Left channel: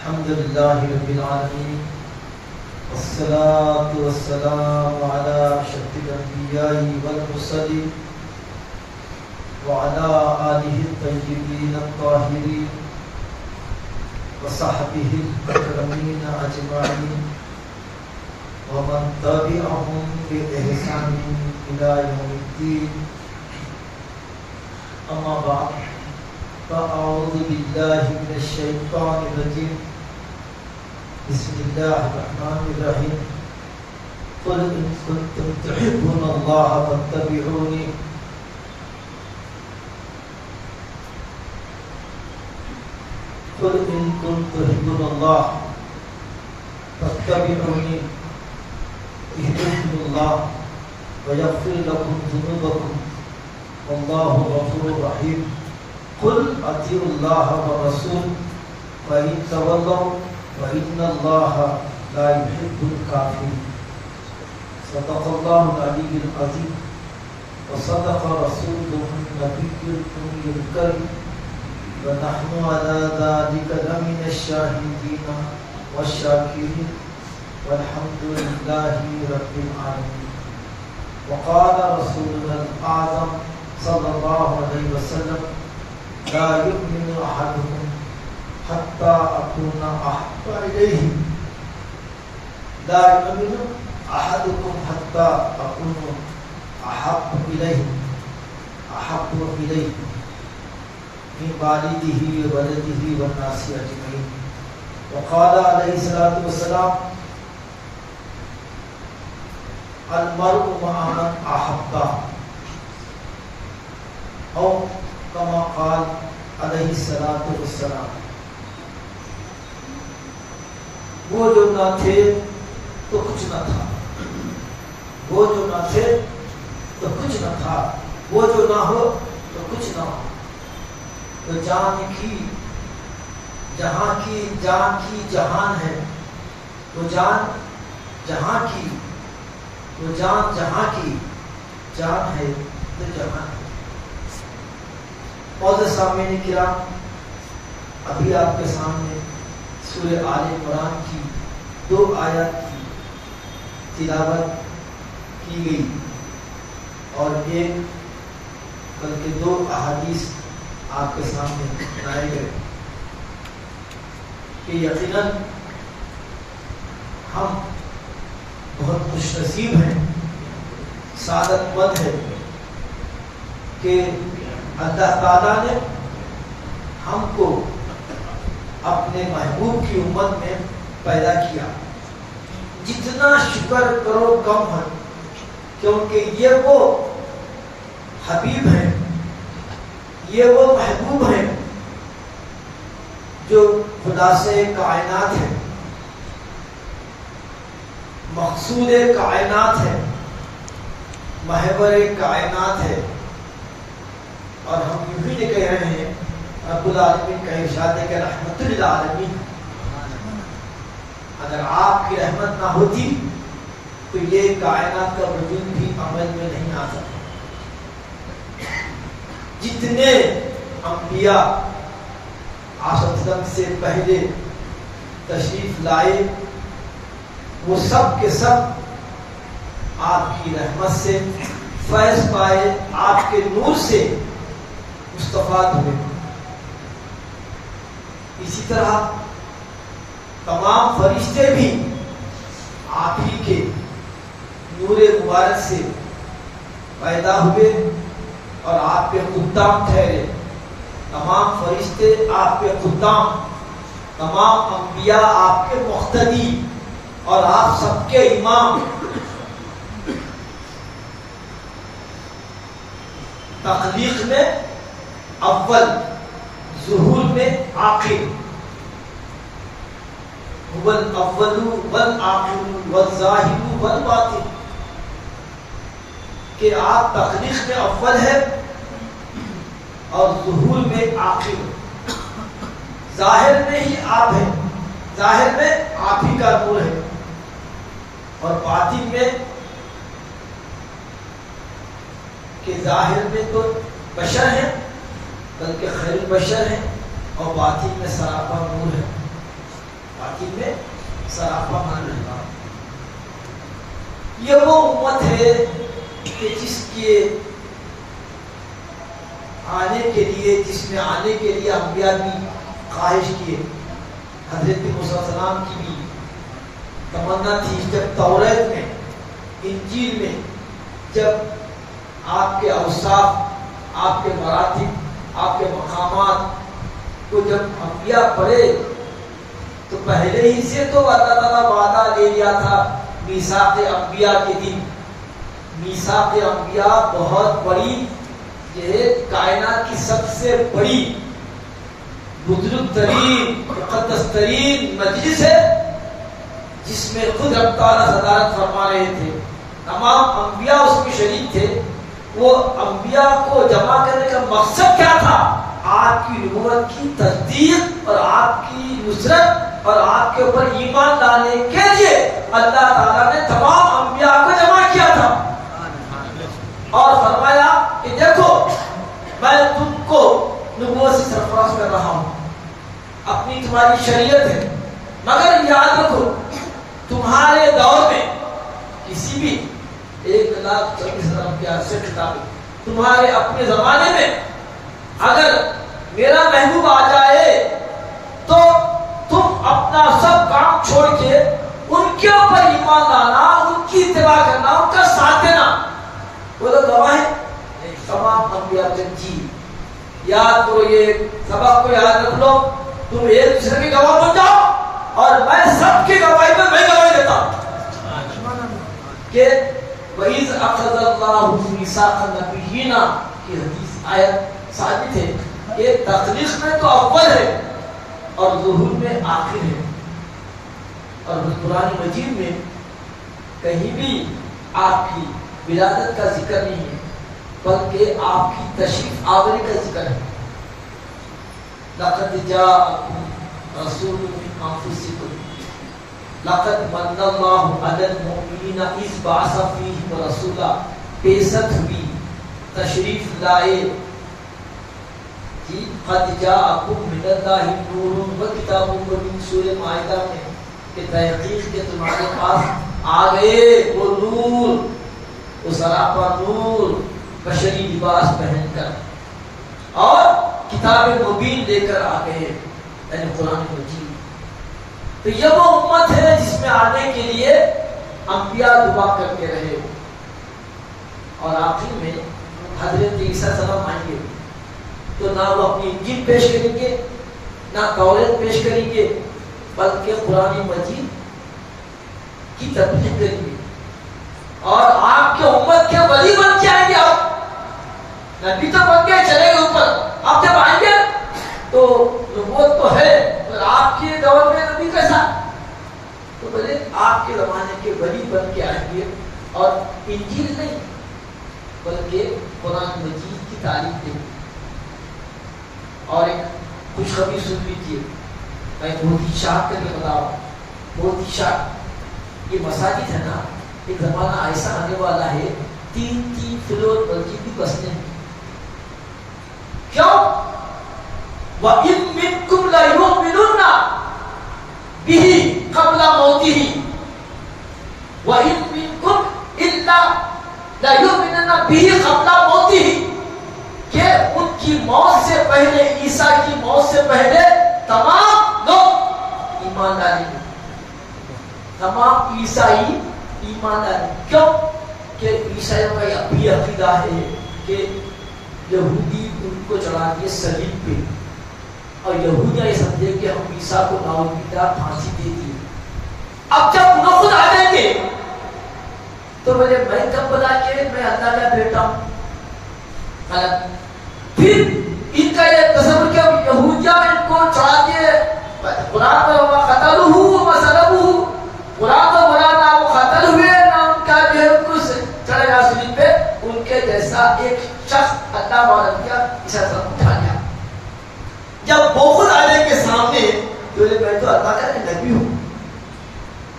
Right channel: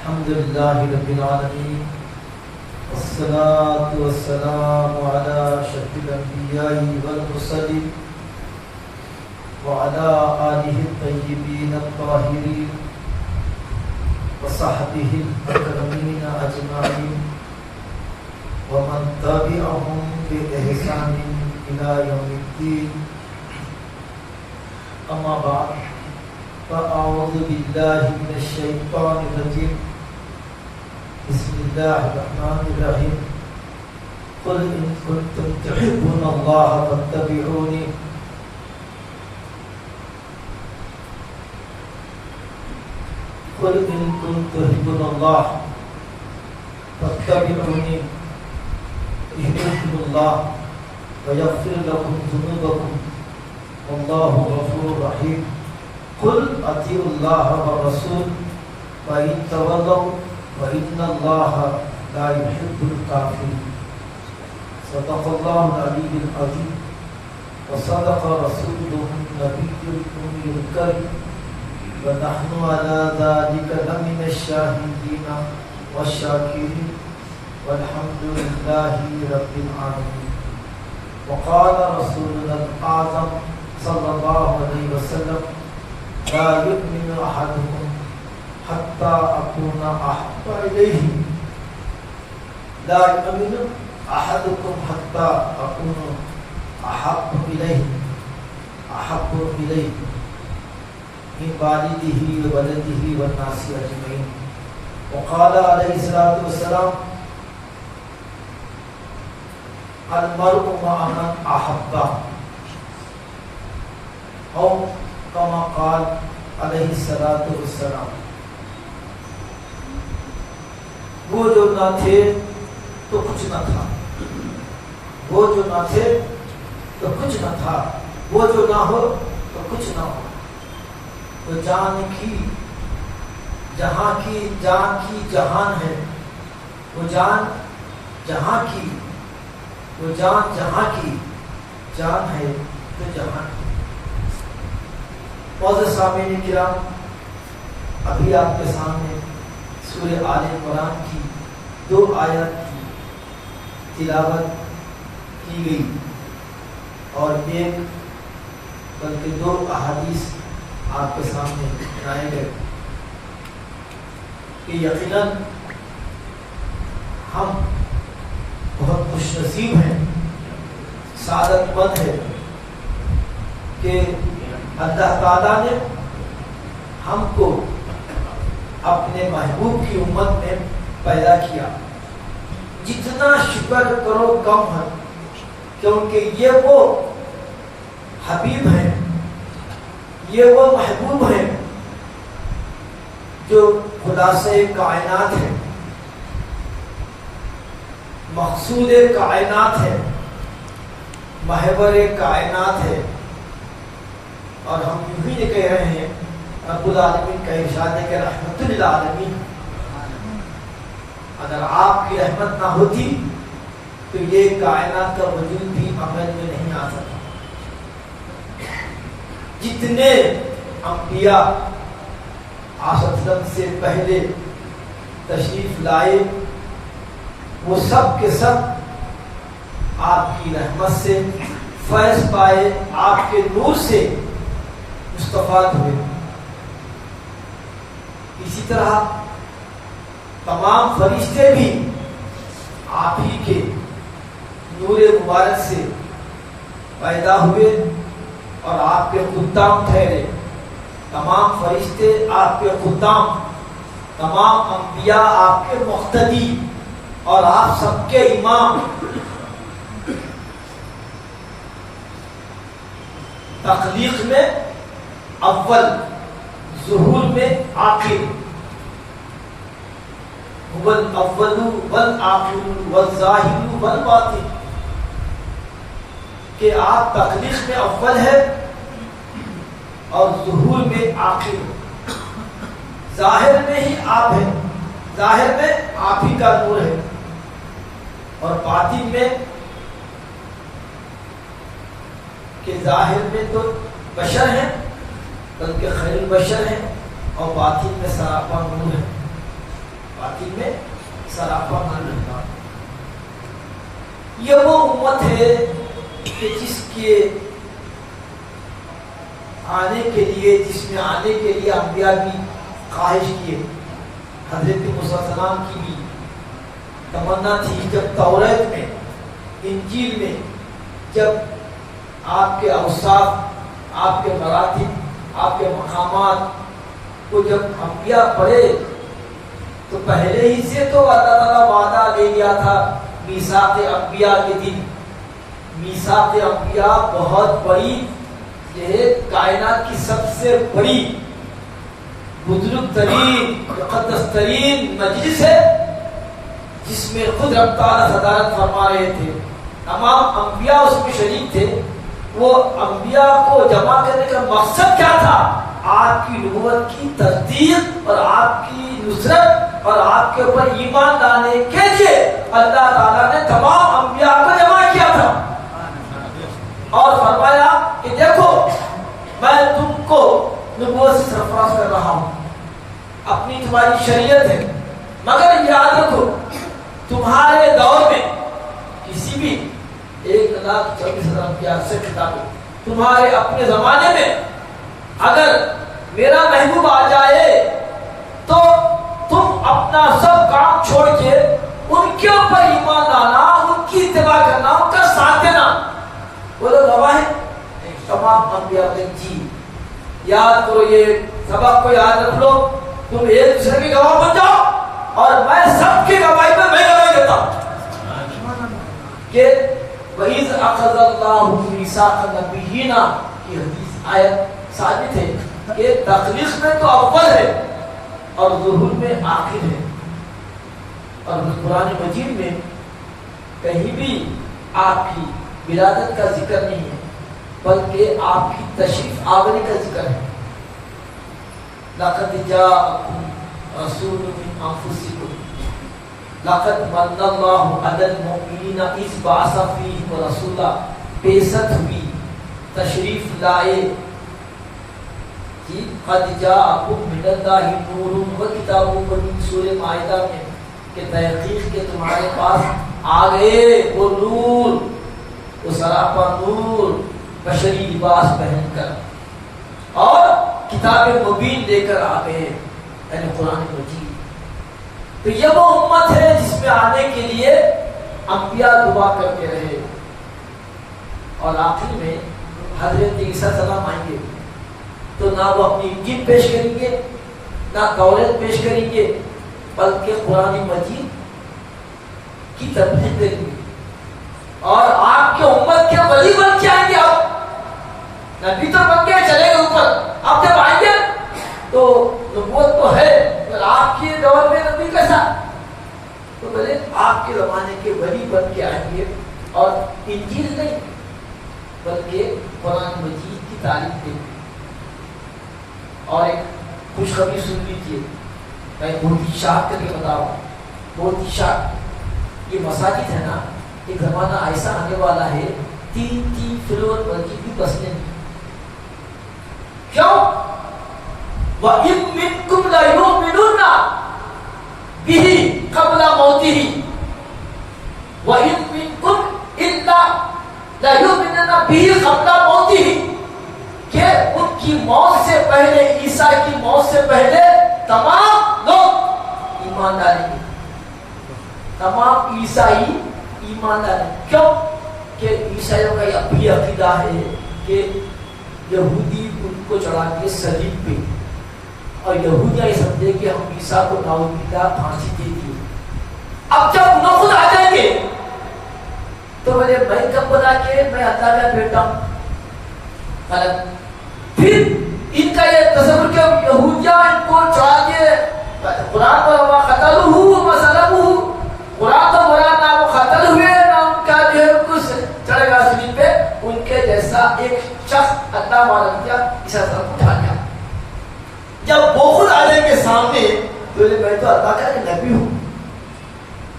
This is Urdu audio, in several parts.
الحمد لله رب العالمين والصلاة والسلام على أشرف الأنبياء والمرسلين وعلى آله الطيبين الطاهرين وصحبه الأكرمين أجمعين ومن تبعهم بإحسان إلى يوم الدين. أما بعد فأعوذ بالله من الشيطان الرجيم. بسم الله الرحمن الرحيم. قل إن كنتم تحبون الله فاتبعوني قل إن كنتم تحبون الله فاتبعوني يحببكم الله ويغفر لكم ذنوبكم والله غفور رحيم. قل اطیعوا اللہ والرسول فإن تولوا فإن الله لا يحب الكافرين. صدق الله العلي العظيم وصدق رسوله النبي الأمي الكريم ونحن على ذلك لمن الشاهدين والشاكرين والحمد لله رب العالمين. وقال رسولنا الأعظم صلى الله عليه وسلم لا يؤمن أحدكم حتى أكون أحب إليه لا يؤمن أحدكم حتى أكون أحب إليه من والده وولده والناس أجمعين. وقال عليه الصلاة والسلام المرء مع من أحب أو کما قال علیہ الصلوۃ والسلام. وہ جو نہ تھے تو کچھ نہ تھا، وہ جو نہ تھے تو کچھ نہ تھا، وہ جو نہ ہو تو کچھ نہ ہو. تو جان کی جہاں کی جان کی جہان ہے، وہ جان جہاں کی، وہ جان جہاں کی جان ہے تو جہان ہے. معزز سامعین کرام، ابھی آپ کے سامنے سورہ آل عمران کی 2 آیات کی تلاوت کی گئی اور ایک بلکہ 2 احادیث آپ کے سامنے لائے گئے کہ یقیناً ہم بہت خوش نصیب ہیں، سعادت مند ہیں کہ اللہ تعالیٰ نے ہم کو اپنے محبوب کی امت میں پیدا کیا. جتنا شکر کرو کم ہے، کیونکہ یہ وہ حبیب ہیں، یہ وہ محبوب ہیں جو خدا سے کائنات ہے، مقصود کائنات ہے، محور کائنات ہے. اور ہم یوں ہی کہہ رہے ہیں رب العالمین کا ارشاد ہے کہ رحمت للعالمین. اگر آپ کی رحمت نہ ہوتی تو یہ کائنات کا وجود بھی عمل میں نہیں آ سکتا. جتنے انبیاء آسد سے پہلے تشریف لائے وہ سب کے سب آپ کی رحمت سے فیض پائے، آپ کے نور سے مستفاد ہوئے. اسی طرح تمام فرشتے بھی آپ ہی کے نور مبارک سے پیدا ہوئے اور آپ کے خدام ٹھہرے. تمام فرشتے آپ کے خدام، تمام انبیاء آپ کے مقتدی اور آپ سب کے امام. تخلیق میں اول، ظہور میں آخر. هو الاول والآخر والظاہر والباطن، کہ آپ تخلیق میں اول ہے اور ظہور میں آخر. ظاہر میں ہی آپ ہیں، ظاہر میں آپ ہی کا نور ہے، اور باطن میں کہ ظاہر میں تو بشر ہیں بلکہ خیر البشر ہیں اور باطن میں سراپا نور ہے. باطن میں سراپا نہ رہنا. یہ وہ امت ہے کہ جس کے آنے کے لیے، جس میں آنے کے لیے انبیاء بھی خواہش کیے. حضرت موسیٰ علیہ السلام کی بھی تمنا تھی جب توریت میں، انجیل میں جب آپ کے اوصاف، آپ کے مراتب، آپ کے مقامات کو جب انبیاء پڑھے تو پہلے ہی سے تو اللہ تعالیٰ وعدہ لے لیا تھا میثاق انبیاء کے دن. میثاق انبیاء بہت بڑی، یہ کائنات کی سب سے بڑی بزرگ ترین مقدس ترین مجلس ہے، جس میں خود رب تعالیٰ صدارت فرما رہے تھے. تمام انبیاء اس میں شریک تھے. وہ انبیاء کو جمع کرنے کا مقصد کیا تھا؟ آپ کی نبوت کی تصدیق اور آپ کی نصرت اور آپ کے اوپر ایمان لانے کے لیے اللہ تعالیٰ نے تمام انبیاء کو جمع کیا تھا اور فرمایا کہ دیکھو میں تم کو نبوت سے سرفراز کر رہا ہوں، اپنی تمہاری شریعت ہے، مگر یاد رکھو تمہارے دور میں کسی بھی 1,24,000 انبیاء سے خطاب ہے، تمہارے اپنے زمانے میں اگر میرا محبوب آ جائے تو تم اپنا سب کام چھوڑ کے ان کے اوپر ایمان لانا، ان کی اتباع کرنا، ان کا ساتھ دینا. وہ لوگ گواہ ہیں تمام انبیاء کے. جی یاد کرو، یہ سبق کو یاد رکھ لو، تم ایک دوسرے کے گواہ بن جاؤ اور میں سب کی گواہی میں گواہی دیتا ہوں کہ وَإِذْ أَخَذَ اللَّهُ مِيثَاقَ النَّبِيِّينَ کی حدیث آیت ثابت ہے کہ تخلیق میں تو اول ہے اور ظہور میں آخر ہے. اور قرآن مجید میں کہیں بھی آپ کی ولادت کا ذکر نہیں ہے، بلکہ آپ کی تشریف آوری کا ذکر ہے. لَقَدْ جَاءَكُمْ رَسُولٌ مِّنْ أَنفُسِكُمْ لَقَدْ مَنَّ اللَّهُ عَلَى الْمُؤْمِنِينَ إِذْ بَعَثَ فِيهِمْ رَسُولًا. بِعثت ہوئی، تشریف لائے. قَدْ جَاءَكُمْ مِنَ اللَّهِ نُورٌ وَكِتَابٌ مُبِينٌ. سورہ مائدہ میں کہ تحقیق کے تمہارے پاس آ گئے وہ نور، وہ سراپا نور، بشری لباس پہن کر، اور کتاب مبین لے کر آ گئے، یعنی قرآن مجید. تو یہ وہ امت ہے جس میں آنے کے لیے انبیاء دعا کرتے رہے. اور آخر میں حضرت عیسیٰ السلام آئیں گے تو نہ وہ اپنی انجیل پیش کریں گے، نہ توریت پیش کریں گے، بلکہ قرآن مجید کی تبلیغ کریں گے اور آپ کے امت کے ولی بن کے آئیں گے. آپ نبی تو بن کے چلے گئے اوپر، آپ جب آئیں گے تو نبوت تو ہے، پر آپ کے دور میں نبی کیسا؟ تو بولے آپ کے زمانے کے ولی بن کے آئیں گے اور انجیل نہیں بلکہ قرآن مجید کی تعلیم دیں گے. اور ایک خوشخبری سن لیجیے، میں بہت ہی شاک کر کے بتا رہا ہوں، بہت ہی شاک. یہ مساجد ہے نا، ایک زمانہ ایسا آنے والا ہے 3 فلور مسجد بھی بسنے. کیوں؟ وَإِن مِّنكُمْ لَيُؤْمِنُنَّ بِهِ قَبْلَ مَوْتِهِ وَإِن مِّنكُمْ إِلَّا لَيُؤْمِنُنَّ بِهِ قَبْلَ مَوْتِهِ کہ ان کی موت سے پہلے، عیسیٰ کی موت سے پہلے تمام لوگ ایمان ڈالیں گے، تمام عیسائی ایمان ڈالیں گے. کیوں؟ کہ عیسائیوں کا یہ بھی عقیدہ ہے کہ یہودی ان کو چڑھا دیے صلیب پہ، اور یہودیاں یہ سمجھے کہ ہم عیسیٰ کو ناؤزباللہ پھانسی دے دیے. اب جب انہوں خود آ جائیں گے تو بولے میں کب بنا کے میں اللہ کا بیٹا ہوں؟ غلط. پھر ان کا یہ تصور کہ یہودیاں ان کو چڑھا کے قرآن پر قتلہ وصلبہ، قرآن تو بولا نہ وہ قتل ہوئے نہ ان کا جو ہے کچھ چڑھ گیا صلیب پہ. ان کے جیسا ایک شخص اللہ والا کیا عیسیٰ سلام اٹھا گیا. جب وہ خود آ جائیں گے سامنے تو میں تو اللہ کا نبی ہوں،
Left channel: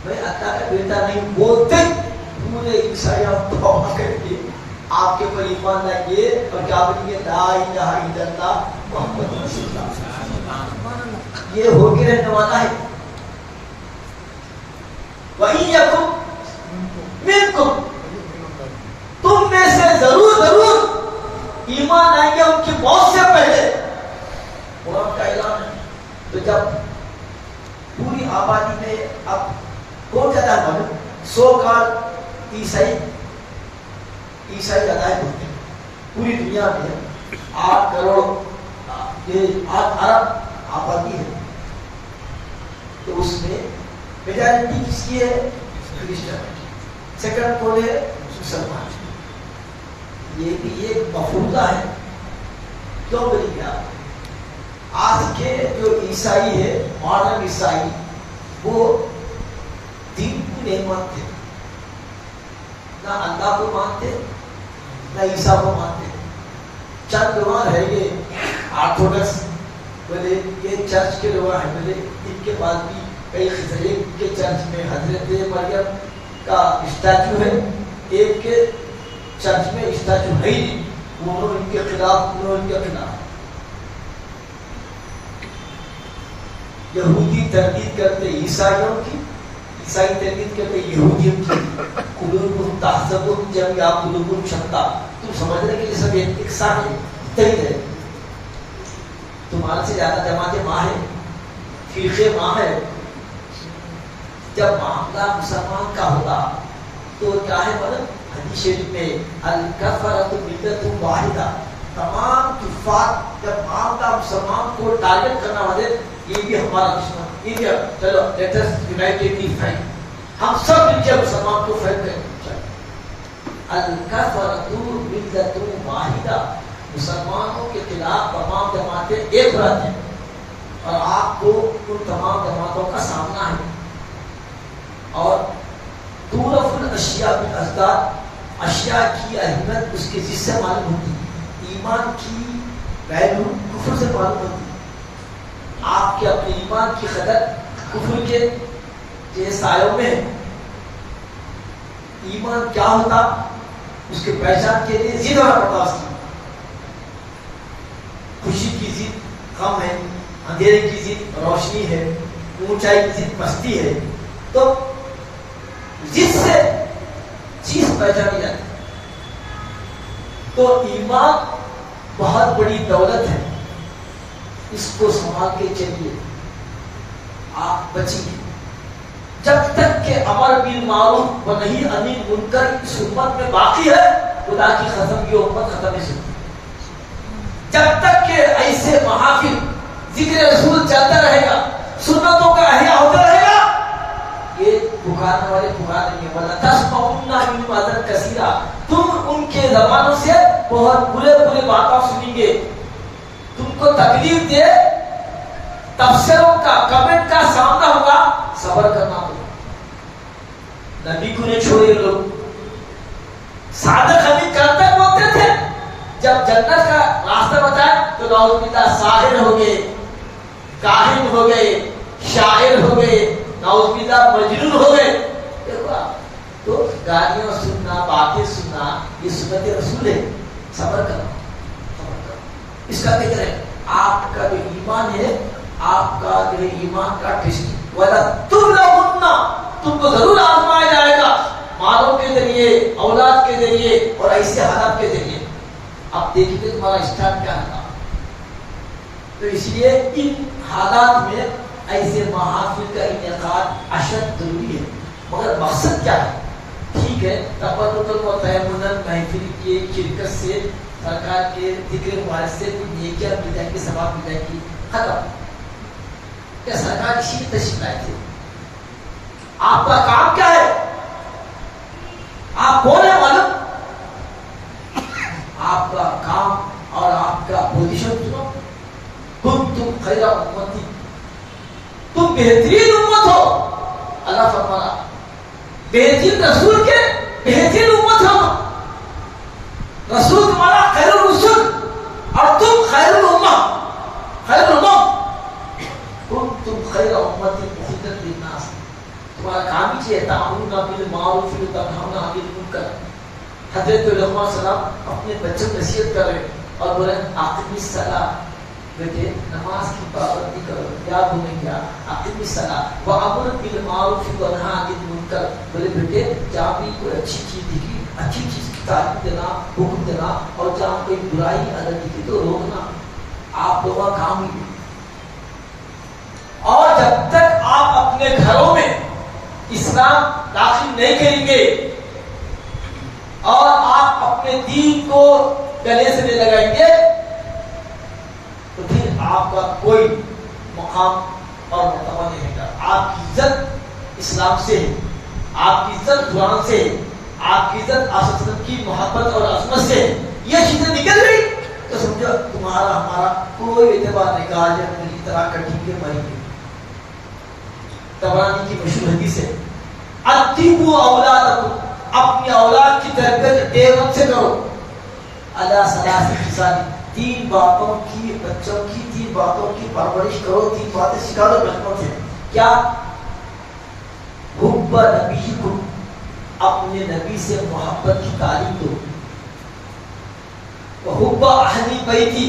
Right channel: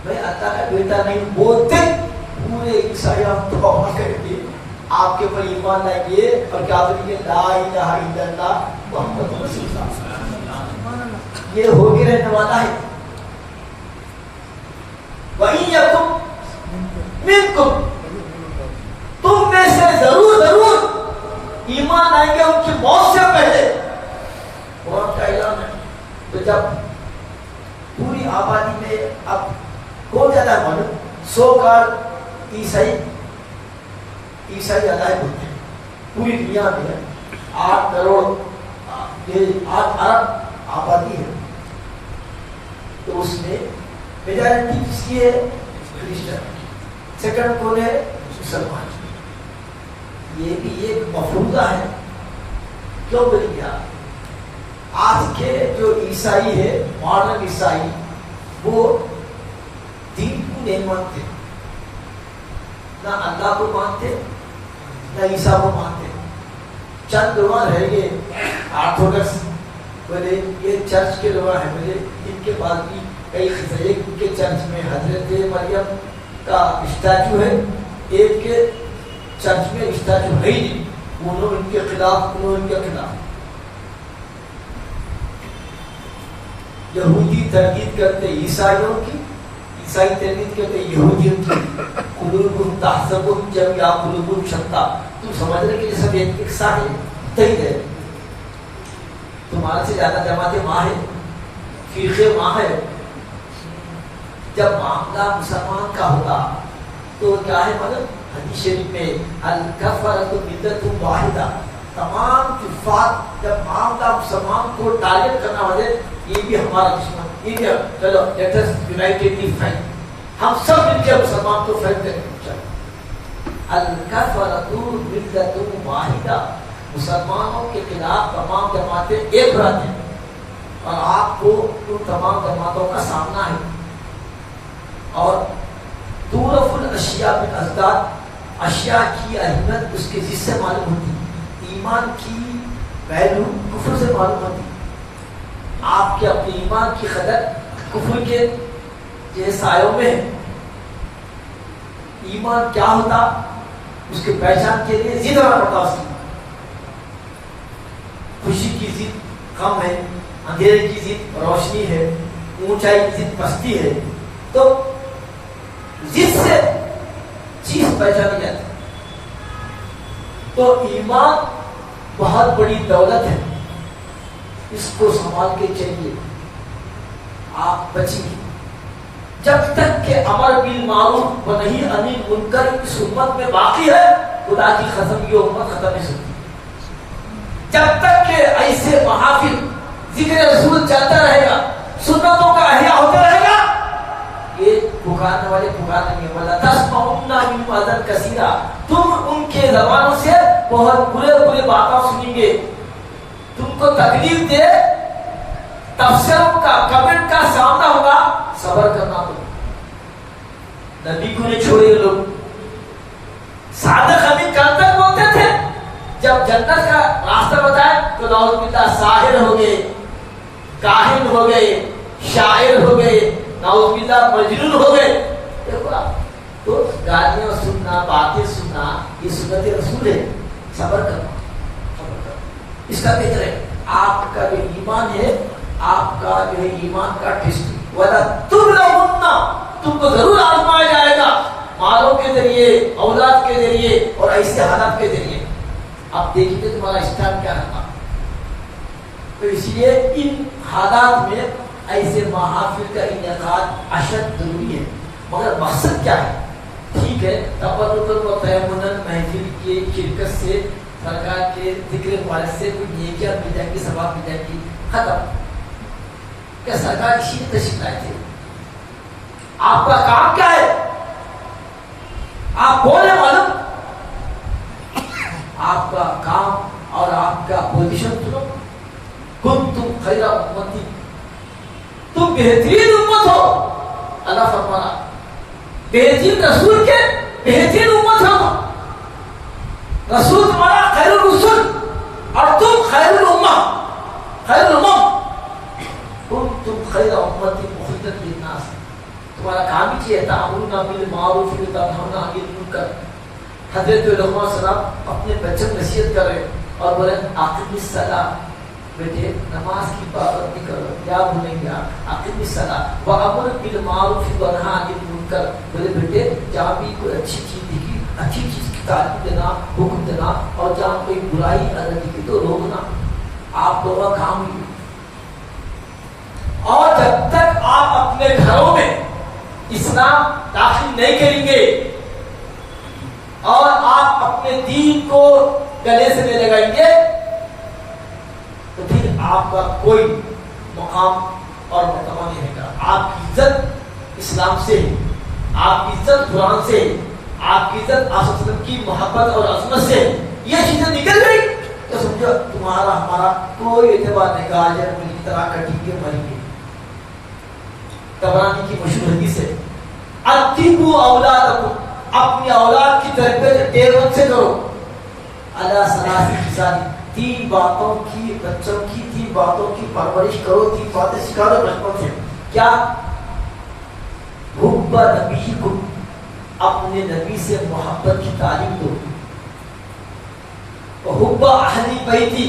میں اللہ کا بیٹا نہیں بولتے، پورے عیسائیوں توبہ کریں گے، آپ کے پر ایمان لائیں گے اور کیا بولیں گے لا الہ الا اللہ محمد رسول اللہ. یہ ہو کے رہنے والا ہے. منکم، تم میں سے ضرور ایمان آئیں گے ان کی موت سے پہلے. قرآن کا اعلان ہے. تو جب پوری آبادی میں اب کون زیادہ ہے معلوم؟ 100 کال عیسائی عدائب ہوتے ہیں پوری دنیا میں. 8 کروڑ 8 ارب آبادی ہے. تو اس میں میجارٹی کس کی ہے؟ کرسچن. سیکنڈ کون ہے؟ مسلمان. یہ بھی ایک مفروضہ ہے. کیوں بلی گیا؟ آج کے جو عیسائی ہے، ماڈرن عیسائی، وہ دین کو نہیں مانتے، نہ اللہ کو مانتے نہ عیسیٰ کو مانتے. چند لوگ رہ گئے آرتھوڈکس، بولے یہ چرچ کے لوگ ہیں، بولے ان کے پاس بھی کئی خزرے کے چرچ میں حضرت مریم کا اسٹیچو ہے، ایک کے چرچ میں اسٹیچو ہے ہی نہیں. انہوں ان کے خلاف یہودی تردید کرتے عیسائیوں کی، عیسائی تردید کرتے یہودیوں کی. قلوبہم تحسبہم جمیعا قلوبہم شتیٰ. تم سمجھ رہے کہ یہ سب ایک ساتھ متحد ہے. تمہارے سے زیادہ جماعتیں ماں ہے، فرقے ماں ہے. جب معاملہ مسلمان کا ہوتا تو کیا ہے مطلب؟ حدیث شریف میں الکفرۃ ملۃ واحدہ. تمام کفار جب معاملہ مسلمان کو ٹارگٹ کرنا ہو جائے، یہ بھی ہمارا دشمن، یہ بھی چلو لیٹ اس یونائٹڈلی فائٹ، ہم سب مل کے مسلمان کو فائٹ کریں. الکفرۃ ملۃ واحدہ. مسلمانوں کے خلاف تمام جماعتیں ایک رہتی ہیں اور آپ کو ان تمام جماعتوں کا سامنا ہے. اور تعرف الاشیاء بالازداد. اشیاء کی اہمیت اس کے جس سے معلوم ہوتی ہے. ایمان کی ویلو کفر سے معلوم ہوتی ہے. آپ کے اپنے ایمان کی قدر کفر کے یہ سایوں میں ہے. ایمان کیا ہوتا اس کے پہچان کے لیے ضد ہونا پڑتا. اس کی خوشی کی ضد غم ہے، اندھیرے کی ضد روشنی ہے، اونچائی کی ضد پستی ہے. تو جس سے چیز پہچانی جاتی. تو ایمان بہت بڑی دولت ہے، اس کو سنبھال کے چلیے، آپ بچیں گے. جب تک کہ امر بالمعروف و نہی عن المنکر اس امت میں باقی ہے، خدا کی قسم یہ امت ختم نہیں سکتی. جب تک کہ ایسے محافل ذکر رسول چلتا رہے گا، سنتوں کا احیاء ہوتا رہے گا، یہ پکارنے والے پکاریں گے وَلَا تَسْمَعُنَّ مِنْهُمْ أَذًى كَثِيرًا. تم ان کے زبانوں سے بہت برے باتیں سنیں گے. تم کو تکلیف دے، تبصروں کا کمنٹ کا سامنا ہوگا، صبر کرنا. تو نبی کو نہیں چھوڑے لوگ. صادق امین کل تک بولتے تھے، جب جنت کا راستہ بتایا تو نعوذ باللہ ساحر ہو گئے، کاہن ہو گئے، شاعر ہو گئے، نعوذ باللہ مجنون ہو گئے. دیکھو آپ تو گالیاں سننا، باتیں سننا یہ سنت رسول ہے. صبر کرو، اس کا ذکر ہے. آپ کا جو ایمان ہے، آپ کا جو ہے ایمان کا ٹیسٹ وَلَتُبْلَوُنَّ. تم کو ضرور آزمایا جائے گا، مالوں کے ذریعے، اولاد کے ذریعے اور ایسے حالات کے ذریعے. اب دیکھیے تمہارا اسٹینڈ کیا ہے. تو اس لیے ان حالات میں ایسے محافل کا انعقاد اشد ضروری ہے. مگر مقصد کیا ہے؟ ٹھیک ہے تبرکاً و تیمناً محفل کی شرکت سے، سرکار کے ذکر مبارک سے کوئی نیکیاں مل جائیں گی، ثواب مل جائیں گی، ختم. کیا سرکار اسی میں تشریف لائے تھے؟ آپ کا کام کیا ہے؟ آپ کون ہیں معلوم؟ آپ کا کام اور آپ کا پوزیشن سنو. کنتم خیر امتی، تم بہترین امت ہو. اللہ فرمانا بہترین رسول کے بہترین امت ہو. رسول تمہارا خیر الرسول اور تم خیر الامہ، خیر الامم. کنتم خیر امتی اخرجت للناس. تمہارا کام ہی ہے تأمرون بالمعروف و تنہون عن المنکر. حضرت علیہ السلام اپنے بچوں کو نصیحت کر رہے اور بولے اقم الصلاۃ، بیٹے نماز کی پابندی کرو. کیا بولیں گے؟ اقم الصلاۃ وامر بالمعروف ونہی عن المنکر. کر میرے بیٹے جہاں بھی کوئی اچھی چیز دکھی اچھی چیز کی تعلیم دینا حکم دینا اور جہاں کوئی برائی اگر دکھی تو روکنا آپ لوگوں کا کام ہی. اور جب تک آپ اپنے گھروں میں اسلام داخل نہیں کریں گے اور آپ اپنے دین کو گلے سے نہیں لگائیں گے تو پھر آپ کا کوئی مقام اور مرتبہ نہیں رہے گا. آپ کی عزت اسلام سے, آپ کی عزت قرآن سے, آپ کی عزت آصف کی محبت اور عظمت سے یہ چیزیں نکل گئی تو سمجھو تمہارا ہمارا کوئی اعتبار نہیں. کہا جائے مل کی طرح کٹیں گے مریں گے. طبرانی کی مشہور حدیث ہے اتیبو اولادکم, اپنی اولاد کی تربیت ڈیرون سے کرو. اللہ ثلاثی خصال, تین باتوں کی بچوں کی تین باتوں کی پرورش کرو, تین باتیں سکھا دو بچپن سے. کیا؟ حب نبیکم, اپنے نبی سے محبت کی تعلیم دو. حب اہل بیتی,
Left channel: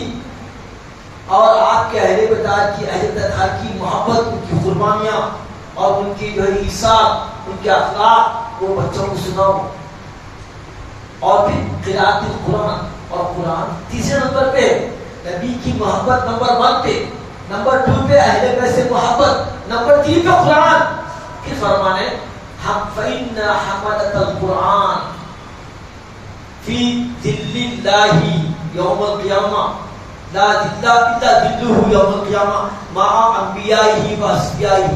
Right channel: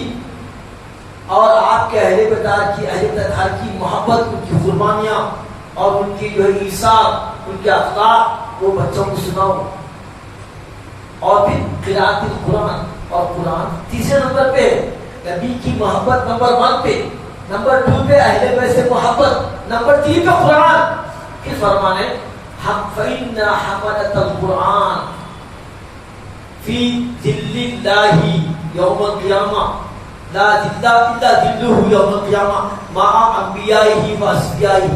اور آپ کے اہل بیت کی اہل بیت کی محبت, ان کی قربانیاں اور ان کی جو ایثار, ان کے اخلاق وہ بچوں کو سناؤ. اور پھر قرات القرآن, اور قرآن تیسرے نمبر پہ نبی کی محبت نمبر 1 پہ, نمبر 2 پہ اہل بیت سے محبت, نمبر 3 پہ قرآن. پھر فرمانے ہم فإن حملة القرآن فی ظل اللہ یوم القیامہ لا ظل الا ظلہ یوم القیامہ مع انبیائہ و اصفیائہ.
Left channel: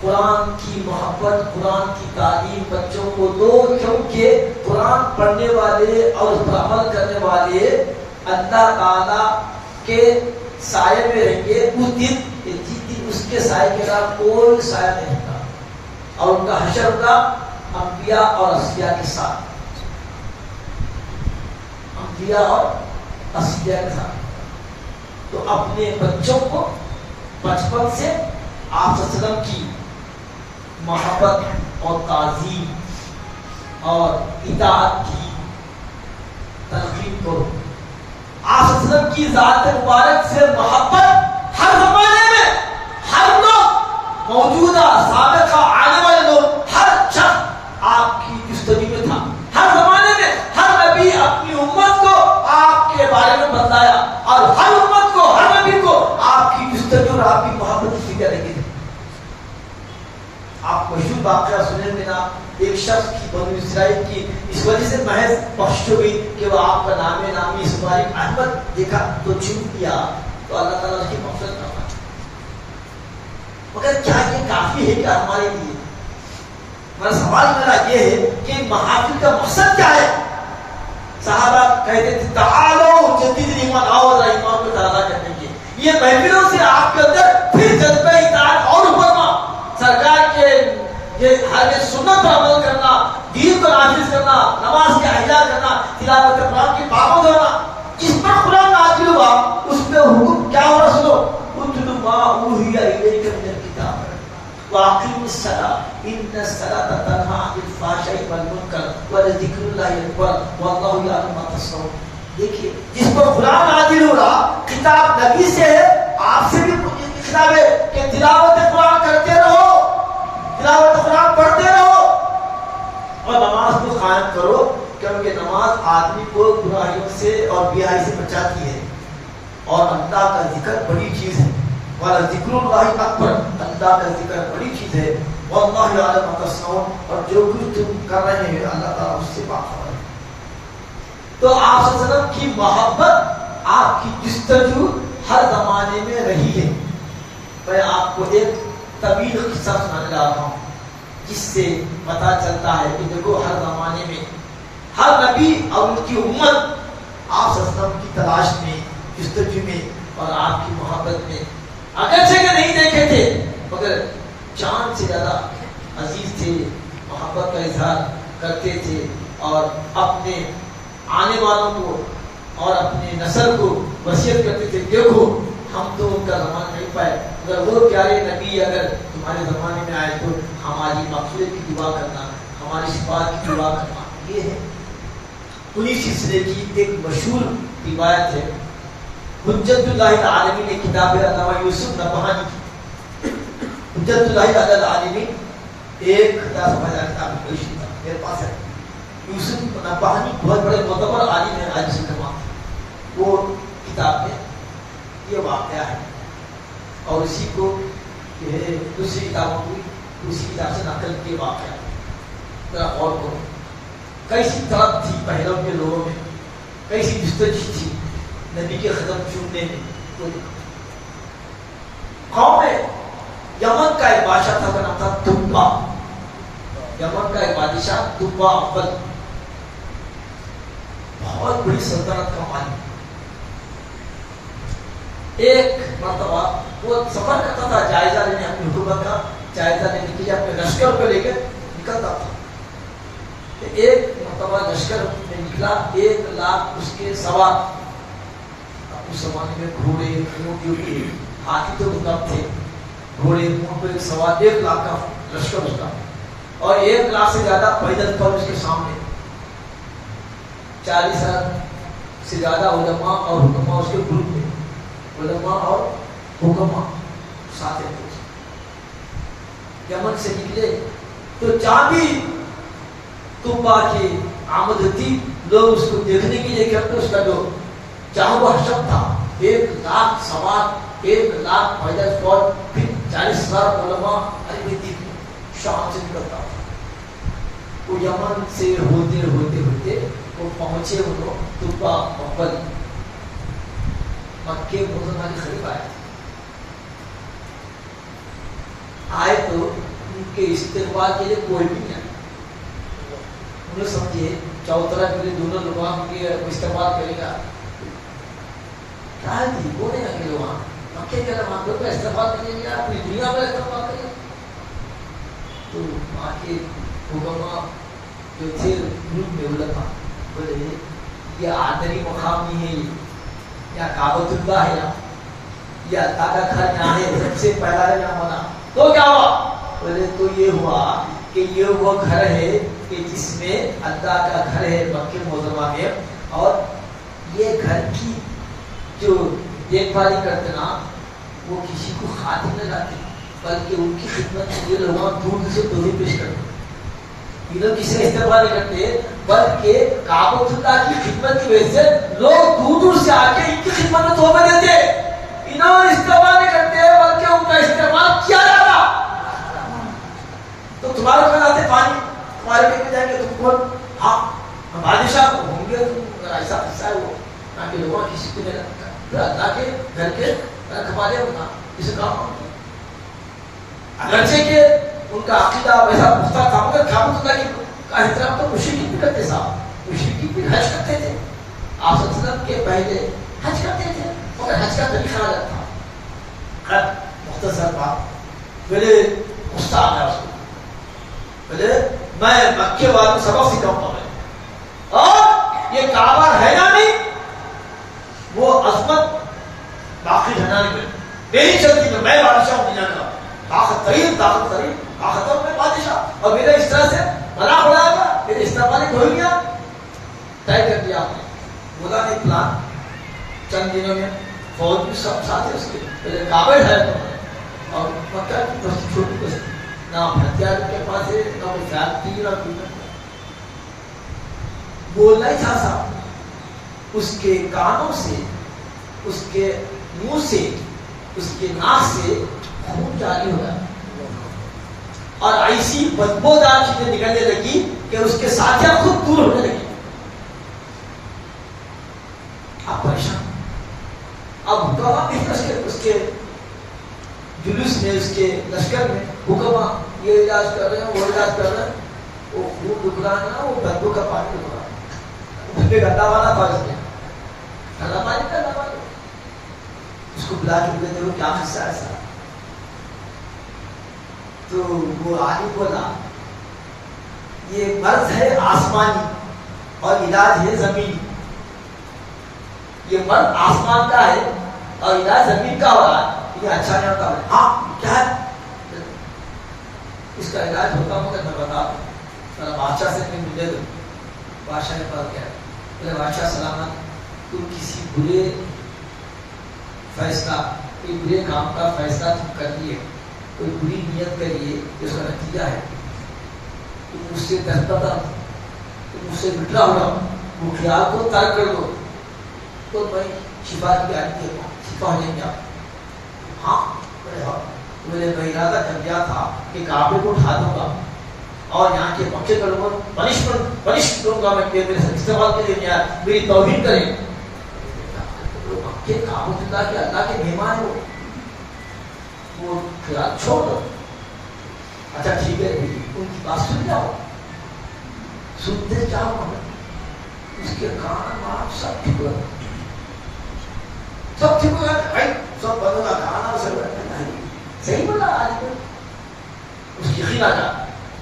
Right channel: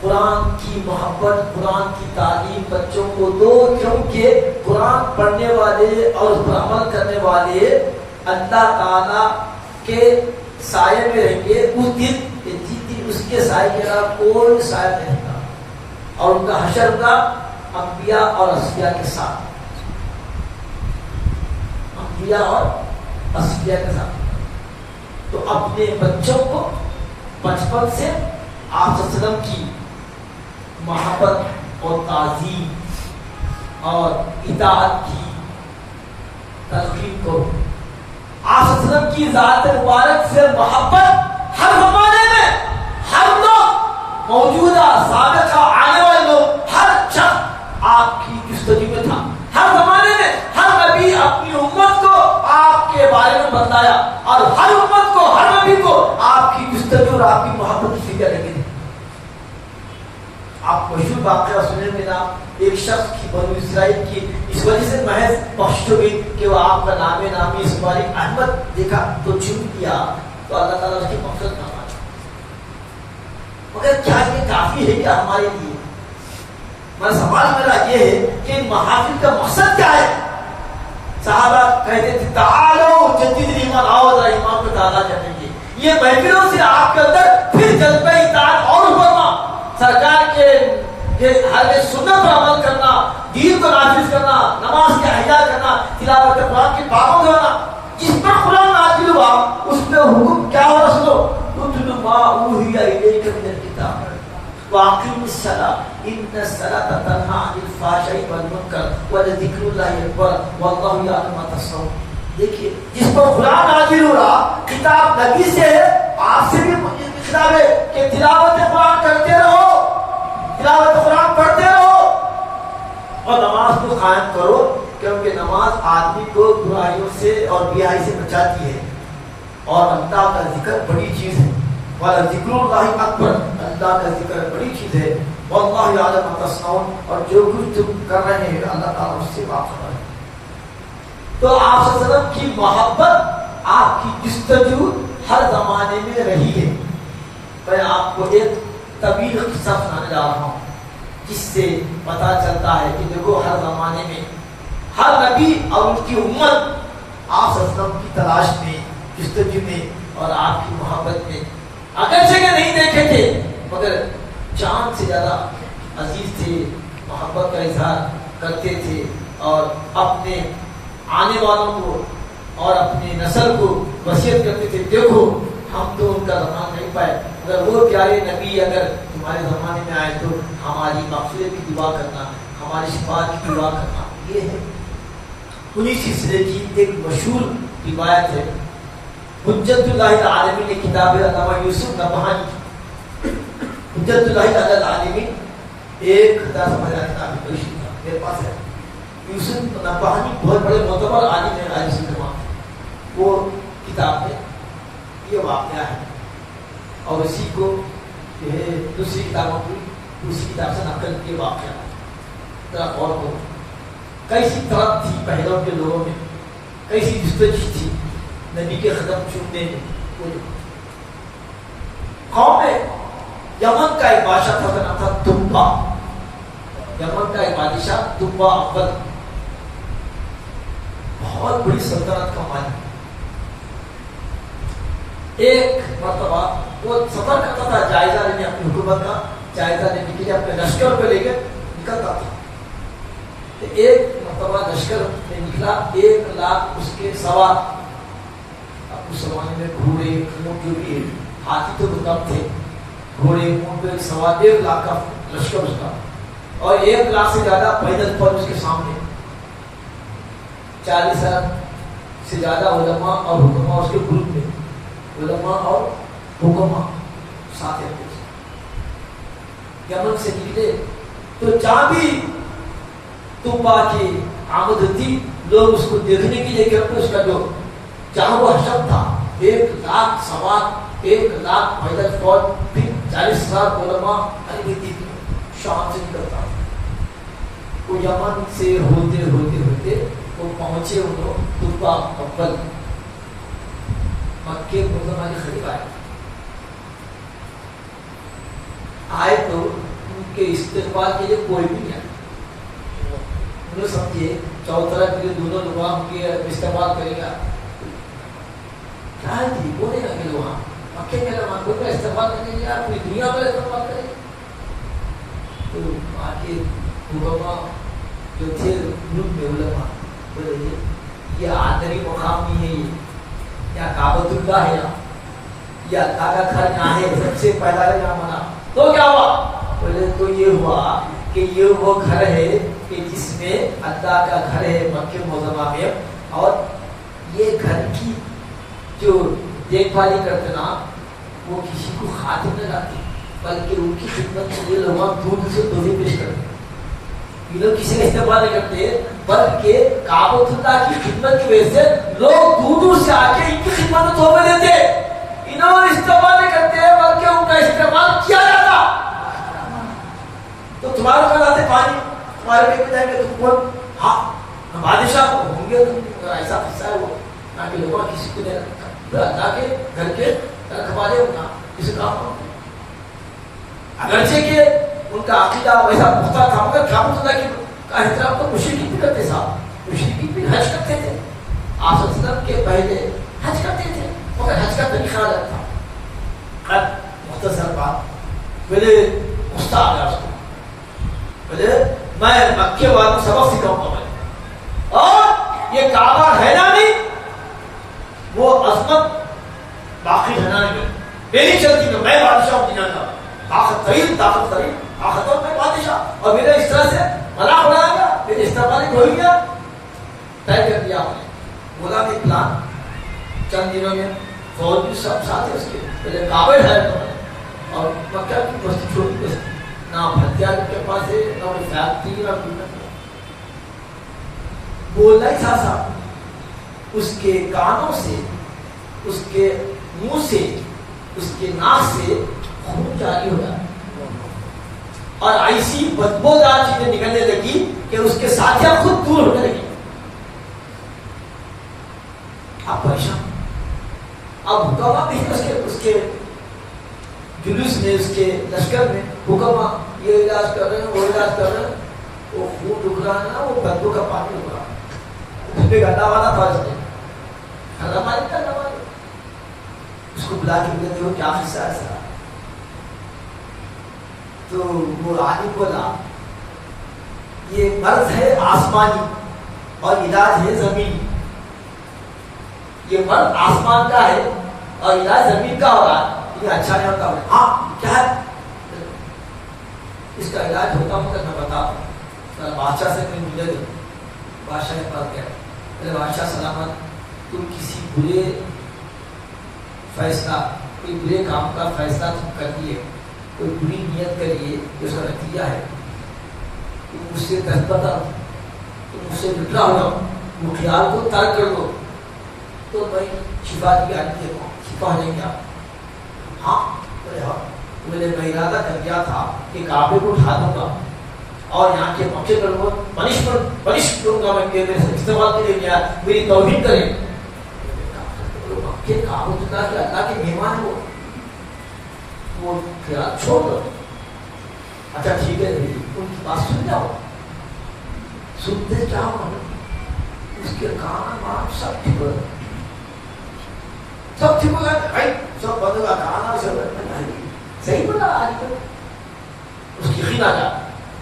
قرآن کی محبت, قرآن کی تعلیم بچوں کو دو, کیونکہ قرآن پڑھنے والے اور اس پر عمل کرنے والے اللہ تعالیٰ کے سائے میں رہیں گے اس دن. جس دن اس کے سائے کے علاوہ کوئی سایہ نہیں رہتا, اور ان کا حشر ہوگا انبیاء اور اصفیاء کے ساتھ, انبیاء اور اصفیاء کے ساتھ. تو اپنے بچوں کو بچپن سے آپ صلی اللہ علیہ وسلم کی محبت اور تعظیم اور اطاعت کی تلقین کرو. آپ صلی اللہ علیہ وسلم کی ذات مبارک سے محبت ہر زمانے میں ہر لوگ موجودہ سابقہ آنے والے لوگ ہر شخص آپ کی جستجو میں تھا. ہر زمانے میں ہر نبی اپنی امت کو آپ کے بارے میں بتلایا, اور ہر امت کو, ہر نبی کو آپ کی جستجو اور آپ کی محبت کی فکر لگی تھی. آپ مشہور واقعہ سنے میں نا, ایک شخص کی بنو اسرائیل کی اس وجہ سے محض بخش ہو گئی کہ وہ آپ کا نامی اسماعیل احمد دیکھا تو چھوٹ دیا, تو اللہ تعالیٰ اس کی مغفرت فرمایا. مگر کیا یہ کافی ہے کیا ہمارے لیے؟ ہمارا سوال میرا یہ ہے کہ ان محافل کا مقصد کیا ہے؟ صحابہ کہتے تھے تعالو جدید ایمان, آؤ ذرا ایمان کو تازہ کریں گے. یہ محفلوں سے آپ کے اندر پھر جذبہ اطاعت اور ابھرنا, سرکار کے ہر سنت پر عمل کرنا, دین کو نافذ کرنا, نماز کا احیا کرنا, تلاوت قرآن کی پابند ہونا. جس پر قرآن نازل ہوا اس پہ حکم کیا ہونا سنو, اتل ما اوحی الیک من الکتاب واقیم الصلاۃ ان الصلاۃ تنہی عن الفحشاء والمنکر ولذکر اللہ اکبر واللہ یعلم ما تصنعون. دیکھیے جس پر قرآن نازل ہو رہا, کتاب نبی سے ہے, آپ سے بھی خطاب ہے کہ تلاوت قرآن کرتے رہو, تلاوت قرآن پڑھتے رہو اور نماز کو قائم کرو, کیونکہ نماز آدمی کو برائیوں سے اور بیائی سے بچاتی ہے, اور اللہ کا ذکر بڑی چیز ہے. وَلَذِكْرُ اللَّهِ أَكْبَرُ, اللہ کا ذکر بڑی چیز ہے. وَاللَّهُ يَعْلَمُ مَا تَصْنَعُونَ, اور جو کچھ تم کر رہے ہیں اللہ تعالیٰ اس سے بات ہو رہا ہے. تو آپ صلی اللہ علیہ وسلم کی محبت, آپ کی جستجو ہر زمانے میں رہی ہے. میں آپ کو ایک طویل قصہ سنانے جا رہا ہوں جس سے پتہ چلتا ہے کہ دیکھو ہر زمانے میں ہر نبی اور ان کی امت آپ صلی اللہ علیہ وسلم کی تلاش میں, جستجو میں اور آپ کی محبت میں اگرچہ کہ نہیں دیکھے تھے مگر جان سے زیادہ عزیز تھے, محبت کا اظہار کرتے تھے, اور اپنے آنے والوں کو اور اپنے نسل کو وصیت کرتے تھے دیکھو ہم تو ان کا زمانہ نہیں پائے, اگر وہ پیارے نبی اگر تمہارے زمانے میں آئے تو ہماری مغفرت کی دعا کرنا, ہماری شفاعت کی دعا کرنا. یہ ہے انہی سلسلے کی ایک مشہور روایت ہے. حجت اللہ العالمین نے کتاب ہے علامہ یوسف نبہانی کی, حجت اللہ العالمین ایک خطا سمجھا کتاب پیشی تھا میرے پاس ہے. یوسف نبہانی بہت بڑے معتبر عالم ہیں عالم سلمان. وہ کتاب میں یہ واقعہ ہے اور اسی کو دوسری کتابوں کی دوسری کتاب سے نقل کے واقعہ. ذرا غور کرو کیسی طرف تھی پہلوں کے لوگوں میں, کیسی جستجو تھی نبی کے قدم چومنے میں. قوم میں یمن کا ایک بادشاہ تھا, کا نام تھا تبا. یمن کا ایک بادشاہ تبا اول, بہت بڑی سلطنت کا مالک. ایک مرتبہ وہ سفر کرتا تھا جائزہ لینے, اپنی حکومت کا جائزہ لینے کے لیے اپنے لشکر کو لے کے نکلتا تھا. ایک مرتبہ لشکر میں نکلا, 1,00,000 اس کے سوار. اس زمانے میں گھوڑے اونٹ جو بھی ہاتھی تو کم تھے, گھوڑے اونٹ پہ سوار 1,00,000 کا لشکر اس کا, اور 1,00,000 سے زیادہ پیدل پر اس کے سامنے. 40,000 سے زیادہ علماء اور حکما اس کے گروپ میں, علماء اور حکما ساتھ تھے. یمن سے نکلے تو جہاں بھی تبا کی آمد تھی لوگ اس کو دیکھنے کے لیے کرتے. اس کا جو جہاں وہ حشر تھا 1,00,000 سوار, 1,00,000 پیدل فوج, پھر 40,000 علماء, شام سے نکلتا. وہ یمن سے ہوتے ہوتے ہوتے وہ پہنچے وہ تبا اول مکے معظمہ کے قریب آئے تو ان کے استقبال کے لیے کوئی بھی نہیں آیا. انہیں سمجھے چوترا کے لیے دونوں لوگ وہاں کے استقبال کرے گا, کیا ہے تھی وہ نہیں اکیلے وہاں مکے کے وہاں کوئی استقبال کریں گے, پوری دنیا میں استقبال کریں گے. تو وہاں کے حکما جو تھے گروپ میں علماء بولے یہ آدمی مقام نہیں ہے, یا کعبۃ اللہ ہے, یا اللہ کا گھر یہاں ہے, سب سے پہلا ہے یہاں ہونا. تو کیا ہوا؟ بولے تو یہ ہوا کہ یہ وہ گھر ہے کہ جس میں اللہ کا گھر ہے مکہ معظمہ میں, اور یہ گھر کی جو دیکھ بھال کرتے نا وہ کسی کو خاطر نہ لاتے, بلکہ ان کی خدمت کے لیے لوگ دور سے تحفے پیش کرتے. یہ لوگ کسی کا استقبال نہیں کرتے, بلکہ کعبۃ اللہ کی خدمت کی وجہ سے لوگ دور دور سے آ کے ان کی خدمت میں تحفے دیتے. انہوں استقبال نہیں کرتے بلکہ ان کا استعمال کیا جاتا. تو تمہارے پاس آتے پانی, تمہارے لے کے جائیں گے, تم کون؟ ہاں بادشاہ کو ہوں گے, تم ایسا قصہ ہے وہ نہ کہ لوگوں کسی کو نہیں اللہ کے گھر کے رکھوالے ہونا کسی کام ہوتا. اگرچہ کہ ان کا عقیدہ ویسا پختہ تھا, مگر کعبۃ اللہ کا احترام تو مشرکین بھی کرتے صاحب. مشرکین بھی حج کرتے تھے, آپ صلی اللہ علیہ وسلم کے پہلے حج کرتے تھے, مگر حج کا طریقہ الگ تھا. خط مختصر بات, پہلے غصہ آ گیا اس کو, پہلے میں مکے والوں سبق سکھاؤں گا میں, اور یہ کعبہ ہے نا نہیں وہ عظمت باقی رہنا نہیں, میری چلتی میں بادشاہ ہوں دنیا کا, طاقت ترین طاقتور میں بادشاہ, اور میرے اس طرح سے مذاق اڑایا گیا, میرے استعمال ہو گیا. طے کر دیا آپ نے, بولا نہیں پلان, چند دنوں میں فوج بھی سب ساتھ ہے اس کے, پہلے کعبہ ہے اور مکہ کی بستی چھوٹی بستی, نہ ہتھیار ان کے پاس ہے, نہ کوئی زیادتی, نہ کوئی بولنا ہی تھا صاحب. اس کے کانوں سے, اس کے منہ سے, اس کے ناک سے خون جاری ہو گیا, اور ایسی بدبودار چیزیں نکلنے لگی کہ اس کے ساتھیاں خود دور ہونے لگی. اب پریشان, اب حکما بھی اس کے جلوس میں, اس کے لشکر میں حکما یہ علاج کر رہے ہیں, وہ علاج کر رہے ہیں, وہ خون رک رہا ہے نا, وہ بدبو کا پانی رک رہا ہے. اس پہ گندا والا تھا, اس نے گندا پانی اس کو بلا کے بولے دیکھو کیا قصہ ہے ایسا. تو وہ عالم بولا یہ مرض ہے آسمانی اور علاج ہے زمینی. یہ مرض آسمان کا ہے اور علاج زمین کا ہو رہا ہے. یہ اچھا نہیں ہوتا. ہاں کیا ہے اس کا علاج ہوتا ہوں تو میں بتاؤں. بادشاہ سے کہیں ملے دو. بادشاہ کے پاس گیا, پہلے بادشاہ سلامت, تم کسی برے فیصلہ, کوئی برے کام کا فیصلہ تم کر دیے, کوئی بری نیت کریے کہ اس کا نتیجہ ہے تم مجھ سے دستبردار ہو، تم مجھ سے بٹرا ہو، وہ خیال کو ترک کر دو تو میں شفا کی گارنٹی دے دوں، شفا ہو جائے گا. ہاں بولے ہاں. میں نے ارادہ کر دیا تھا کہ کعبے کو اٹھا دوں گا اور یہاں کے پکے کروں گا، پنش کروں گا میں کہ میرے استعمال کے لیے میری توہین کریں. مکے کعبۃ اللہ کے اللہ کے مہمان ہیں وہ خیال چھوڑ دو. اچھا ٹھیک ہے ان کی بات سن جاؤ. سنتے جاؤ، اس کے کان آپ سب ٹھیک ہو گئے، سب ٹھیک ہو گئے بھائی، سب بندوں کا کھانا صحیح بولا. آج کو اس کی خیال آ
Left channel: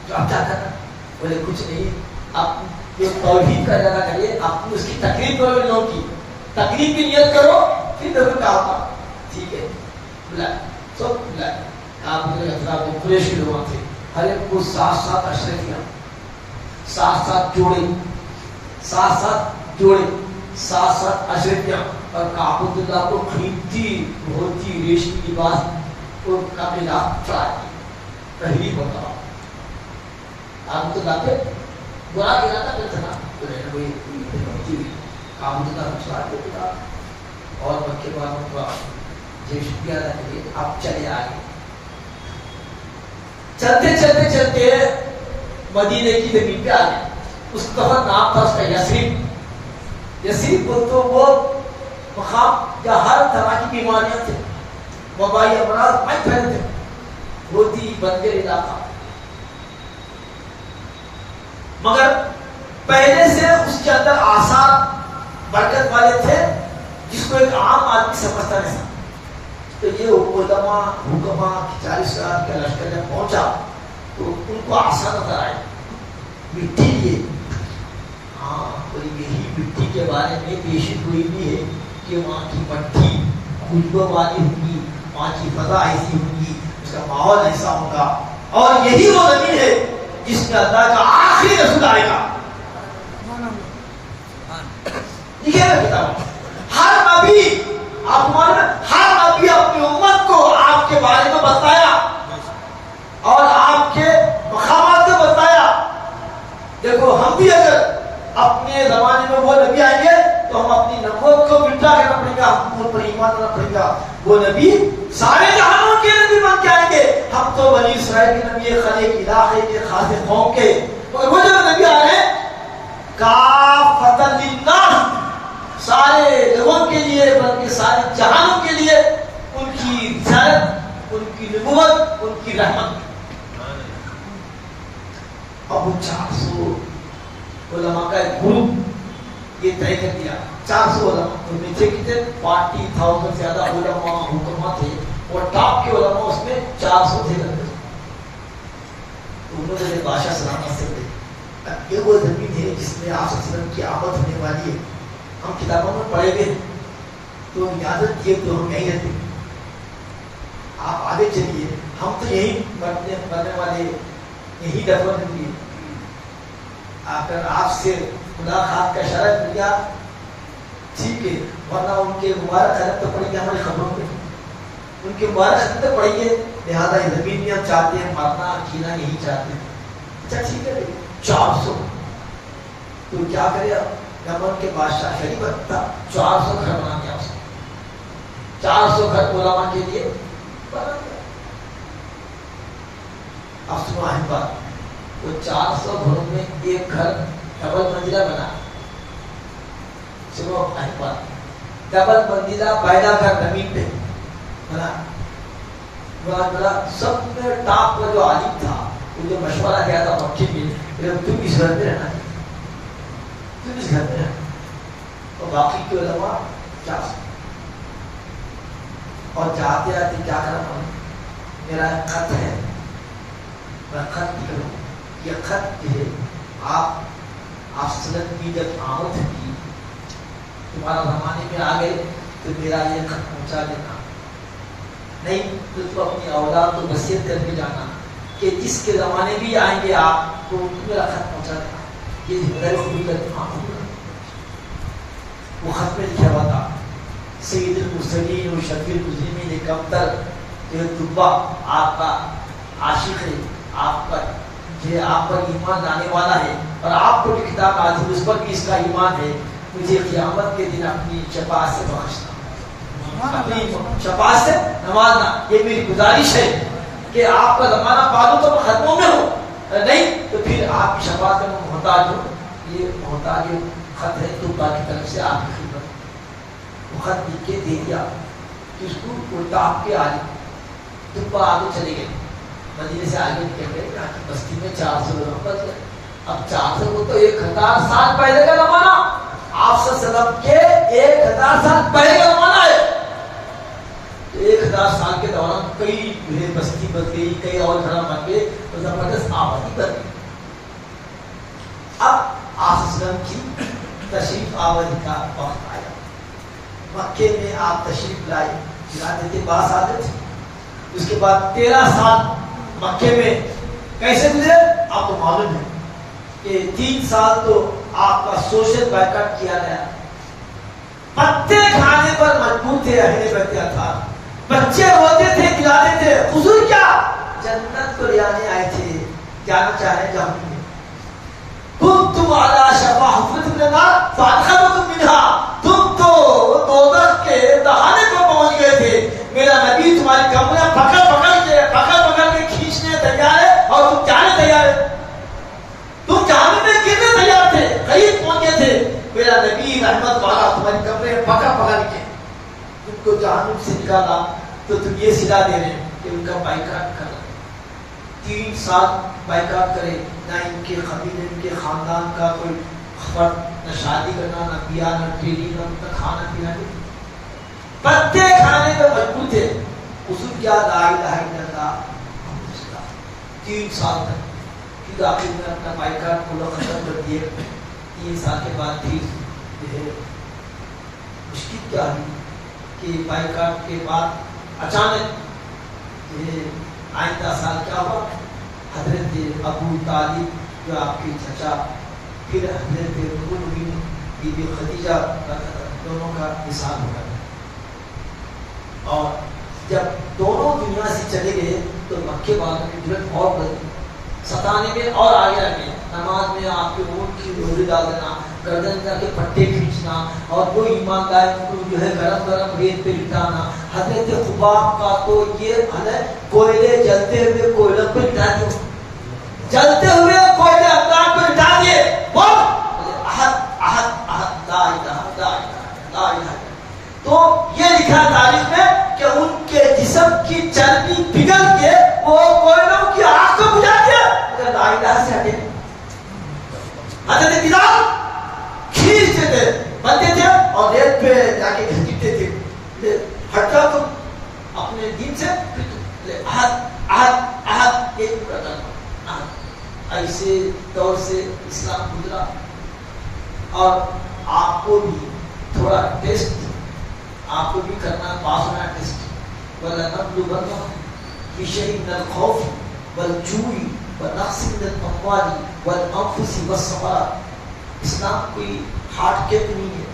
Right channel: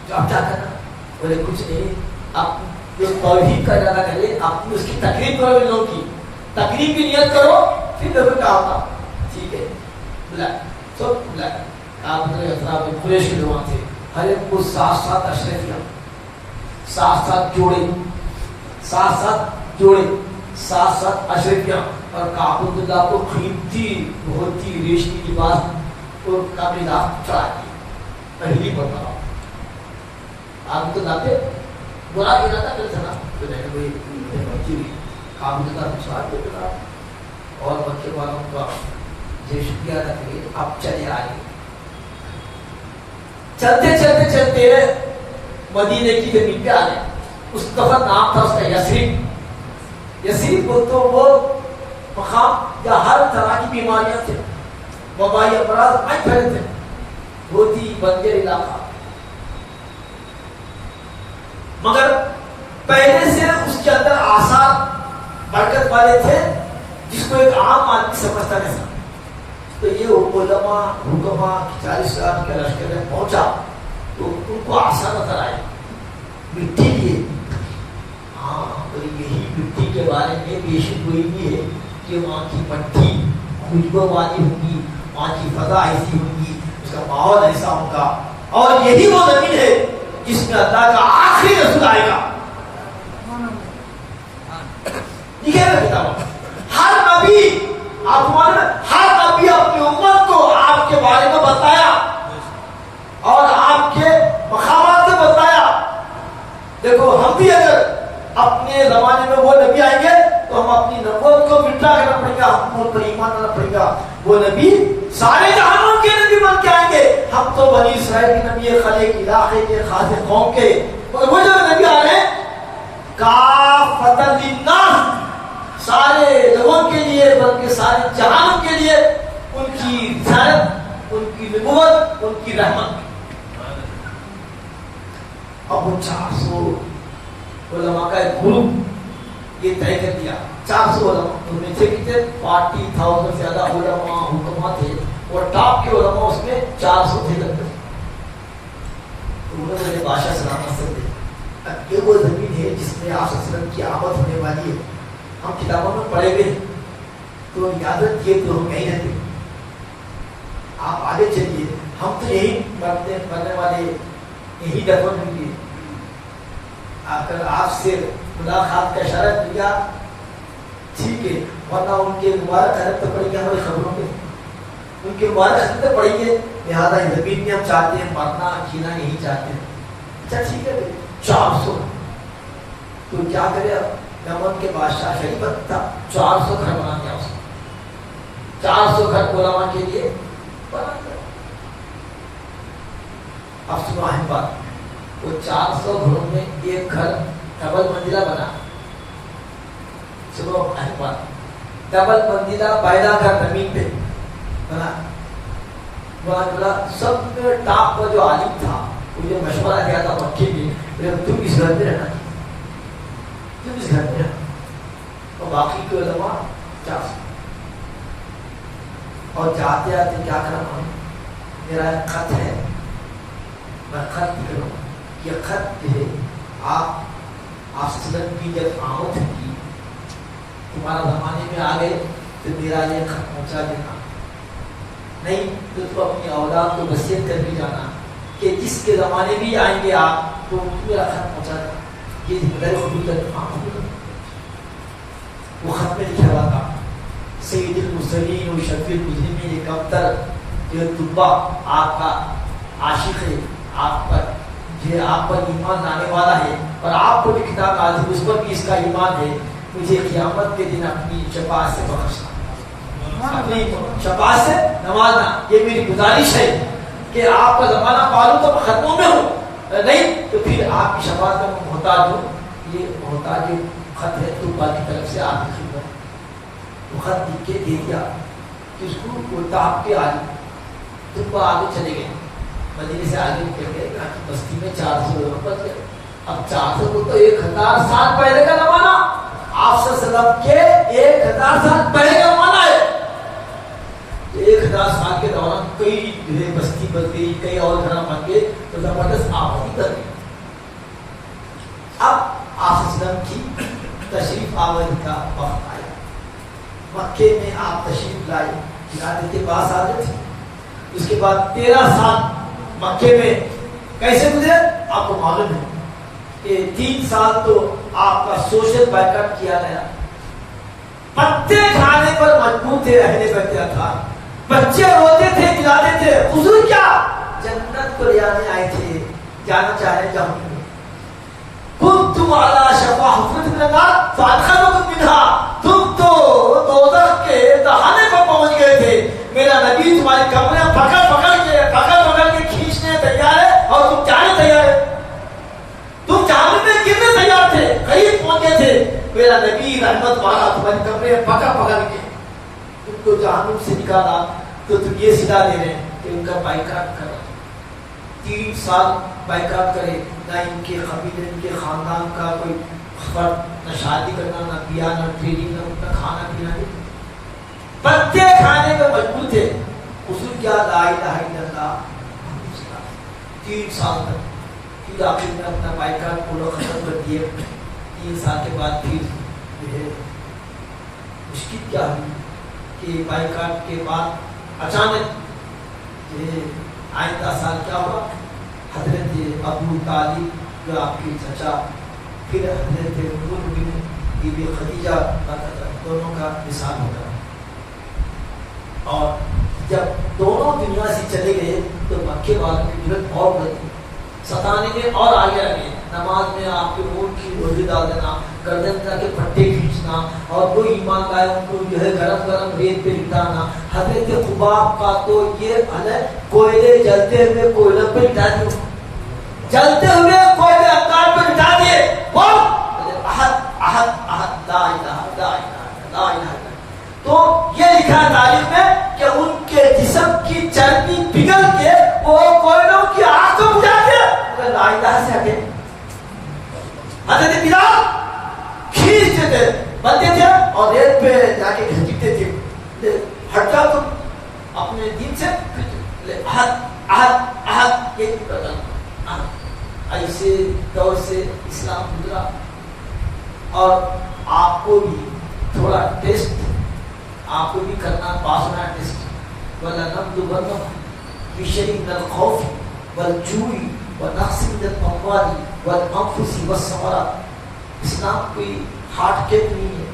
جو اب کیا کرنا؟ بولے کچھ نہیں، آپ جو توحید کا ارادہ کریے، آپ اس کی تقریب کرو، لوگوں کی تقریب کی نیت کرو، پھر دیکھو کیا ہوگا. ٹھیک ہے بلا سب بلا. آپ قریشی لوگ تھے، ہر ایک کو ساتھ ساتھ اشرفیاں، ساتھ ساتھ جوڑے، ساتھ ساتھ جوڑے، ساتھ ساتھ اشرفیاں، اور کعبۃ اللہ کو قیمتی ہوتی ریشمی لباس کو کاملہ چڑھائی. پہلی بتا کعبۃ اللہ پہ برا ارادہ کرتا تھا تو میں نے وہی کعبۃ اللہ کو چڑھا دیا. اور مکے والوں کا جو شکریہ ادا کریے. آپ چلے آئے، چلتے چلتے چلتے مدینے کی زمین پہ آ گئے. اس دفعہ نام تھا اس کا یثرب. یثرب کو تو وہ مقام یا ہر طرح کی بیماریاں تھے، وبائی امراض میں پھیلے تھے، روتی بنجر علاقہ. مگر پہلے سے اس کے اندر آثار برکت والے تھے جس کو ایک عام آدمی سمجھتا نہیں تھا. تو یہ علماء حکماء 40,000 کا لشکر جب پہنچا تو ان کو آسان نظر آئے. مٹی لیے، ہاں تو یہی مٹی کے بارے میں پیشن گوئی بھی ہے کہ وہاں کی مٹی خوشبو والی ہوگی، وہاں کی فضا ایسی ہوگی، اس کا ماحول ایسا ہوگا، اور یہی وہ زمین ہے جس میں اللہ کا آخری رسول آئے گا. لکھے گا کتاب. ہر نبی آپ معلوم ہے، ہر نبی اپنی امت کو آپ کے بارے میں بتایا اور آپ کے مقامات کو بتایا. دیکھو ہم بھی اگر اپنے زمانے میں وہ نبی آئیں گے تو ہم اپنی نبوت کو مٹا کرنا پڑے گا، ہم ان پر ایمان لانا پڑے گا. وہ نبی سارے جہانوں کے نبی بن کے آئیں گے. ہم تو بنی اسرائیل کے نبی، خلیق علاقے کے، خاص قوم کے، مگر وہ جو نبی آ رہے ہیں کافۃ للناس، سارے لوگوں کے لیے بلکہ سارے جہانوں کے لیے ان کی رسالت، ان کی نبوت، ان کی رحمت. اب وہ 400 علماء کا ایک گروپ یہ طے کر دیا. 400 علماء ان میں سے کتنے 40,000 سے زیادہ علماء حکماء تھے، اور ٹاپ کے علماء اس میں 400 تھے. انہوں نے بادشاہ سلامت سے بولے یہ وہ زمین ہے جس میں آپ صلی اللہ علیہ وسلم کی آمد ہونے والی ہے. ہم کتابوں میں پڑھے ہوئے تو یاد رکھیے تو ہم نہیں رہتے، آپ آگے چلیے، ہم تو یہی مرنے والے، یہی دفن ہوں گے. اگر آپ سے ملاقات کا شرط ملا ٹھیک ہے، ورنہ ان کے مبارک خط تو پڑیں گے ہماری خبروں پہ، ان کے مبارک خط تو پڑیں گے. لہٰذا اس زمین میں ہم چاہتے ہیں مرنا جینا یہی چاہتے ہیں. اچھا ٹھیک ہے 400 تو کیا کرے. یمن کے بادشاہ شریف تھا، 400 گھر بنا دیا اس نے، 400 گھر علماء کے لیے بنا دیا. اب سنو اہم بات، وہ 400 گھروں میں ایک گھر ڈبل منزلہ بنا. سنو اہم بات، ڈبل منزلہ پہلا گھر زمین پہ بنا. بولا سب میں ٹاپ پر جو عالم تھا وہ جو مشورہ کیا تھا مکے میں، تم اس گھر میں رہنا، تم اس گھر میں رہنا، اور باقی کے علماء 400. اور جاتے آتے کیا کرنا، میرا ایک خط ہے، میں خط نکلوں. یہ خط جو ہے آپ سلم کی جب آمد کی تمہارا زمانے میں آ گئے تو میرا یہ خط پہنچا دینا، نہیں تو تم اپنی اولاد کو وصیت کر کے جانا کہ جس کے زمانے بھی آئیں گے آپ تو میرا خط پہنچا دینا. یہ ذمہ داری خود کرنا. وہ خط میں لکھا ہوا تھا سید المرسلین و شفیع المذنبین، ایک ابتر جو طبا آپ کا عاشق ہے، آپ پر یہ آپ پر ایمان لانے والا ہے اور آپ کو بھی کتاب نازل اس پر بھی اس کا ایمان ہے، مجھے قیامت کے دن اپنی شفاعت سے بخشنا، اپنی شفاعت سے نوازنا، یہ میری گزارش ہے کہ آپ کا زمانہ پالوں تو میں ختموں میں ہوں، نہیں تو پھر آپ کی شفاعت کا میں محتاج ہوں۔ یہ محتاج خط ہے طوبا کی طرف سے آپ کی خدمت، وہ خط لکھ کے دے دیا کہ اس کو کوئی کے آگے طوبا آگے چلے گئے، مدینے سے آگے نکل گئے، یہاں کی بستی میں 400 لوگ بچ گئے۔ اب 400 کو تو 1000 سال پہلے کا زمانہ، آپ صلی اللہ علیہ وسلم کے 1000 سال پہلے کا زمانہ ہے، تو 1000 سال کے دوران کئی بستی بن گئی، کئی اور گھر بن گئے، تو زبردست آبادی بن گئی۔ اب آپ صلی اللہ علیہ وسلم کی تشریف آوری کا وقت آیا، مکے میں آپ تشریف لائے، ولادت باس عادت تھی۔ اس کے بعد 13 سال مکے میں کیسے گزرے آپ کو معلوم ہے کہ 3 سال تو آپ کا سوشل بائیکاٹ کیا گیا، پتے کھانے پر مجبور تھے اہل بیت اطہار، بچے روتے تھے کھلاتے تھے، حضور کیا جنت کو لے آنے آئے تھے، جانا چاہے جہنم میں، کنتم علی شفا حفرۃ من النار فادخلتکم منہا، تم تو دوزخ کے دہانے پر پہنچ گئے تھے، میرا نبی تمہاری کمریں پکڑ پکڑ کے کھینچنے تیار ہے اور تم جانے تیار ہے، تم جہنم میں گرنے تیار تھے، قریب پہنچے تھے، میرا نبی رحمت والا تمہاری کمریں پکڑ کے تم کو جہنم سے نکالا، تو تم یہ صدا دے رہے ہیں کہ ان کا بائیکاٹ کرو۔ 3 سال بائیکاٹ کرے، نہ ان کے قبیلے ان کے خاندان کا کوئی فرد، نہ شادی کرنا، نہ بیاہ، نہ بیوی، نہ کھانا پینا، پتے کھانے میں مجبور تھے۔ حضور کیا لا الہ الا اللہ 3 سال تک، پھر آخر میں اپنا بائیکاٹ کو لوگ ختم کر دیے۔ 3 سال کے بعد پھر جو ہے مشکل کیا ہوئی کہ بائیکاٹ کے بعد اچانک آئندہ سال کیا ہوا، حضرت ابو طالب جو آپ کے چچا، پھر حضرت بی بی خدیجہ دونوں کا وصال ہو گیا، اور جب دونوں دنیا سے چلے گئے تو مکے والوں کی جرت اور بڑھ، ستانے میں اور آگے آگے، نماز میں آپ کے اونٹ کی روزی ڈال دینا، گردن کر کے پٹے کھینچنا، اور کوئی ایماندار کو جو ہے گرم گرم ریت پہ لٹانا۔ حضرت خباب کا تو یہ حال ہے، کوئلے جلتے ہوئے کوئلے پہ لٹا دیے، جلتے ہوئے کوئلے افغان پہ لٹا دیے، بول احد احد احد لا الہ لا الہ لا الہ۔ تو یہ لکھا تاریخ میں کہ ان کے جسم کی چربی پگھل کے وہ کوئلوں کی آگ کو بجھا دیا، مگر لا الہ سے ہٹے۔ حضرت بلال کھینچتے تھے، بنتے تھے اور ریت پہ جا کے گھسیٹتے تھے، ہٹ جاؤ تم اپنے دین سے، احد احد احد، یہ کرنا۔ ایسے دور سے اسلام گزرا، اور آپ کو بھی تھوڑا ٹیسٹ آپ کو بھی کرنا، پاس ہونا ٹیسٹ۔ وَلَنَبْلُوَنَّكُمْ بِشَيْءٍ مِّنَ الْخَوْفِ وَالْجُوعِ وَنَقْصٍ مِّنَ الْأَمْوَالِ وَالْأَنفُسِ وَالثَّمَرَاتِ۔ اسلام کوئی ہارڈ کیپ نہیں ہے،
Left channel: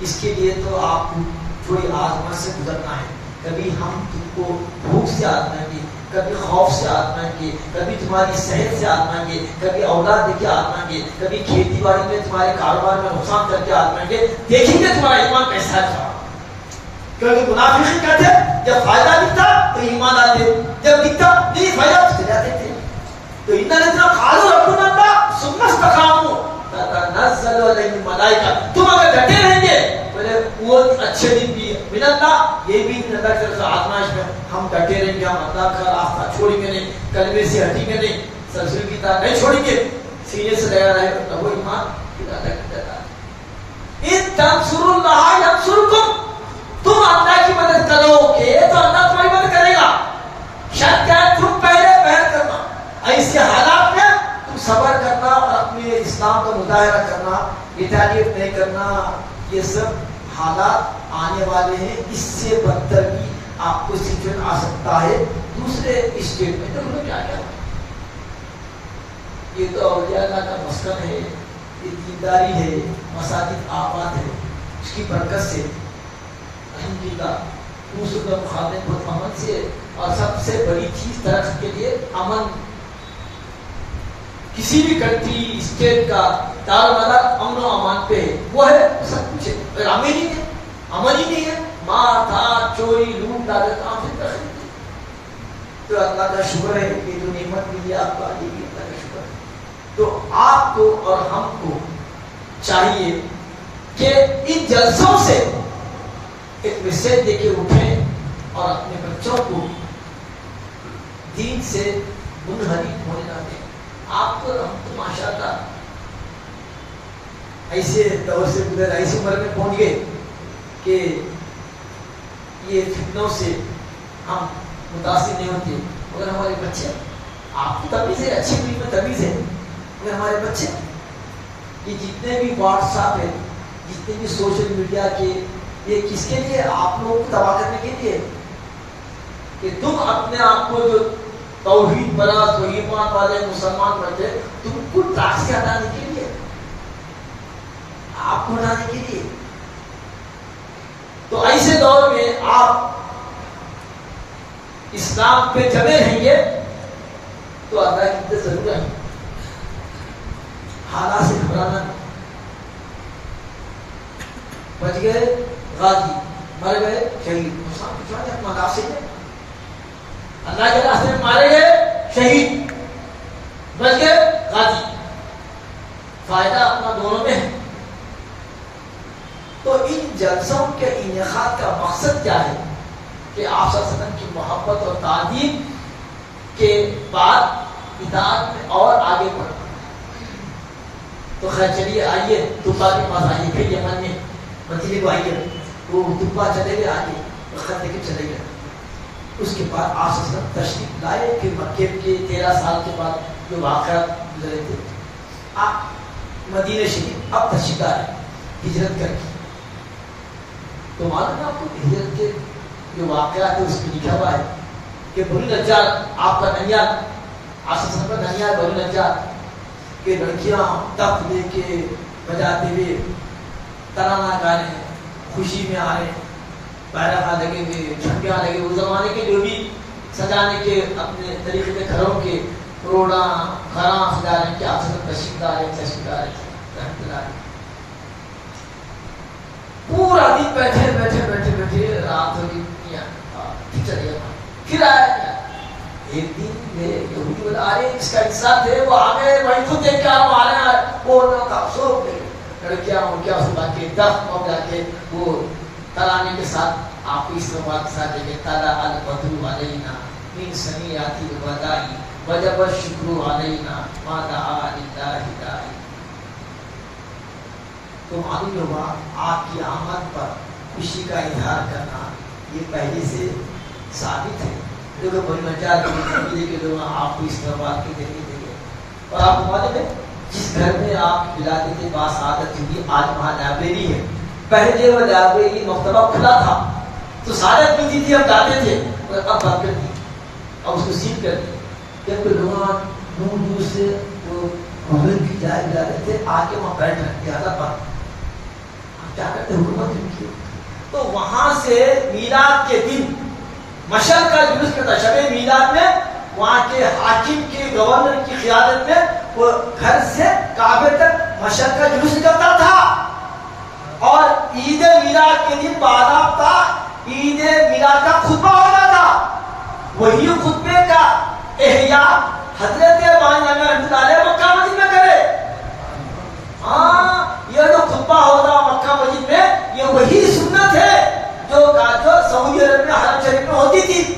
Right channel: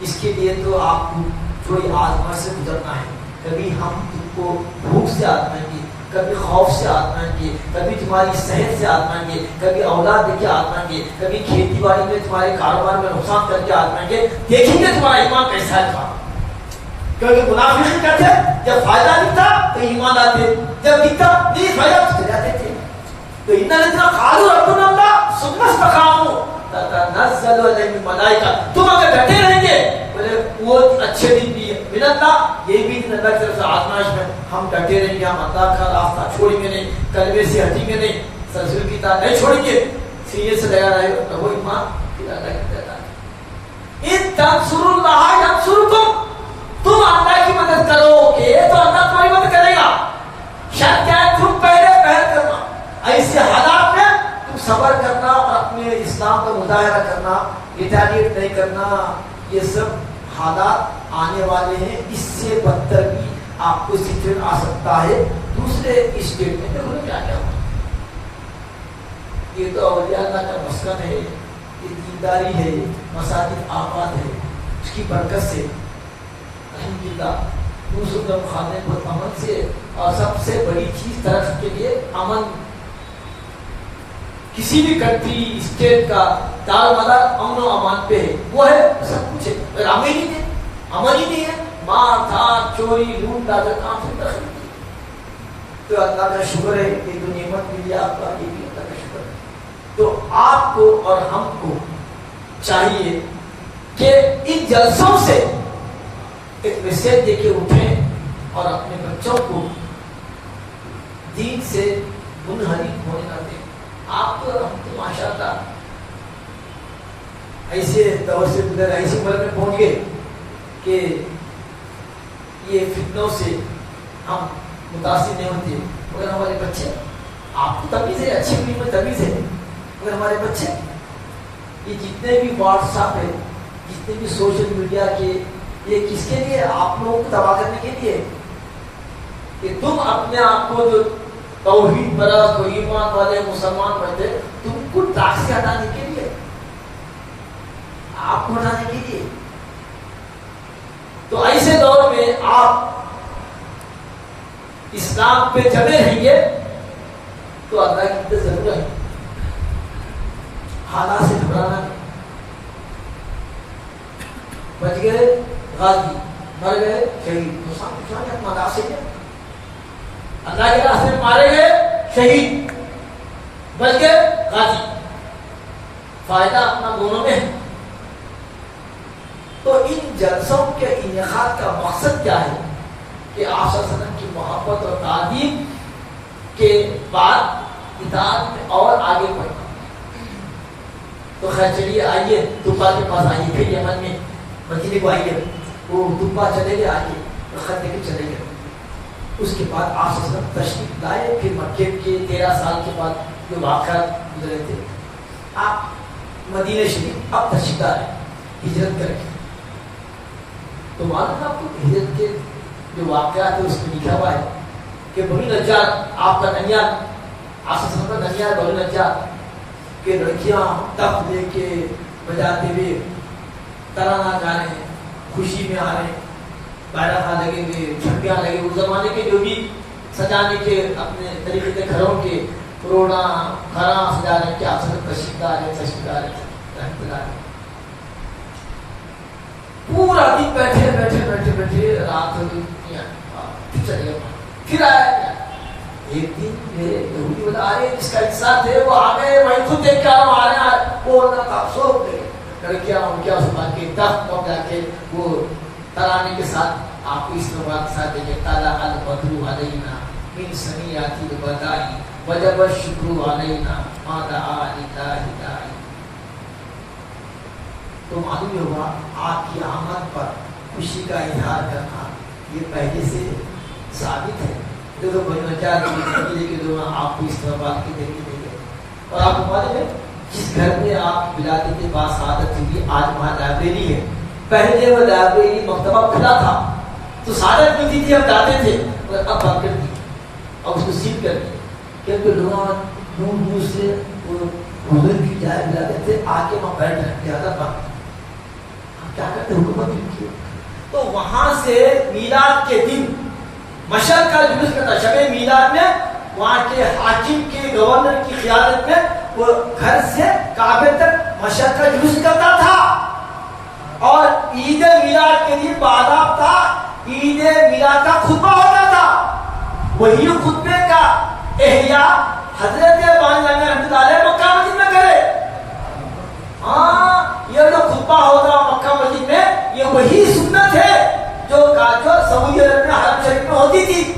اس کے لیے تو آپ کو تھوڑی آزمائش سے گزرنا ہے۔ کبھی ہم تم کو بھوک سے آزمائیں گے، کبھی خوف سے آزمائیں گے، کبھی تمہاری صحت سے آزمائیں گے، کبھی اولاد دے کے آزمائیں گے، کبھی کھیتی باڑی میں تمہارے کاروبار میں نقصان کر کے آزمائیں گے، دیکھیں گے تمہارا ایمان کیسا ہے۔ کیونکہ منافقین کہتے جب فائدہ دکھتا تو ایمان آتے، جب دکھتا نہیں فائدہ تو چلے جاتے تھے۔ تو ان الذین قالوا ربنا اللہ ثم استقاموا تتنزل علیہم الملائکہ، تم اگر ڈٹے رہیں گے بولے وہ اچھے دن بھی ہے من اللہ، یہ بھی دن اللہ کی طرف سے آزمائش میں، ہم ڈٹے رہیں گے، ہم اللہ کا راستہ چھوڑیں گے نہیں، کلمے سے ہٹیں گے نہیں، سرسری کی طرح نہیں چھوڑیں گے، سینے سے لگا رہے تو وہ ایمان پھر اللہ کی دیتا ہے۔ ان تنصروا اللہ ینصرکم، تم اللہ کی مدد کرو گے تو اللہ تمہاری مدد کرے گا۔ شرط کیا ہے؟ تم پہلے پہل کرنا، ایسے حالات میں تم صبر کرنا اور اپنے اسلام کا مظاہرہ کرنا، ریٹیلیٹ نہیں کرنا۔ یہ سب حالات آنے والے ہیں، اس سے بدتر بھی آپ کو سچویشن آ سکتا ہے دوسرے اسٹیٹ میں۔ دیکھو کیا کیا ہوا، یہ تو اولیاء اللہ کا مسکن ہے، یہ دینداری ہے، مساجد آباد ہے، اس کی برکت سے الحمدللہ دوسروں کا مقابلے پر امن سے، اور سب سے بڑی چیز ترقی کے لیے امن، کسی بھی کنٹری اسٹیٹ کا دار و مدار امن و امان پہ ہے، وہ ہے سب کچھ ہے، اگر امن ہی نہیں ہے، مار دھاڑ چوری لوٹ ڈاکہ کام سے دخل نہیں، تو اللہ کا شکر ہے کہ جو نعمت ملی آپ کو آئی بھی اللہ کا شکر ہے۔ تو آپ کو اور ہم کو چاہیے کہ ان جلسوں سے ایک میسج دے کے اٹھیں اور اپنے بچوں کو دین سے منحرف ہونے نہ دیں۔ آپ کو ہم تو ماشاء اللہ ایسے دور سے گزر، ایسے عمر میں پہنچ گئے کہ یہ فتنوں سے ہم متاثر نہیں ہوتے، مگر ہمارے بچے، آپ کو تمیز ہے، اچھی بری میں تمیز ہے، مگر ہمارے بچے یہ جتنے بھی واٹس ایپ ہے، جتنے بھی سوشل میڈیا کے، یہ کس کے لیے؟ آپ لوگوں کو تباہ کرنے کے لیے، کہ تم اپنے آپ کو جو توحید پرست و ایمان والے مسلمان بنتے، تم کو ٹریک سے ہٹانے کے لیے، آپ کو ہٹانے کے لیے۔ تو ایسے دور میں آپ اسلام پہ جمے رہیں گے تو اللہ کی مدد ضرور ہے، حالات سے گھبرانا نہیں۔ بچ گئے غازی، مر گئے شہید، مناسب ہے، اللہ کے راستے میں مارے گئے شہید، بچ گئے غازی، فائدہ اپنا دونوں میں ہے۔ تو ان جلسوں کے انعقاد کا مقصد کیا ہے کہ آپ صلی اللہ علیہ وسلم کی محبت اور تعظیم کے بعد اطاعت میں اور آگے بڑھنا۔ تو خیر چلیے، آئیے طبا کے پاس آئیے، پھر یمن میں مدینے کو آئیے، وہ طبا چلے گئے، آئیے خط لے کے چلے گئے۔ اس کے بعد آپ صلی اللہ علیہ وسلم تشریف لائے، پھر مکے کے 13 سال کے بعد جو واقعات گزرے تھے، آپ مدینہ شریف اب تشریف لائے ہجرت کر کے۔ تو معلوم ہے آپ کو ہجرت کے جو واقعات ہے اس میں لکھا ہوا ہے کہ بنو نجار، آپ کا ننیال، آپ صلی اللہ علیہ وسلم کا ننیال بنو نجار کہ لڑکیاں تخت لے کے بجاتے ہوئے ترانہ گا رہے ہیں، خوشی میں آ رہے ہیں، بیرغ لگے ہوئے، جھنڈیاں لگے ہوئے، اس زمانے کے جو بھی سجانے کے اپنے طریقے کے گھروں کے کروڑا گھراں سجا رہے ہیں کہ آپ سے تشریف لا رہے رحمت اللہ۔ پورا دن بیٹھے بیٹھے بیٹھے بیٹھے رات ہو گئی، پھر چلے گئے، پھر آیا۔ ایک دن میرے یہودی بتا آ رہے جس کا انسان تھے، وہ آ گئے، وہیں خود دیکھ کے آ رہے ہیں، وہ نہ تھا، سو گئے لڑکیاں ان کیا صبح کے دس پاؤ جا کے وہ ترانے کے ساتھ آپ کو اس طرح کے ساتھ دیکھے، طلع البدر علینا من ثنیات الوداع وجب الشکر علینا ما دعا للہ داعی۔ تو معلوم ہوگا آپ کی آمد پر خوشی کا اظہار کرنا یہ پہلے سے ثابت ہے۔ دیکھو بنو نجار کے قبیلے کے لوگ آپ کو اس طرح بات کے ذریعے دیں گے، اور آپ کو معلوم ہے جس گھر میں آپ ولادت باسعادت ہوئی آج وہاں لائبریری ہے، پہلے وہ لائبریری مکتبہ کھلا تھا تو سعادت ملتی تھی، ہم جاتے تھے، اور اب بند کر دی اور اس کو سیل کر دی، کیونکہ لوگ دور دور سے وہ حضور کی جائے ولادت سے آ کے وہاں بیٹھ رہے لہٰذا بند۔ کیا کرتے حکومت ان کی، تو وہاں سے میلاد کے دن مشہد کا جلوس کرتا، شب میلاد میں وہاں کے حاکم کے گورنر کی قیادت میں وہ گھر سے کعبے تک مشہد کا جلوس نکلتا تھا، اور عید میلاد کے دن باضابطہ عید میلاد کا خطبہ ہوتا تھا، وہی خطبے کا احیاء حضرت بانی نعمت رحمۃ اللہ علیہ مکہ مسجد میں کرے۔ ہاں یہ جو خطبہ ہو رہا مکہ مسجد میں، یہ وہی سنت ہے جو سعودی عرب میں حرم شریف میں ہوتی تھی۔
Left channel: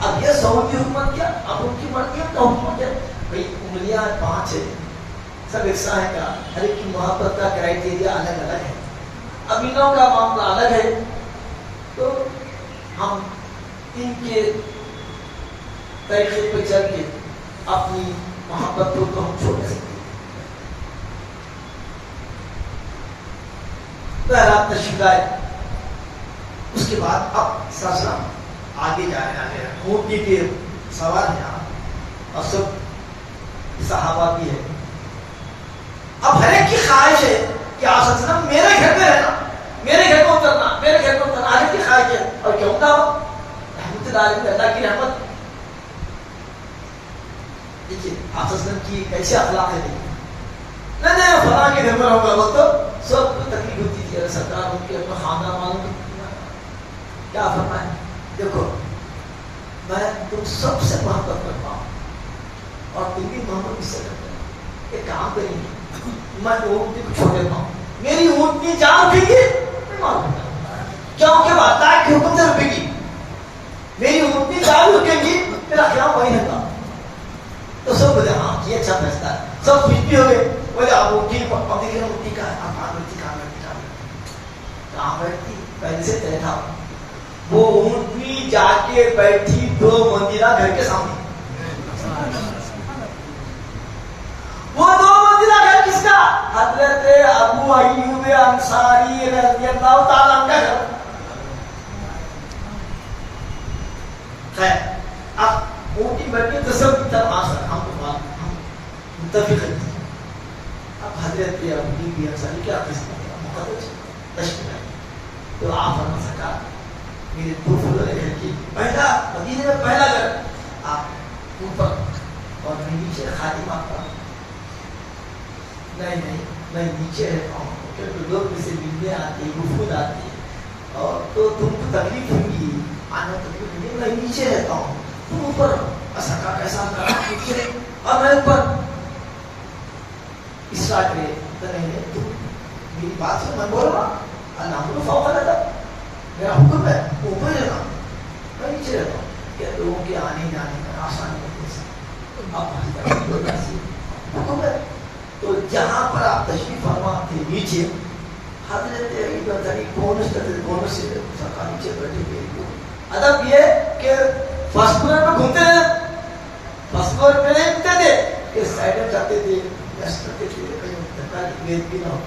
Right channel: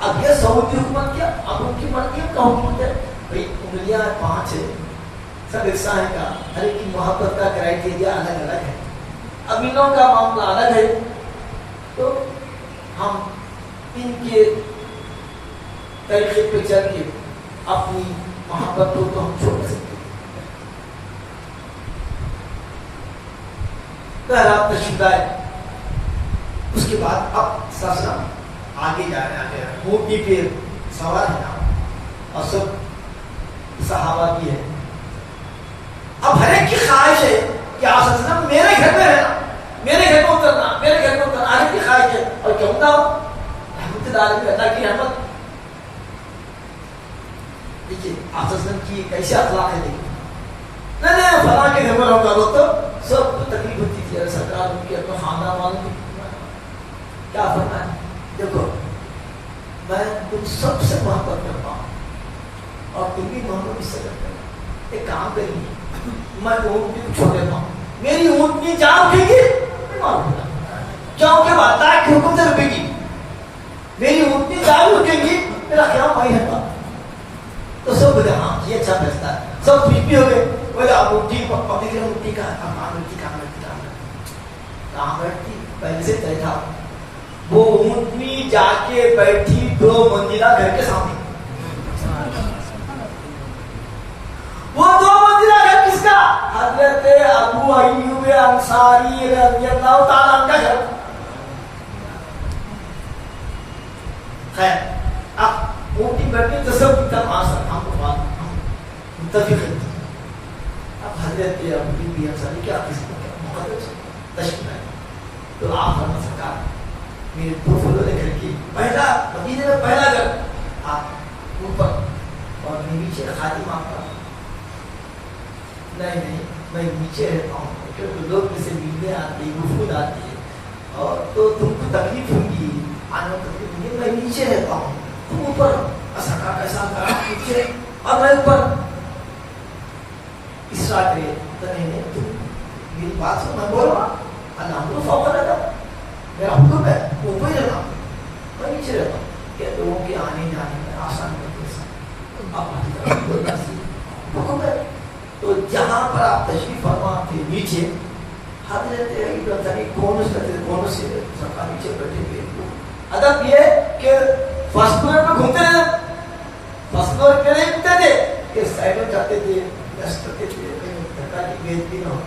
اب یہ سعودی حکومت کیا، اب ان کی مرضی کا حکومت ہے، بھائی انگلیاں 5 ہے، سب یکساں ہے کا، ہر ایک کی محبت کا کرائٹیریا الگ الگ ہے، اب ان لوگوں کا معاملہ الگ ہے، تو ہم ان کے طریقے پہ چل کے اپنی محبت کو تو ہم چھوڑ نہیں سکتے۔ بہرحال تشریف لائے، اس کے بعد اب سلسلہ آگے جا رہے ہیں، اونٹنی پہ سوار ہیں آپ، اور سب صحابہ بھی ہے۔ اب ہر ایک کی خواہش ہے کہ آپ صلی اللہ علیہ وسلم میرے گھر میں رہنا، میرے گھر میں اترنا، میرے گھر میں اترنا، ہر ایک کی خواہش ہے، اور کیوں نہ ہو رحمت اللہ علیہ، اللہ کی رحمت۔ دیکھیے آپ کی کیسے اخلاق ہے دیکھیے نہیں فلاں کے گھر میں رہوں گا تو سب کو تکلیف ہوتی تھی اگر سرکار ان کے اپنا خاندان والوں کو کیا فرمایا دیکھو میں تم سب سے محبت کرتا ہوں اور تم بھی محبت اس سے کرتے ہو ایک کام کریں گے میں اونٹنی کو چھوڑ دیتا ہوں میری اونٹنی جان اٹھے گی میں معلوم کیونکہ وہ اللہ کے حکم سے رکھے گی میری اونٹنی جان رکیں گی میرا خیال وہی رہتا تو سب بولے ہاں یہ اچھا فیصلہ ہے سب خوش بھی ہو گئے بولے اب اونٹنی اب دیکھ رہے اونٹنی کا اب کہاں بیٹھتی پہلے سے طے تھا وہ اونٹنی جا کے بیٹھی 2 منزلہ گھر کے سامنے وہ 2 منزلہ گھر کس کا حضرت ابو ایوب انصاری رضی اللہ تعالیٰ عنہ کا گھر خیر اب اونٹنی بیٹھے تو سب ہم کو متفق ہے اب حضرت ابو انصاری کیا قسمت ہے مقدس تشریف ہے تو آپ فرما سرکار میرے 2 فلور گھر کی پہلا مدینے میں پہلا گھر آپ اوپر اور میں نیچے خادم آپ پر نہیں میں نیچے رہتا ہوں کیونکہ لوگ مجھ سے ملنے آتے ہیں گفتگو آتی ہے اور تو تم کو تکلیف ہوگی آنے میں تکلیف ہوگی میں نیچے رہتا ہوں تم اوپر سرکار ایسا کرا نیچے اور میں اوپر اسرا کرے تو نہیں تم میری بات سے میں بول رہا اللہ کو فوق لگا میرا حکم ہے اوپر جانا میں نیچے رہتا ہوں کہ لوگوں کے آنے جانے میں آسان کرتے ہیں آپ حکم ہے تو جہاں پر آپ تشریف فرما تھے نیچے حضرت کون سے سرکار نیچے بیٹھے ہوئے ادب یہ کہ فرسٹ فلور پہ گھومتے ہیں فرسٹ فلور پہ نہیں گھومتے تھے کہ سائڈ میں جاتے تھے کرتے تھے کہیں دھکا کی بید بھی نہ ہو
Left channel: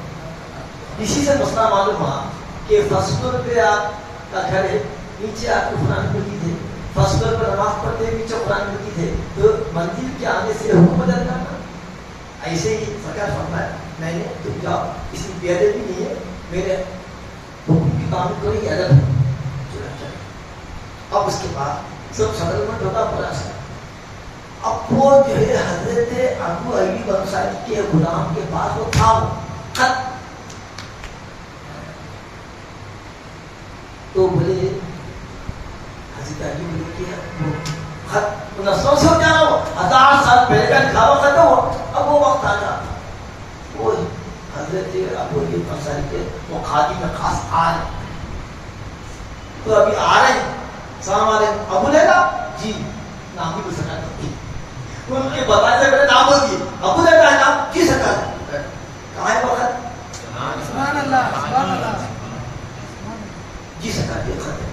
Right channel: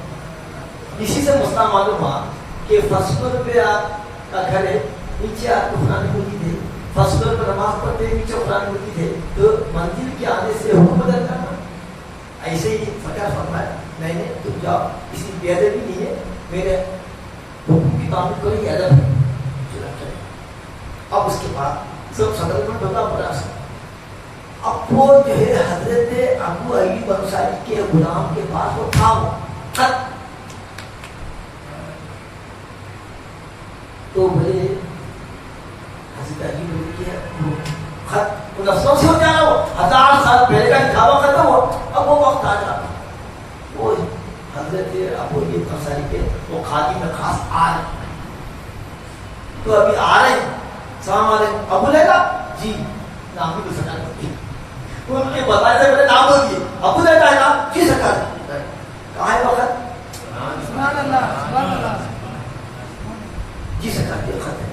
اسی سے مسئلہ معلوم ہوا کہ فرسٹ فلور پہ آپ کا گھر ہے نیچے آپ کو قرآن مجید ہے فرسٹ فلور پہ نماز پڑھتے ہیں نیچے قرآن مجید ہے تو منزل کے آنے سے حکم بدل کرنا ایسے ہی سرکار فرمایا نہیں تم جاؤ اس میں بے ادب بھی نہیں ہے میرے حکم کی تعمیل کوئی ادب ہے چلے اب اس کے بعد سب سیٹلمنٹ ہوتا پڑا اب وہ جو ہے حضرت ابو ایوب انصاری کے غلام کے پاس وہ تھا خط تو بولے حضرت ایوب بولے کہ خط نفسوں سے ہو جانا وہ 1000 سال پہلے کا لکھا ہوا ختم ہو اب وہ وقت آ جاتا وہ حضرت ابو ایوب انصاری کے وہ خادم میں خاص آ رہے تو ابھی آ رہے ہیں السلام علیکم ابو لیلا جی نام بھی دوسرا ان کے بتائے سے پہلے نام بول دیے ابو لیلا ہے نام جی سرکار کہاں ہے وقت سبحان اللہ جی سرکار یہ خط ہے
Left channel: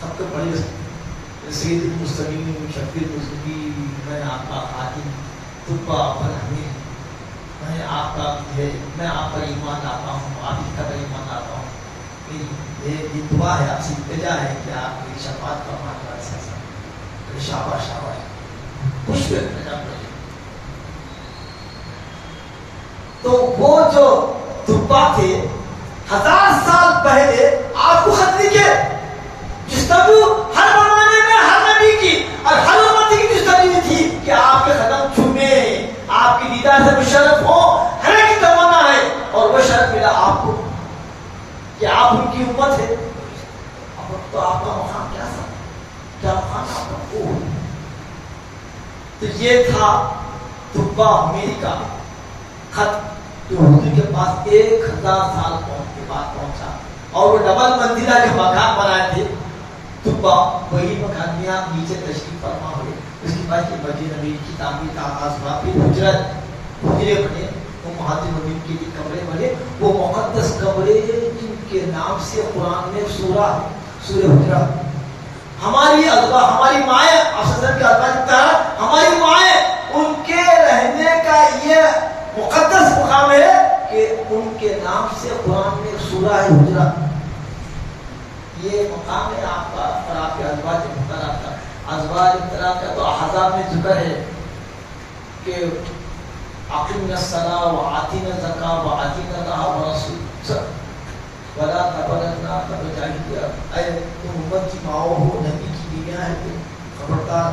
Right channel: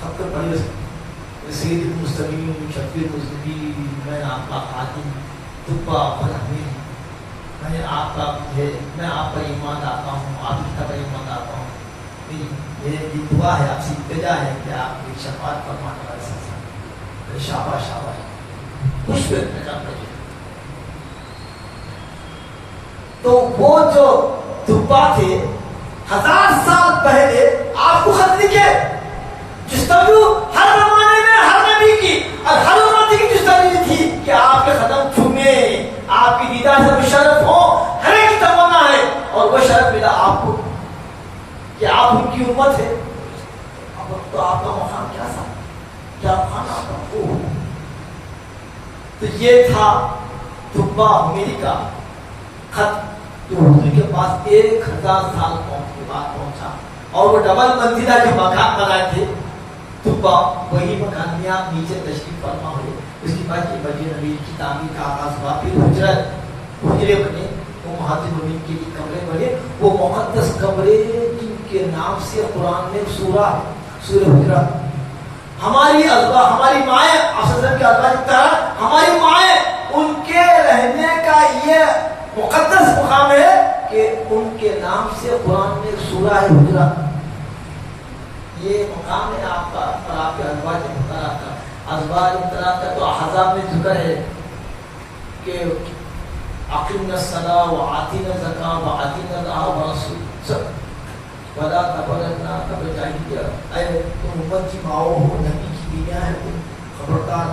خط کو پڑھی سید المستقیم شفیع المذنبین میں آپ کا خادم طبہ فلاحین میں آپ کا ہے میں آپ پر ایمان لاتا ہوں آپ ہی کا ایمان لاتا ہوں یہ دعا ہے آپ سے التجا ہے کہ آپ کی شفاعت فرمانے والے شاباش شاباش خوش ہوئے تو وہ جو طبہ تھے 1000 سال پہلے آپ کو خط لکھے جستجو ہر زمانے میں ہر نبی کی اور ہر امت کی جستجو تھی کہ آپ کے قدم چھونے آپ کی دیدار سے مشرف ہو ہر ایک کی تمنا ہے اور وہ شرف ملا آپ کو کہ آپ ان کی امت ہے اب تو آپ کا مقام کیا تھا کیا مقام آپ کا وہ تو یہ تھا طبہ میری کا خط جو حضور کے پاس 1000 سال کے بعد پہنچا اور وہ ڈبل منزلہ جو مکان بنائے تھے طبہ وہی مکان میں آپ نیچے تشریف فرما ہوئے اس کے بعد یہ مسجد نبوی کی تعمیر کا آغاز ہوا پھر حجرے بنے امہات المومنین کے لیے کمرے بنے وہ مقدس کمرے جن کے نام سے قرآن میں سورہ ہے سورہ حجرات ہماری ازواج ہماری مائیں افضل کے ازواج کی طرح ہماری مائیں ان کے رہنے کا یہ مقدس مقام ہے کہ ان کے نام سے قرآن میں سورہ ہے حجرات یہ مقام ہے آپ کا اور آپ کے ازواج محترمات کا ازواج محترمات کا تو احزاب میں ذکر ہے کہ اقیمنا الصلاۃ وآتینا الزکاۃ وآتینا اللہ ورسولہ ولا تبرجنا تبرجنا اے تم امت کی ماؤں ہو نبی کی بیویاں ہیں تم خبردار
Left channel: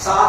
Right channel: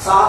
7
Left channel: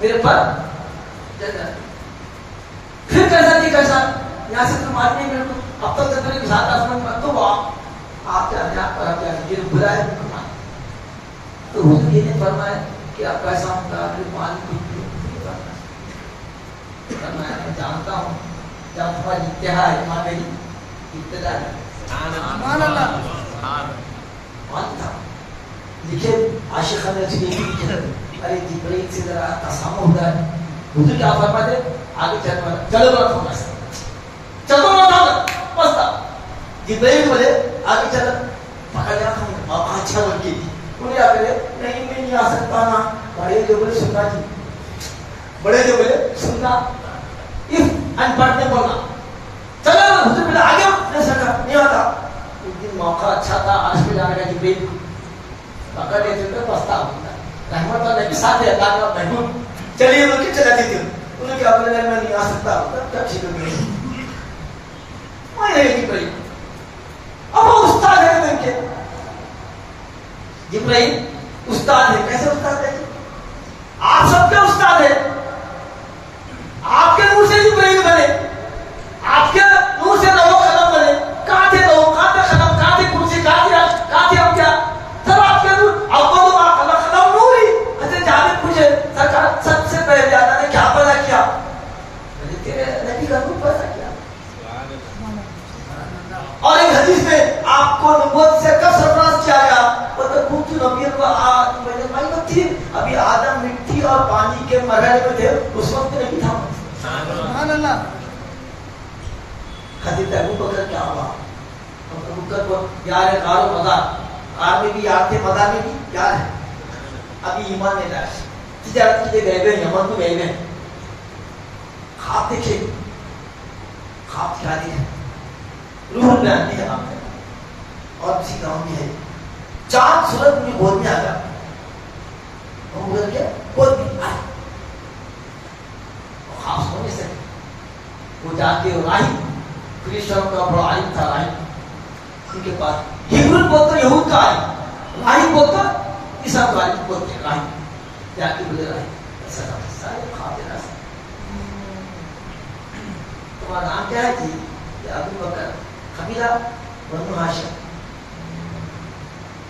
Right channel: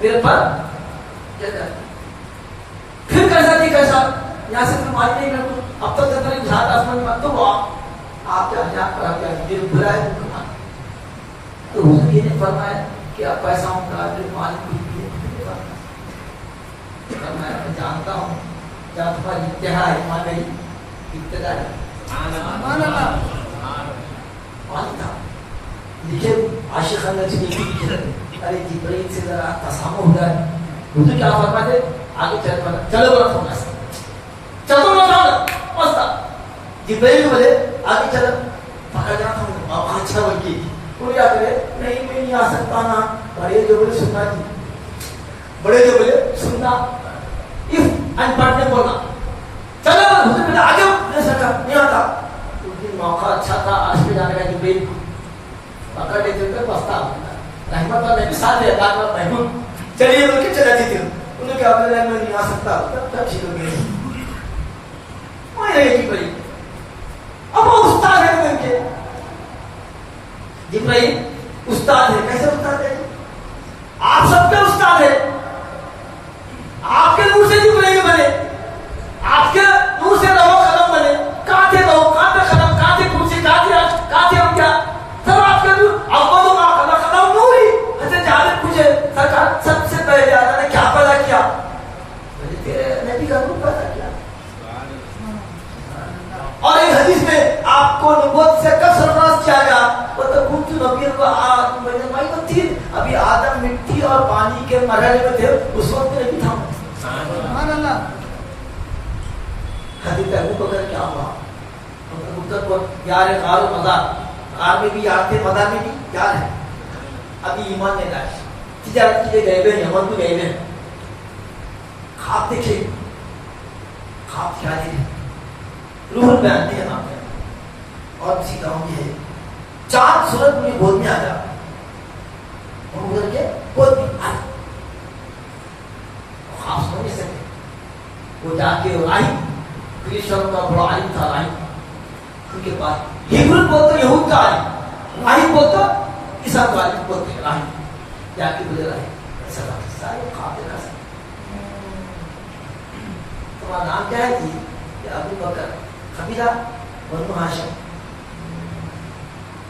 میرے پر پھر کیسا تھی کیسا یہاں سے تم آج نہیں میرے کو اب تک تمہیں ساتھ آسمان مت تو آپ کیا یہ بلا ہے تو حضور یہ نے فرمایا کہ اب پیسہ ہوں گا جو مالک میں جانتا ہوں جہاں تمہاری انتہا ہے وہاں میری ابتدا ہے لکھے عاشق نے لکھے ارے جبرائیل سے ذرا تسامح ہو رہا ہے حضور کیا فرماتے آگے چلو بڑا تھا چلو بڑا تھا پستا جبرائیل بولے آگے چلو پکڑ جاتا ہوں اچھا بول کے انہوں کیا کرے نہیں میں نہیں آ سکتا نا بڑے جو بولے سننا جی بڑے جو بولے سننا ان پڑھ نے بولا چلو نا حضور بولا آگے نہیں سکا نہیں آتا اس دن موقع اچھا تھا عرش پہ جانے کا جبرائیل پکڑ کے چلتے پستا رحمت اللہ کے ساتھ ہے اللہ کا محبوب چلیے بول کے چلا دیتے انہوں نے کیا بولا میں نہیں آ سکتا تب ٹھیک ہو گئے وہی رہے جبرائیل اب وہ استاد ہے ان کے جبرائیل استاد ہے کیسے استاد ہے آپ سب کے استاد ہے آپ کے نور سے جبرائیل بنے آپ کے نور سے لوح قلم بنے کہاں تھے لوح کہاں تھے قلم کہاں تھے کرسی کہاں تھے ہم کیا سب آپ کے نور اول ما خلق قلم نور ہی ایسے جانے پوچھے سرکار سب سے پہلے اللہ نے کیا پیدا کیا میں نے تیرے نبی کا نور پیدا کیا اور ایک حدیث میں آپ کو نبوت سے کب سرفراز کیا گیا وہ تو کچھ نبی کو ابھی آدم مٹی اور پانی کے مرحلے میں تھے اس وقت نہیں تھا سبحان اللہ حدیث ابو بکر کیا ہوا ابو بکر کو یار ہے غار و مزار غار میں بھی یاد تھے مزار میں بھی یاد ہے ابھی ایمان میں لائے تجارت کے لیے گئے ہوئے یمن کو گئے ہوئے خواب دیکھے خواب کیا دیکھے روح بیان نہیں ہے آپ نے اور کسی گاؤں میں ہے چاند سورج میں گود میں آ جا ہم کر کے گود میں آئے خواب سمجھ نہیں سکے وہ جا کے راہب کرشن کا بڑا عالم تھا راہب ان کے پاس ہیبرو بولتا یہود کا عالم راہب بولتا عیسیٰ کا عالم بولتے ہیں راہب جا کے بولے راہب ایسا تھا سارے خواب دینا سا تمہارا نام کیا ہے جی ابو بکر قبیلہ بنو ہاشم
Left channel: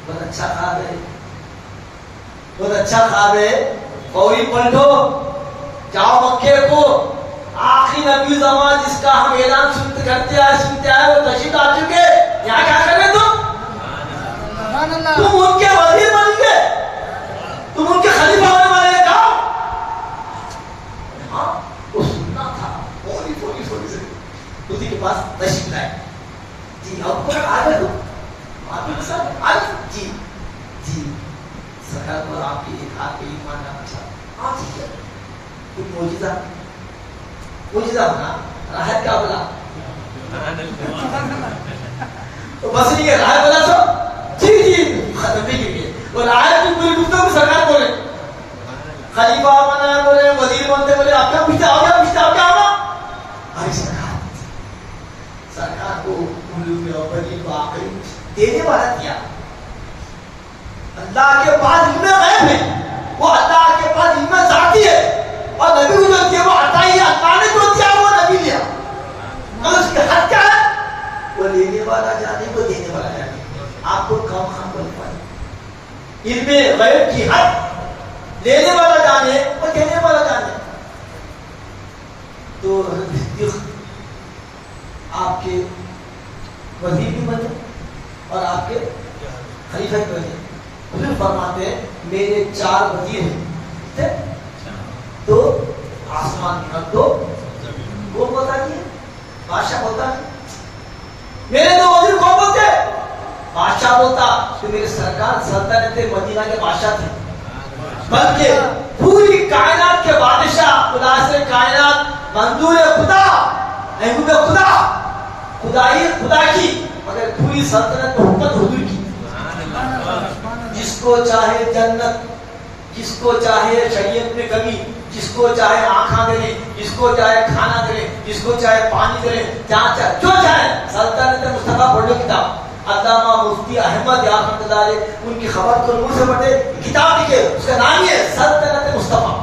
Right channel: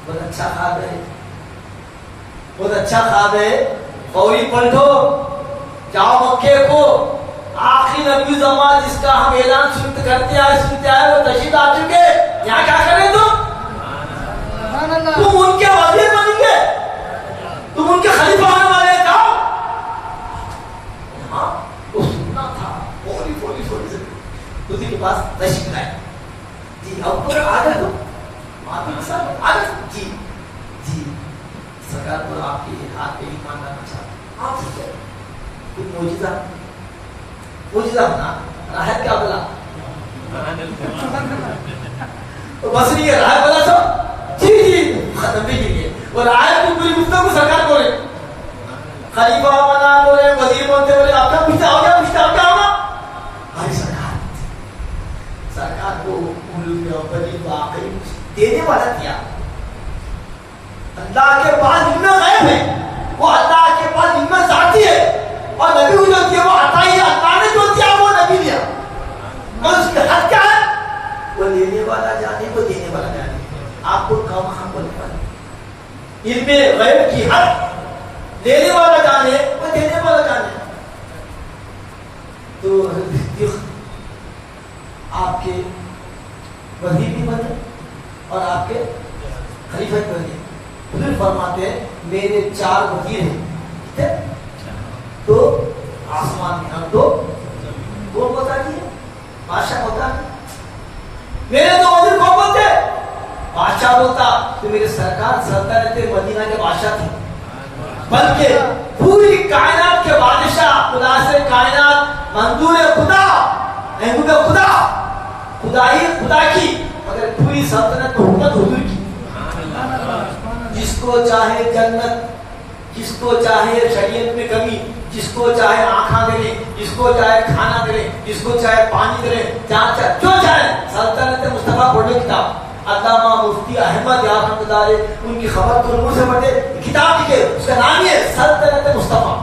بہت اچھا خواب ہے بہت اچھا خواب ہے فوری پلٹو جاؤ مکے کو آخری نبی زمان جس کا ہم اعلان سنتے آئے وہ تشریف آ چکے یہاں کیا کر رہے تم ان کے وزیر بنیں گے تم ان کے خلیفہ ہونے والے ہیں جاؤ ہاں وہ سننا تھا فوری سے اسی کے پاس تشریف لائے جی اب کو آ گئے تو آپ کے ساتھ آ گئے جی سرکار کو آپ کے ہاتھ پہ ایمان لانا چاہتا آپ سے کیا کچھ موجزہ ہونا راحت کیا بلا بس نہیں ہے راحت بلا سو جی ختم بھی گر گئے وہ راحت کی پوری گفتگو سرکار بولے خلیفہ بنا بولے وزیر بنتے بولے آپ کیا پوچھتا ہو کیا ہوگا ارے سرکار کو واقعی دینے والا کیا اللہ کے پاس علم غیب ہے وہ اللہ کے پاس علم ذاتی ہے اور نبی کو جو دیا وہ عطا ہی اللہ نے جو دیا وہ نبی لیا مگر اس کی حد کیا ہے وہ لینے والا جانے وہ دینے والا جانے آپ کو کام خام بولنے والے علم غیب کی حد لینے والا جانے وہ دینے والا جانے تو حضرت آپ کے وزیر بھی بنے اور آپ کے خلیفہ بھی بنے حضور فرماتے ہیں میرے 4 وزیر ہیں تو آسمان میں ہم تو کون بتا دیے بادشاہ بولتا میرے 2 وزیر کون بولتے بادشاہ بولتا تو میرے سرکار سلطنت مدینہ کے بادشاہ تھے بلکہ پوری کائنات کے بادشاہ خدا سے کائنات منظور خدا محبوب خدا کی مگر پوری سلطنت پر حکومت حضور کی جس کو چاہے جنت جس کو چاہے شریعت میں کمی جس کو چاہے آنکھاں دے جس کو چاہے کھانا دے جس کو چاہے پانی دے جہاں چاہے جو چاہے سلطنت مصطفیٰ پڑھ لو کتاب علامہ مفتی احمد یاد رحمۃ اللہ علیہ ان کی خبر کو نور سے پڑھتے کتاب لکھے اس کا نام ہی ہے سلطنت مصطفیٰ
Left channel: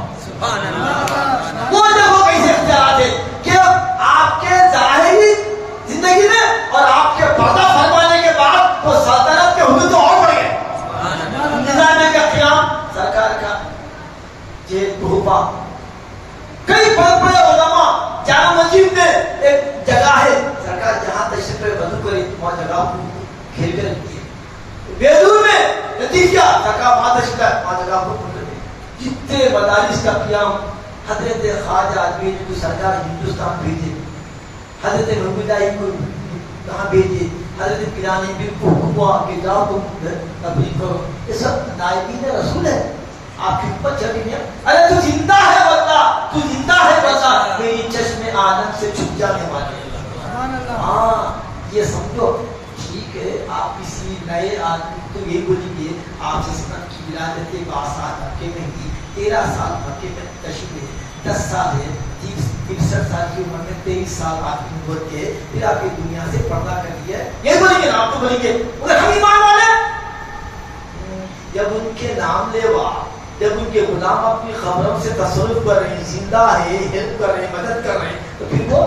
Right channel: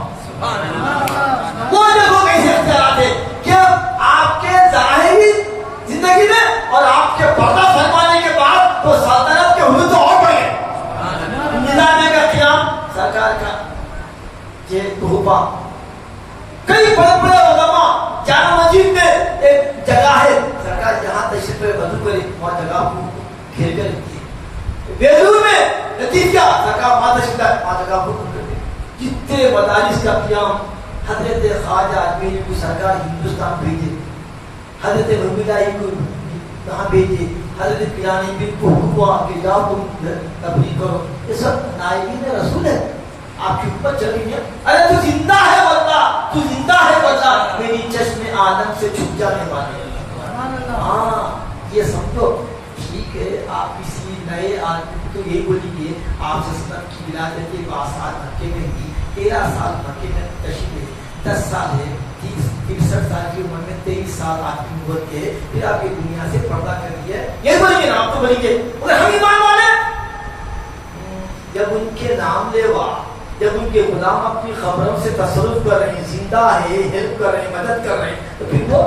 ایک جگہ ہے سرکار جہاں تشریف وضو کرے وہاں جگہ کو گھیر کر رکھی ہے. بیرون میں نتیجہ سرکار وہاں تشریف لائے وہاں جگہ کو کر دی. جتنے مدارس کا قیام حضرت خواجہ اجمیری کو سرکار ہندوستان بھیجے, حضرت محمد علی کو کہاں بھیجے, حضرت پیرانی پیر کو حکم ہوا کہ جاؤ تم تبلیغ کرو. یہ سب نائبین رسول ہے. آپ خدمت چل رہی ہے. ارے تو زندہ ہے بندہ, تو زندہ ہے بندہ, میری چشم آدم سے چھپ جانے والے. ہاں یہ سمجھو ٹھیک ہے. آپ کسی نئے آدمی کو تو یہی بولیں گے آپ جسمت کی ولادت 12 سال مکے میں کی, 13 سال مکے میں تشریف ہے, 10 سال ہے, 63 سال کی عمر میں 23 سال آپ کی نبوت کے, پھر آپ کی دنیا سے پردہ کر دیا ہے. یہ بولیں گے نا آپ تو بولیں گے مگر ہم ایمان والے. جب ان کے نام لیوا, جب ان کے غلام اپنی خبروں سے تصرف کر رہے ہیں, زندہ ہے, ہیلپ کر رہے ہیں, مدد کر رہے ہیں, تو پھر وہ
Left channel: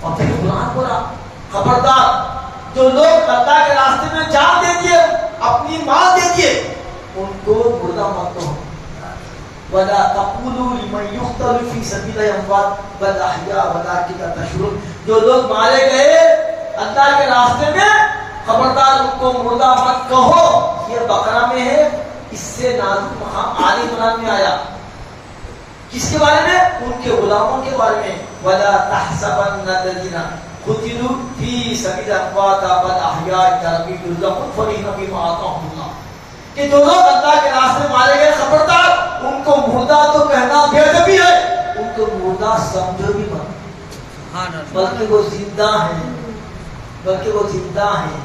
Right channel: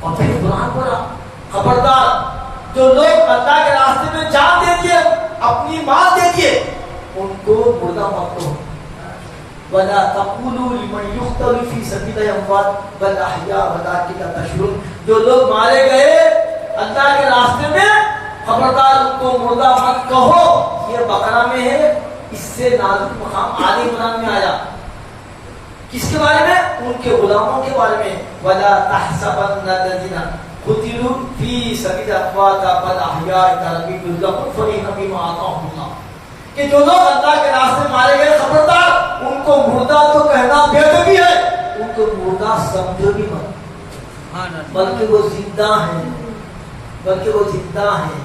اور پھر قرآن بولا خبردار جو لوگ اللہ کے راستے میں جان دے دیے, اپنی مال دے دیے, ان کو مردہ مت کرو. وَلَا تَقُولُوا لِمَنْ يُقْتَلُ فِي سَبِيلِ اللَّهِ أَمْوَاتٌ بَلْ أَحْيَاءٌ وَلَٰكِنْ لَا تَشْعُرُونَ. جو لوگ مارے گئے اللہ کے راستے میں, خبردار ان کو مردہ مت کہو. یہ بقرہ میں ہے, اس سے نازک مقام آل عمران میں آیا. کس کے بارے میں؟ ان کے غلاموں کے بارے میں. وَلَا تَحْسَبَنَّ الَّذِينَ قُتِلُوا فِي سَبِيلِ أَمْوَاتٌ بَلْ أَحْيَاءٌ عِندَ رَبِّهِمْ يُرْزَقُونَ فَرِحِينَ بِمَا آتَاهُمُ اللَّهُ. کہ جو لوگ اللہ کے راستے میں مارے گئے, خبردار ان کو مردہ تو کہنا بے ادبی ہے, ان کو مردہ سمجھو بھی مت, بلکہ وہ زندہ ہیں, بلکہ وہ زندہ ہیں,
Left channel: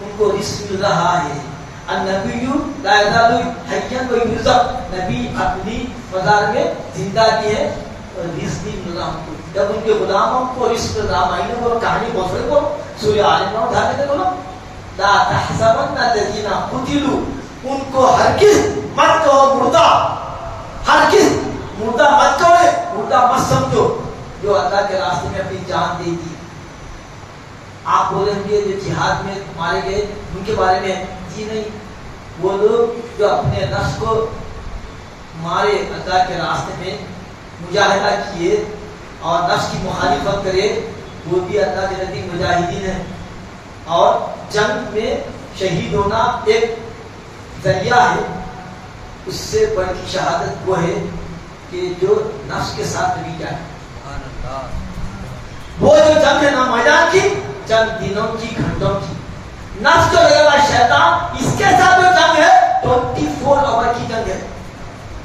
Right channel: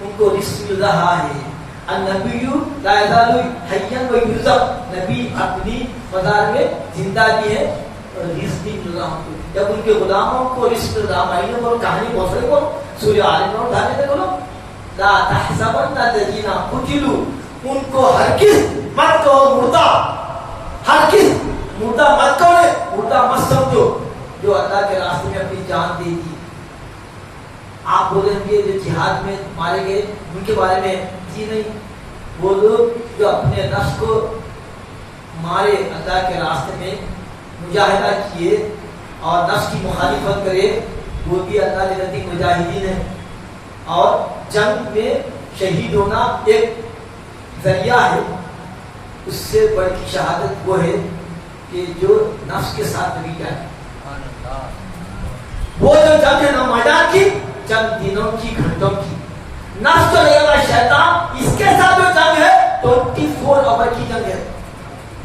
ان کو رزق مل رہا ہے. النبی لا یزال حیا و یرزق, نبی اپنی مزار میں زندہ بھی ہے اور رزق بھی مل رہا ہے. جب ان کے غلاموں کو رزق مل رہا, مہینے کو کہانی بہت سارے کو سورہ آل عمران اٹھا کے بولو لا تحسبن الذین قتلوا, ان کو ہرگز مت کہو مردہ, ہرگز مردہ مت کہو, مردہ مت سمجھو جو اللہ کے راستے میں اپنی جان دے دی. آپ بولیں گے جو جہاد میں مارے گئے ان کے بارے میں, جی نہیں, وہ لوگ جو اپنے نفس کو مارے, اللہ کے راستے میں مجاہدہ کیے اور نفس کی مخالفت کرے, وہ بھی اللہ کے نزدیک مجاہدین ہیں. اور جنگ میں شہید ہونا ایک ذریعہ ہے, اس سے بڑھ کی شہادت وہ ہے کہ جو نفس کے ساتھ بھی جائے. وہ جو جنگ ہے نا میدان کی, چند دنوں کی, گھنٹوں کی, نفس کو لگے گا شیطان, اس کے ساتھ جو جنگ ہے 24 آور کی جنگ ہے,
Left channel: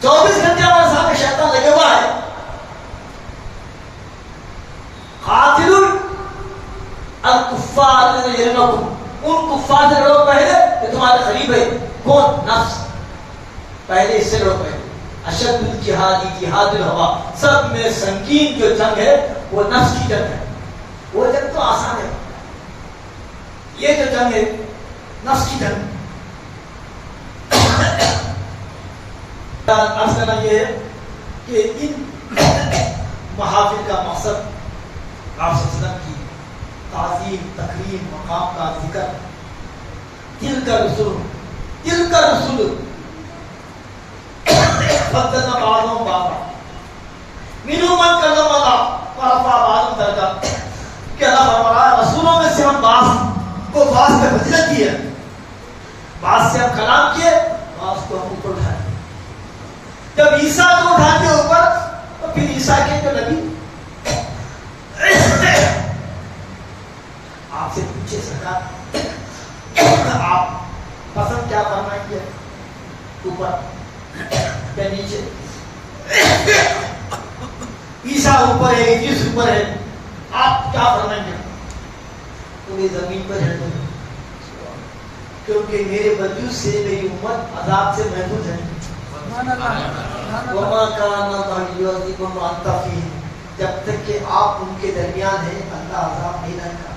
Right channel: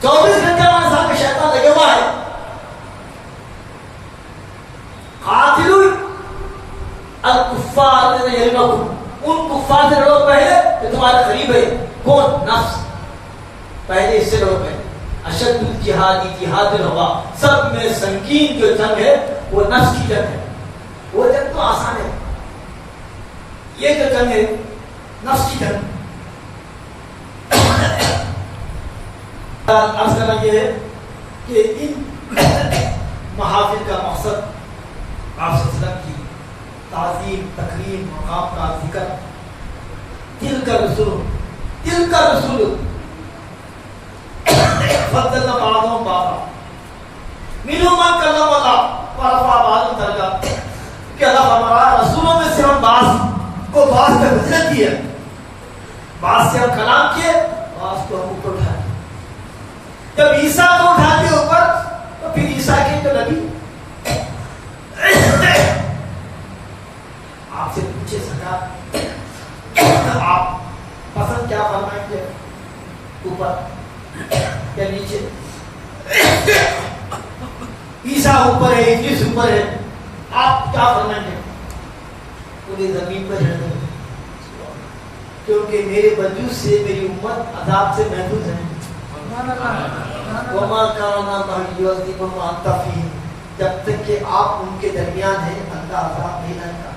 24 گھنٹے ہمارے ساتھ شیطان لگے ہوا ہے. قاتلوا الکفار الذین یلونکم, ان کفار سے لڑو پہلے کہ تمہارے قریب ہے. کون؟ نفس. پہلے اس سے لڑو پہلے. اشد الجہاد جہاد الہوا, سب میں سنگین جو جنگ ہے وہ نفس کی جنگ ہے. وہ جنگ تو آسان ہے, یہ جو جنگ ہے نفس کی جنگ. عرض کرنا یہ ہے کہ ان محافل کا مقصد آپ سے وسلم کی تعظیم, تکریم, مقام کا ذکر. دل کا رسول, دل کا رسول فضلنا بعضهم بعضا منهم من کلم اللہ ورفع بعضهم درجات. کہ اللہ فرمایا رسولوں میں سے ہم بعض کو بعض کا فضیلت دی ہے, بعض سے ہم کلام کیے, بعض کو ہم اوپر اٹھا دیے. جب عیسیٰ کو اٹھا کے اوپر, تو پھر عیسیٰ کے جو نبی آپ سے پوچھے سکا آپ پسند کیا فرمائیں گے, اوپر یا نیچے؟ عیسیٰ اوپر ہے, ادریس اوپر ہے, آپ کیا فرمائیں گے؟ انہیں زمین پر چڑھ دیں, کیونکہ میرے وجود سے میری امت عذاب سے محفوظ ہے. وما كان ليعذبهم وانت فيهم, جب تک کہ آپ ان کے درمیان ہیں اللہ عذاب نہیں لائے گا.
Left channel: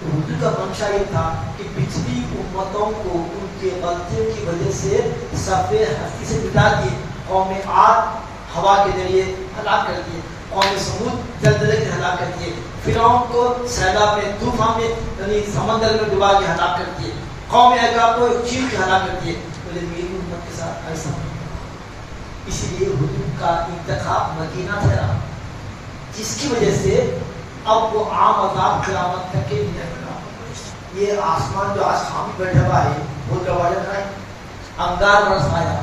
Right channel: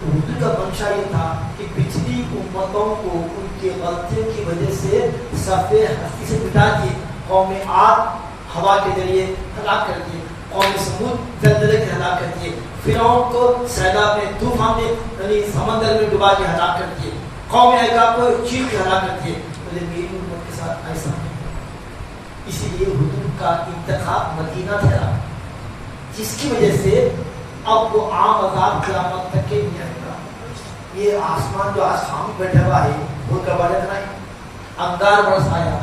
تو حضور کا منشا یہ تھا کہ پچھلی امتوں کو ان کے غلطیوں کی وجہ سے صفحے ہستی سے مٹا دیے. قوم عاد ہوا کے ذریعے ہلاک کر دیے, قوم سمود زلزلے سے ہلاک کر دیے, فرعون کو سیلاب میں, طوفان میں, یعنی سمندر میں ڈبا کے ہلاک کر دیے, قوم عیقاب کو چیر کے ہلاک کر دیے. بولے میری امت کے ساتھ ایسا نہیں. اسی لیے حضور کا انتخاب مدینہ ٹھہرا. جس کی وجہ سے اب وہ عام عذاب قیامت تک کے نہیں آئے گا. یہ آسمان جو آج خام بیٹھا ہوا ہے وہ کباڑت نہیں, انگار برسایا,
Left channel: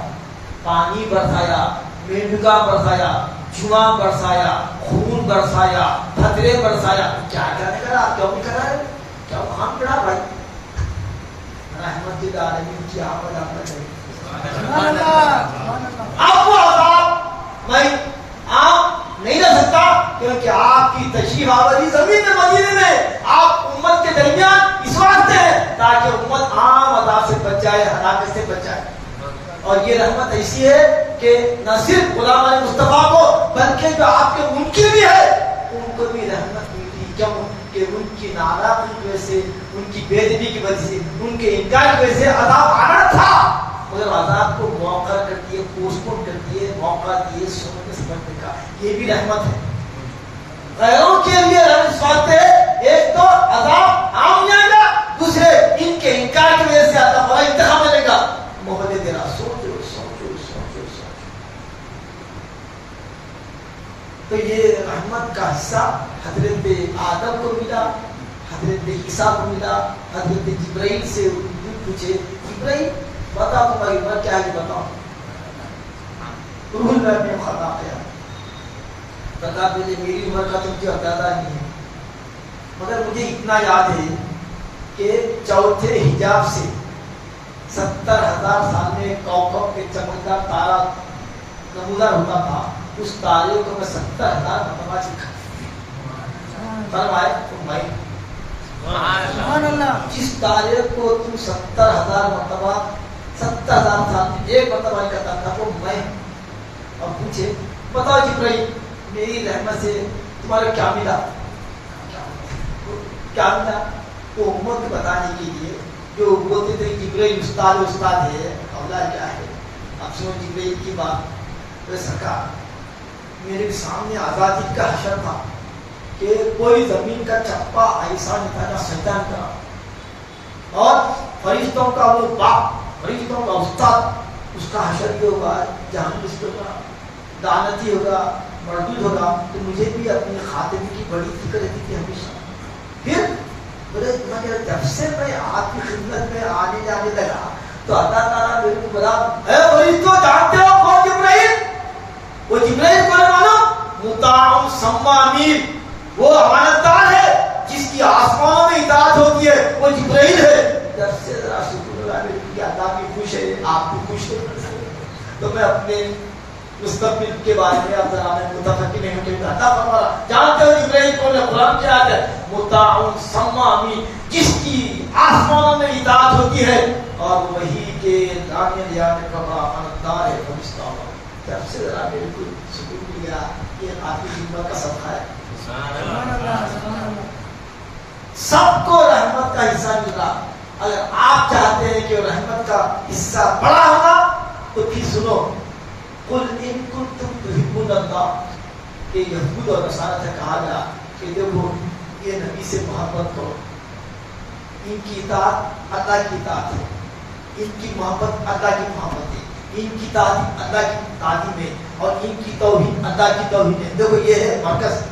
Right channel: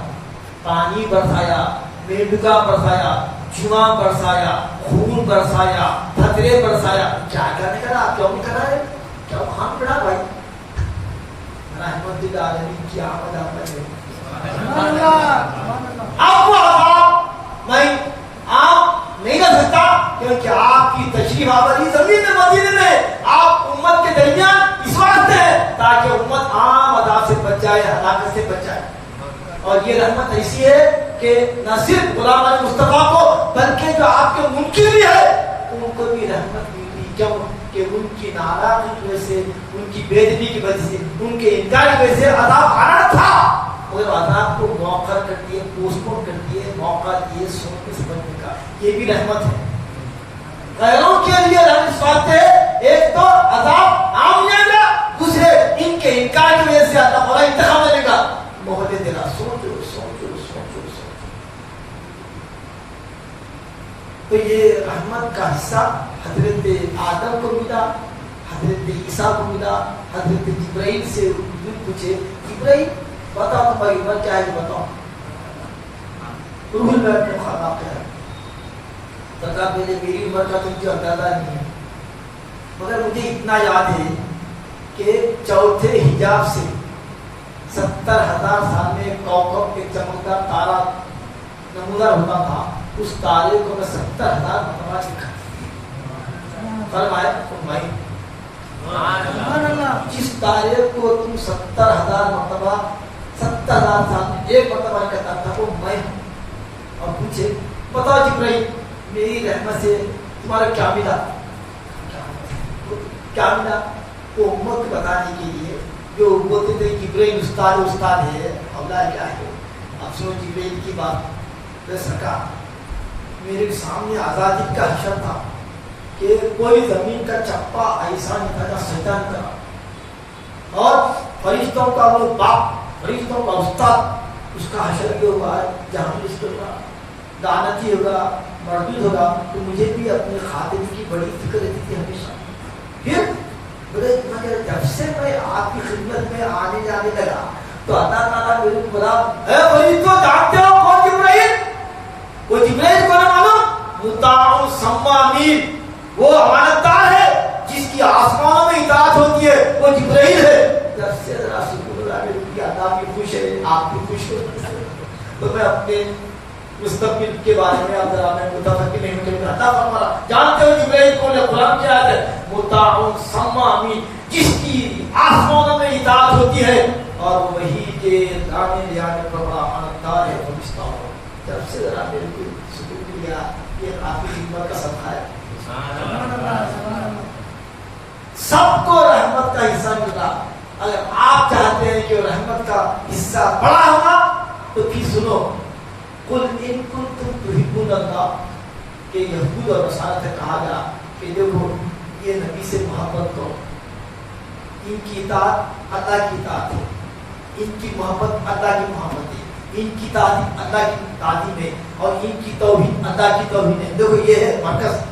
پانی برسایا, میڈکا برسایا, جواں برسایا, خون برسایا, خطرے برسایا, کیا کیا نہیں کرا, کیوں نہیں کرا ہے, کیا وہ خام پڑا بھائی. رحمت العالمین کی آمد آمد ہے. آپ کو عذاب میں آپ نہیں رہ سکتا کیونکہ آپ کی تشریف آوری زمین میں مدینے میں آپ امت کے درمیان اس واسطے ہے تاکہ امت عام عذاب سے بچ جائے, ہلاکت سے بچ جائے. اور یہ رحمت ایسی ہے کہ نہ صرف غلامان مصطفیٰ کو بلکہ جو آپ کے منکر بھی ہے ان کو بھی رحمت ملتی. کیوں کہ ان کی ناراضگی کی وجہ سے, ان کی بے ادبی کی وجہ سے, ان کے انکار کی وجہ سے عذاب آنا تھا, مگر عذاب کو موقع کر دیے, پوسٹ پون کر دیے, موقع دیے سوچنے سمجھنے کا. یہ بھی رحمت ہے. غیروں کے لیے رحمت اس بات ہے, ایک تو عذاب عام نہیں آئے گا, دوسرے ان کے انکار کی وجہ سے اللہ تعالیٰ انتقام لے گا. محمد دینا سوچو سوچو سوچو سوچو. تو یہ رحمت کا حصہ حضرت آدم کو ملا, حضرت عیسیٰ کو ملا. حضرت جبرائیل سے پوچھے, جبرائیل بتاؤ تمہاری عمر کیا ہے, بتاؤ. روح میں اپنے خدا کیا ہے, بتا پہلے میری عمر کا تم کو اندازہ نہیں ہے, مگر مجھے اتنا یاد ہے کہ چوتھے حجاب سے 70,000 سال میں کوكب ایک چمکدار تارا نمودار ہوتا تھا. اس تارے کو میں 70,000 مرتبہ دیکھا. فرمائے جس تارے کو تم 70,000 مرتبہ 70,000 سال میں ایک مرتبہ کرتا تھا وہ میں. اور پوچھے بتاؤ جبرائیل میری رحمت سے تمہارا کیا ملا, کیا ملا. وہ امت کو بتانے کے لیے جو بولتے تھے جبرائیل استاد استاد ہے, اولاد کیا ہے. اب سنو جبرائیل کی بات. سرکار میرے سامنے آزادی کا حشر تھا کہ کوئی زمین کا چپا ایسا نہیں تھا جہاں سجدہ نہیں کرا, اور فرشتوں کا وہ باپ, فرشتوں کا استاد, اس کا حشر یہ ہوگا جہاں اس کے دانتی ہوگا, مردود ہوگا. تو مجھے بھی اپنی خاتمے کی بڑی فکر رہتی تھی ہمیشہ. پھر بولے مگر جب سے میں آپ کی خدمت میں آنے جانے لگا تو اللہ تعالیٰ میرے کو بولا, اے فرشتوں جانتے ہو کون جبرائیل؟ وہ جبرائیل کو نہ معلوم, مطاع ثم امین, وہ امانتدار ہے جس کی آسمانوں میں اطاعت ہوتی ہے, وہ جبرائیل ہے. جب سے ذرا شکر اللہ میرے کہ اللہ بھی خوش ہے, آپ بھی خوش ہے. تو میں اپنے مستقبل کے بارے میں اب ذرا میں متفقی نہیں ہوں کہ اللہ فرما رہا, جانتے ہو جبرائیل کو قرآن کی آیت ہے مطاع ثم امین, جس کی آسمانوں میں اطاعت ہوتی ہے اور وہی کے لانے لے آنے کا بڑا امانتدار ہے. فرشتہ جب سے ذرا میرے کو سکون ملا, یہ آپ کی خدمت کا صدقہ ہے. سب کو رحمت کا حصہ ملا. اگر آپ چاہتے ہیں کہ رحمت کا حصہ بڑا ہونا تو پھر سنو, قل ان کنتم تحبون اللہ, کہ یہود اور نصارہ سے کہا گیا کہ دیکھو یہ نبی سے محبت کرو, ان کی اطاعت اللہ کی اطاعت ہے, ان کی محبت اللہ کی محبت ہے, ان کی تعظیم اللہ کی تعظیم ہے, اور ان کی توحید اللہ کی توحید ہے. دیکھو یہ ہے مرکز.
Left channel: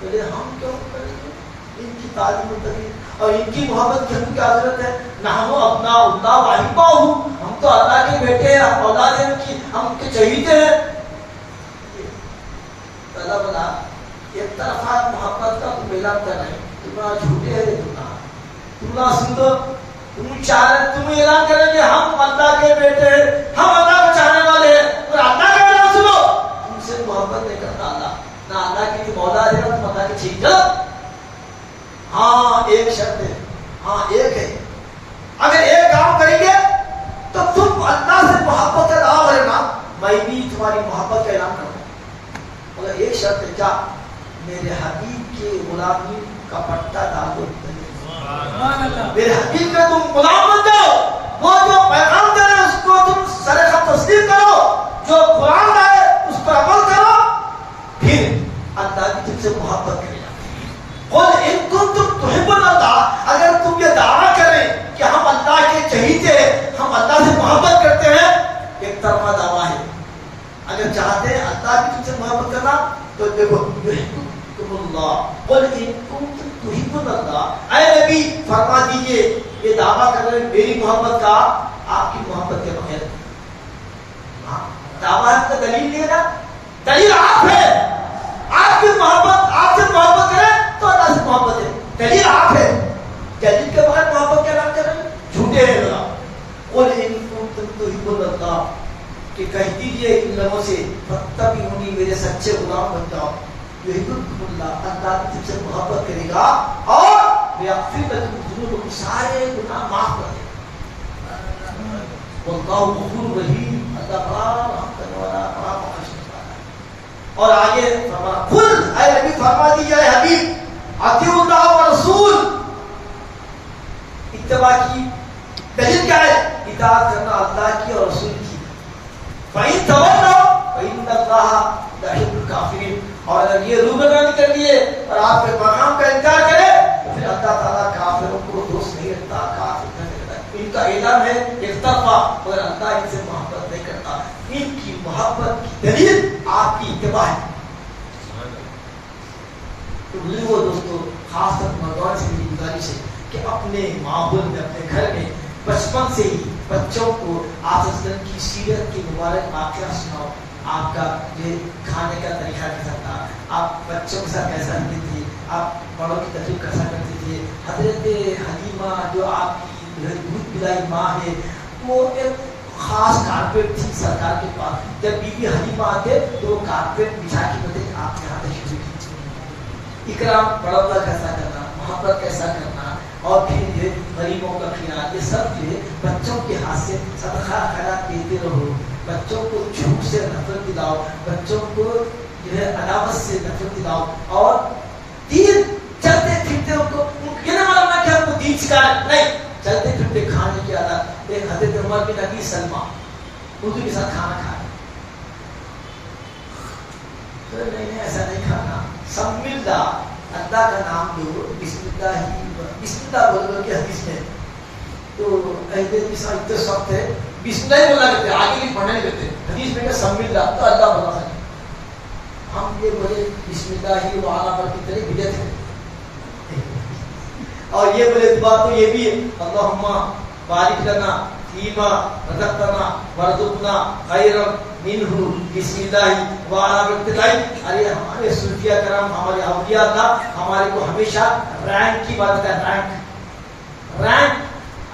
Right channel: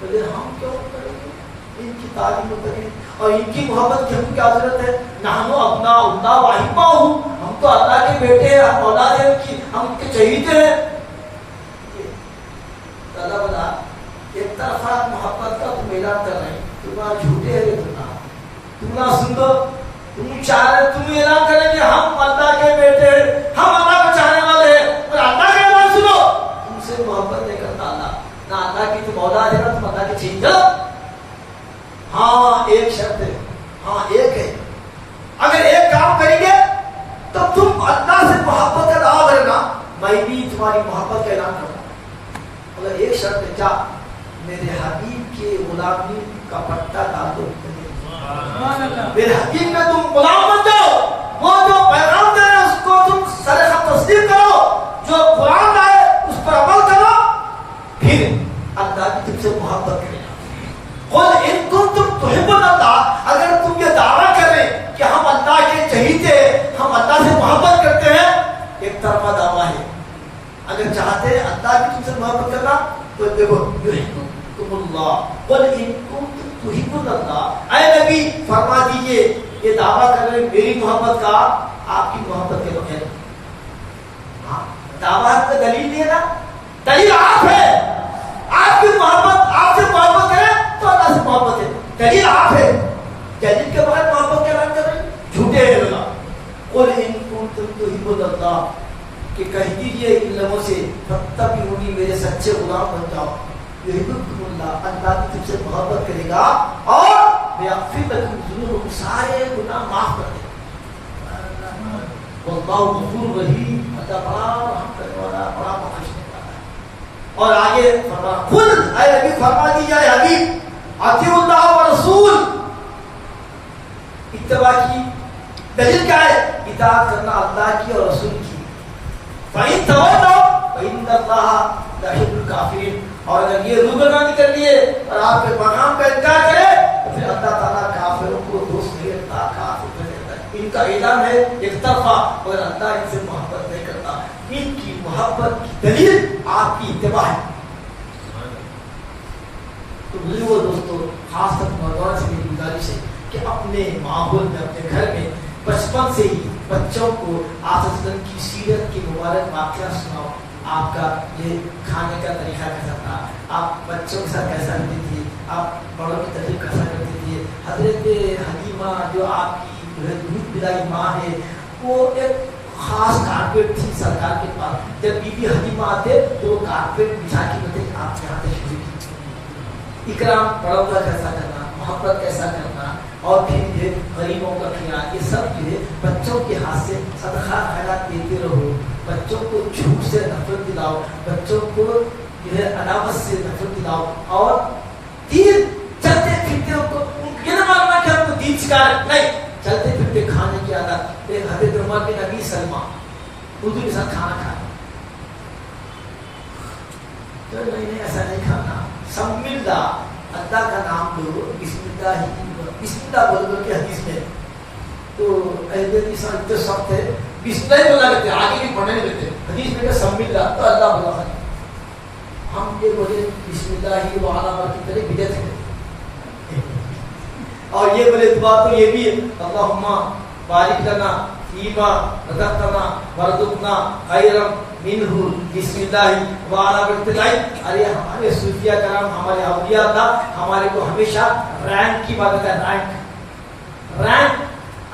بولے ہم کیوں کریں گے ان کی تعظیم اور ان کی محبت کی, ہم کیا ضرورت ہے. نحن ابناء اللہ واحباہ, ہم تو اللہ کے بیٹے ہیں, ہم اولاد ہیں ان کی, ہم ان کے چہیتے ہیں. اللہ بنا ایک طرفہ محبت کا تم اعلان کر رہے ہیں, تمہارا جھوٹے ہے, تمہارا سن دو, تم چاہ رہے, تم اعلان کریں کہ ہم اللہ کے بیٹے ہیں, ہم اللہ کو چاہنے والے ہیں, اور اللہ کا اعلان سنو, تم سے محبت نہیں کرتا اللہ, نہ اللہ کی تم اولاد ہے نہ تم اللہ کے چہیتے. ہاں ایک شرط ہے, ہاں ایک ہے, اگر ایک کام کریں گے تو تم اللہ سے محبت کا دعویٰ کرے نا, میں بھی تمہاری محبت کا اعلان کروں. اگر ایک شرط ہے, کیا میرے حبیب کے غلامی کا پٹا ڈال دو, میرے حبیب کا تم غلام بن جاؤ, وہ جو پیغام دے رہے اس کو تم سر خط تسلیم کرو, جو قرآن لائے اس پر عمل کرو, پھر اللہ کی تم سے محبت کرے. قل ان کنتم تحبون اللہ, اگر تم یہ دعویٰ کریں کہ ہم اللہ کے چہیتے, ہم اللہ سے محبت کرتے ہیں, ایک طرفہ دعویٰ ہے. اگر چاہتے ہیں اللہ بھی تم سے محبت کرنا تو دیکھو یحببکم اللہ قل ان کنتم تحبون اللہ، اے نبی فرما دیجئے یہ دعویٰ کر رہے میری محبت کا، آپ کی محبت کے بغیر دعویٰ کا دلیل نہیں ہے نا، دلیل آپ ہے، آپ کی محبت، آپ سے محبت ہے تو اللہ سے محبت ہے، دلیل آپ ہے، دلیل کے بغیر محبت کے نام کر رہے جھوٹے ہیں لوگ۔ قل ان کنتم تحبون اللہ، کہ کہہ دیجئے ان لوگوں سے فاتبعونی، میرے سچے غلام بن جاؤ، یحببکم اللہ، اللہ کی تم سے محبت کرے گا اور یغفر لکم ذنوبکم، سارے گناہ معاف کر دے گا، واللہ غفور رحیم، اللہ بڑا رحم کرنے والا، بڑا بخشنے والا۔ اور آگے فرمایا قل، اے نبی فرما دیجئے اے حبیب اطیعوا اللہ ورسول، اتباع کی دلیل کیا ہے؟ اطاعت کرنا اللہ کی اور رسول کی۔ فَإِن تَوَلَّوْا فَإِنَّ اللَّهَ لَا يُحِبُّ الْكَافِرِينَ، اور اگر یہ روگردانی کر لیے اور آپ کے پیغام کا انکار کرے تو پھر اللہ تعالیٰ کافروں کو دوست نہیں رکھتا، کافر نہیں رکھتا۔ ان کا اعلان ہے ایک طرفہ، مگر اللہ ان سے محبت نہیں کرتا، ان کی محبت کی دلیل آپ کی اتباع ہے۔ تو بزرگوں دوستو، خاص طور نوجوان سے میری گزارش ہے کہ اپنے ماحول میں، اپنے گھر میں بچپن سے ہی بچوں کو آپ کی سیرت کی مبارک واقعہ سناؤ، آپ کا یہ کھانے کا طریقہ کیسا تھا، آپ بچوں کے ساتھ کیسا رہتے تھے، آپ بڑوں کی تکلیف کیسا کرتے تھے۔ حضرت حلیمہ جو آپ کی دودھ پلائی ماں ہے، وہ ایک خاص کارپیٹ تھی سرکار کے پاس، جب بی بی حلیمہ آتے تو وہ کارپیٹ بچھا کے بولتے کہ آپ یہاں تشریف کیجیے۔ اکرام بڑوں کا کیسا کرنا، محبت کیسا کرنا، اور پھر یہ غریبوں کا خیال، یہ سب جو ہے بچوں کے ہاتھ سے صدقہ خیرات دیتے رہو، بچوں کو جھوٹ سے نفرت دلاؤ، بچوں کو جو ہے عداوت سے نفرت دلاؤ، اور دین چلتے پھرتے ان کو یہ نہ ماننا کہ ہم کو دین سکھانا، نہیں، چلتے پھرتے کھانے کی عادت۔ ایک حضرت عمر بن ابی سلمہ حضور کے ساتھ کھانا کھائے تو نہیں ایسا نہیں کھانا، سم اللہ، اللہ کا نام لو، بسم اللہ ہی، بسم اللہ بول بول کے حدیث میں تو اہل حدیث اتنے سخت ہے، بسم اللہ ہی بولنا کہتے ہیں، آگے بھی پڑھنے نہیں دیتے، حدیث میں کہ سم اللہ تو اللہ بولا ہے، ہم یہ بولے بسم اللہ ہی وعلا پر کی طرح بدعت ہے، اور یہ بولے دعا تو یہ بھی ہے، اللہم بارک لنا فیما رزقتنا وارزقنا خیرا منہ بسم اللہ وعلا برکتلائی۔ ارے ہمارے صوفیہ کرام، ہمارے اولیاء اللہ ہمارے کو ہمیشہ رینک کی بات ہے، رینک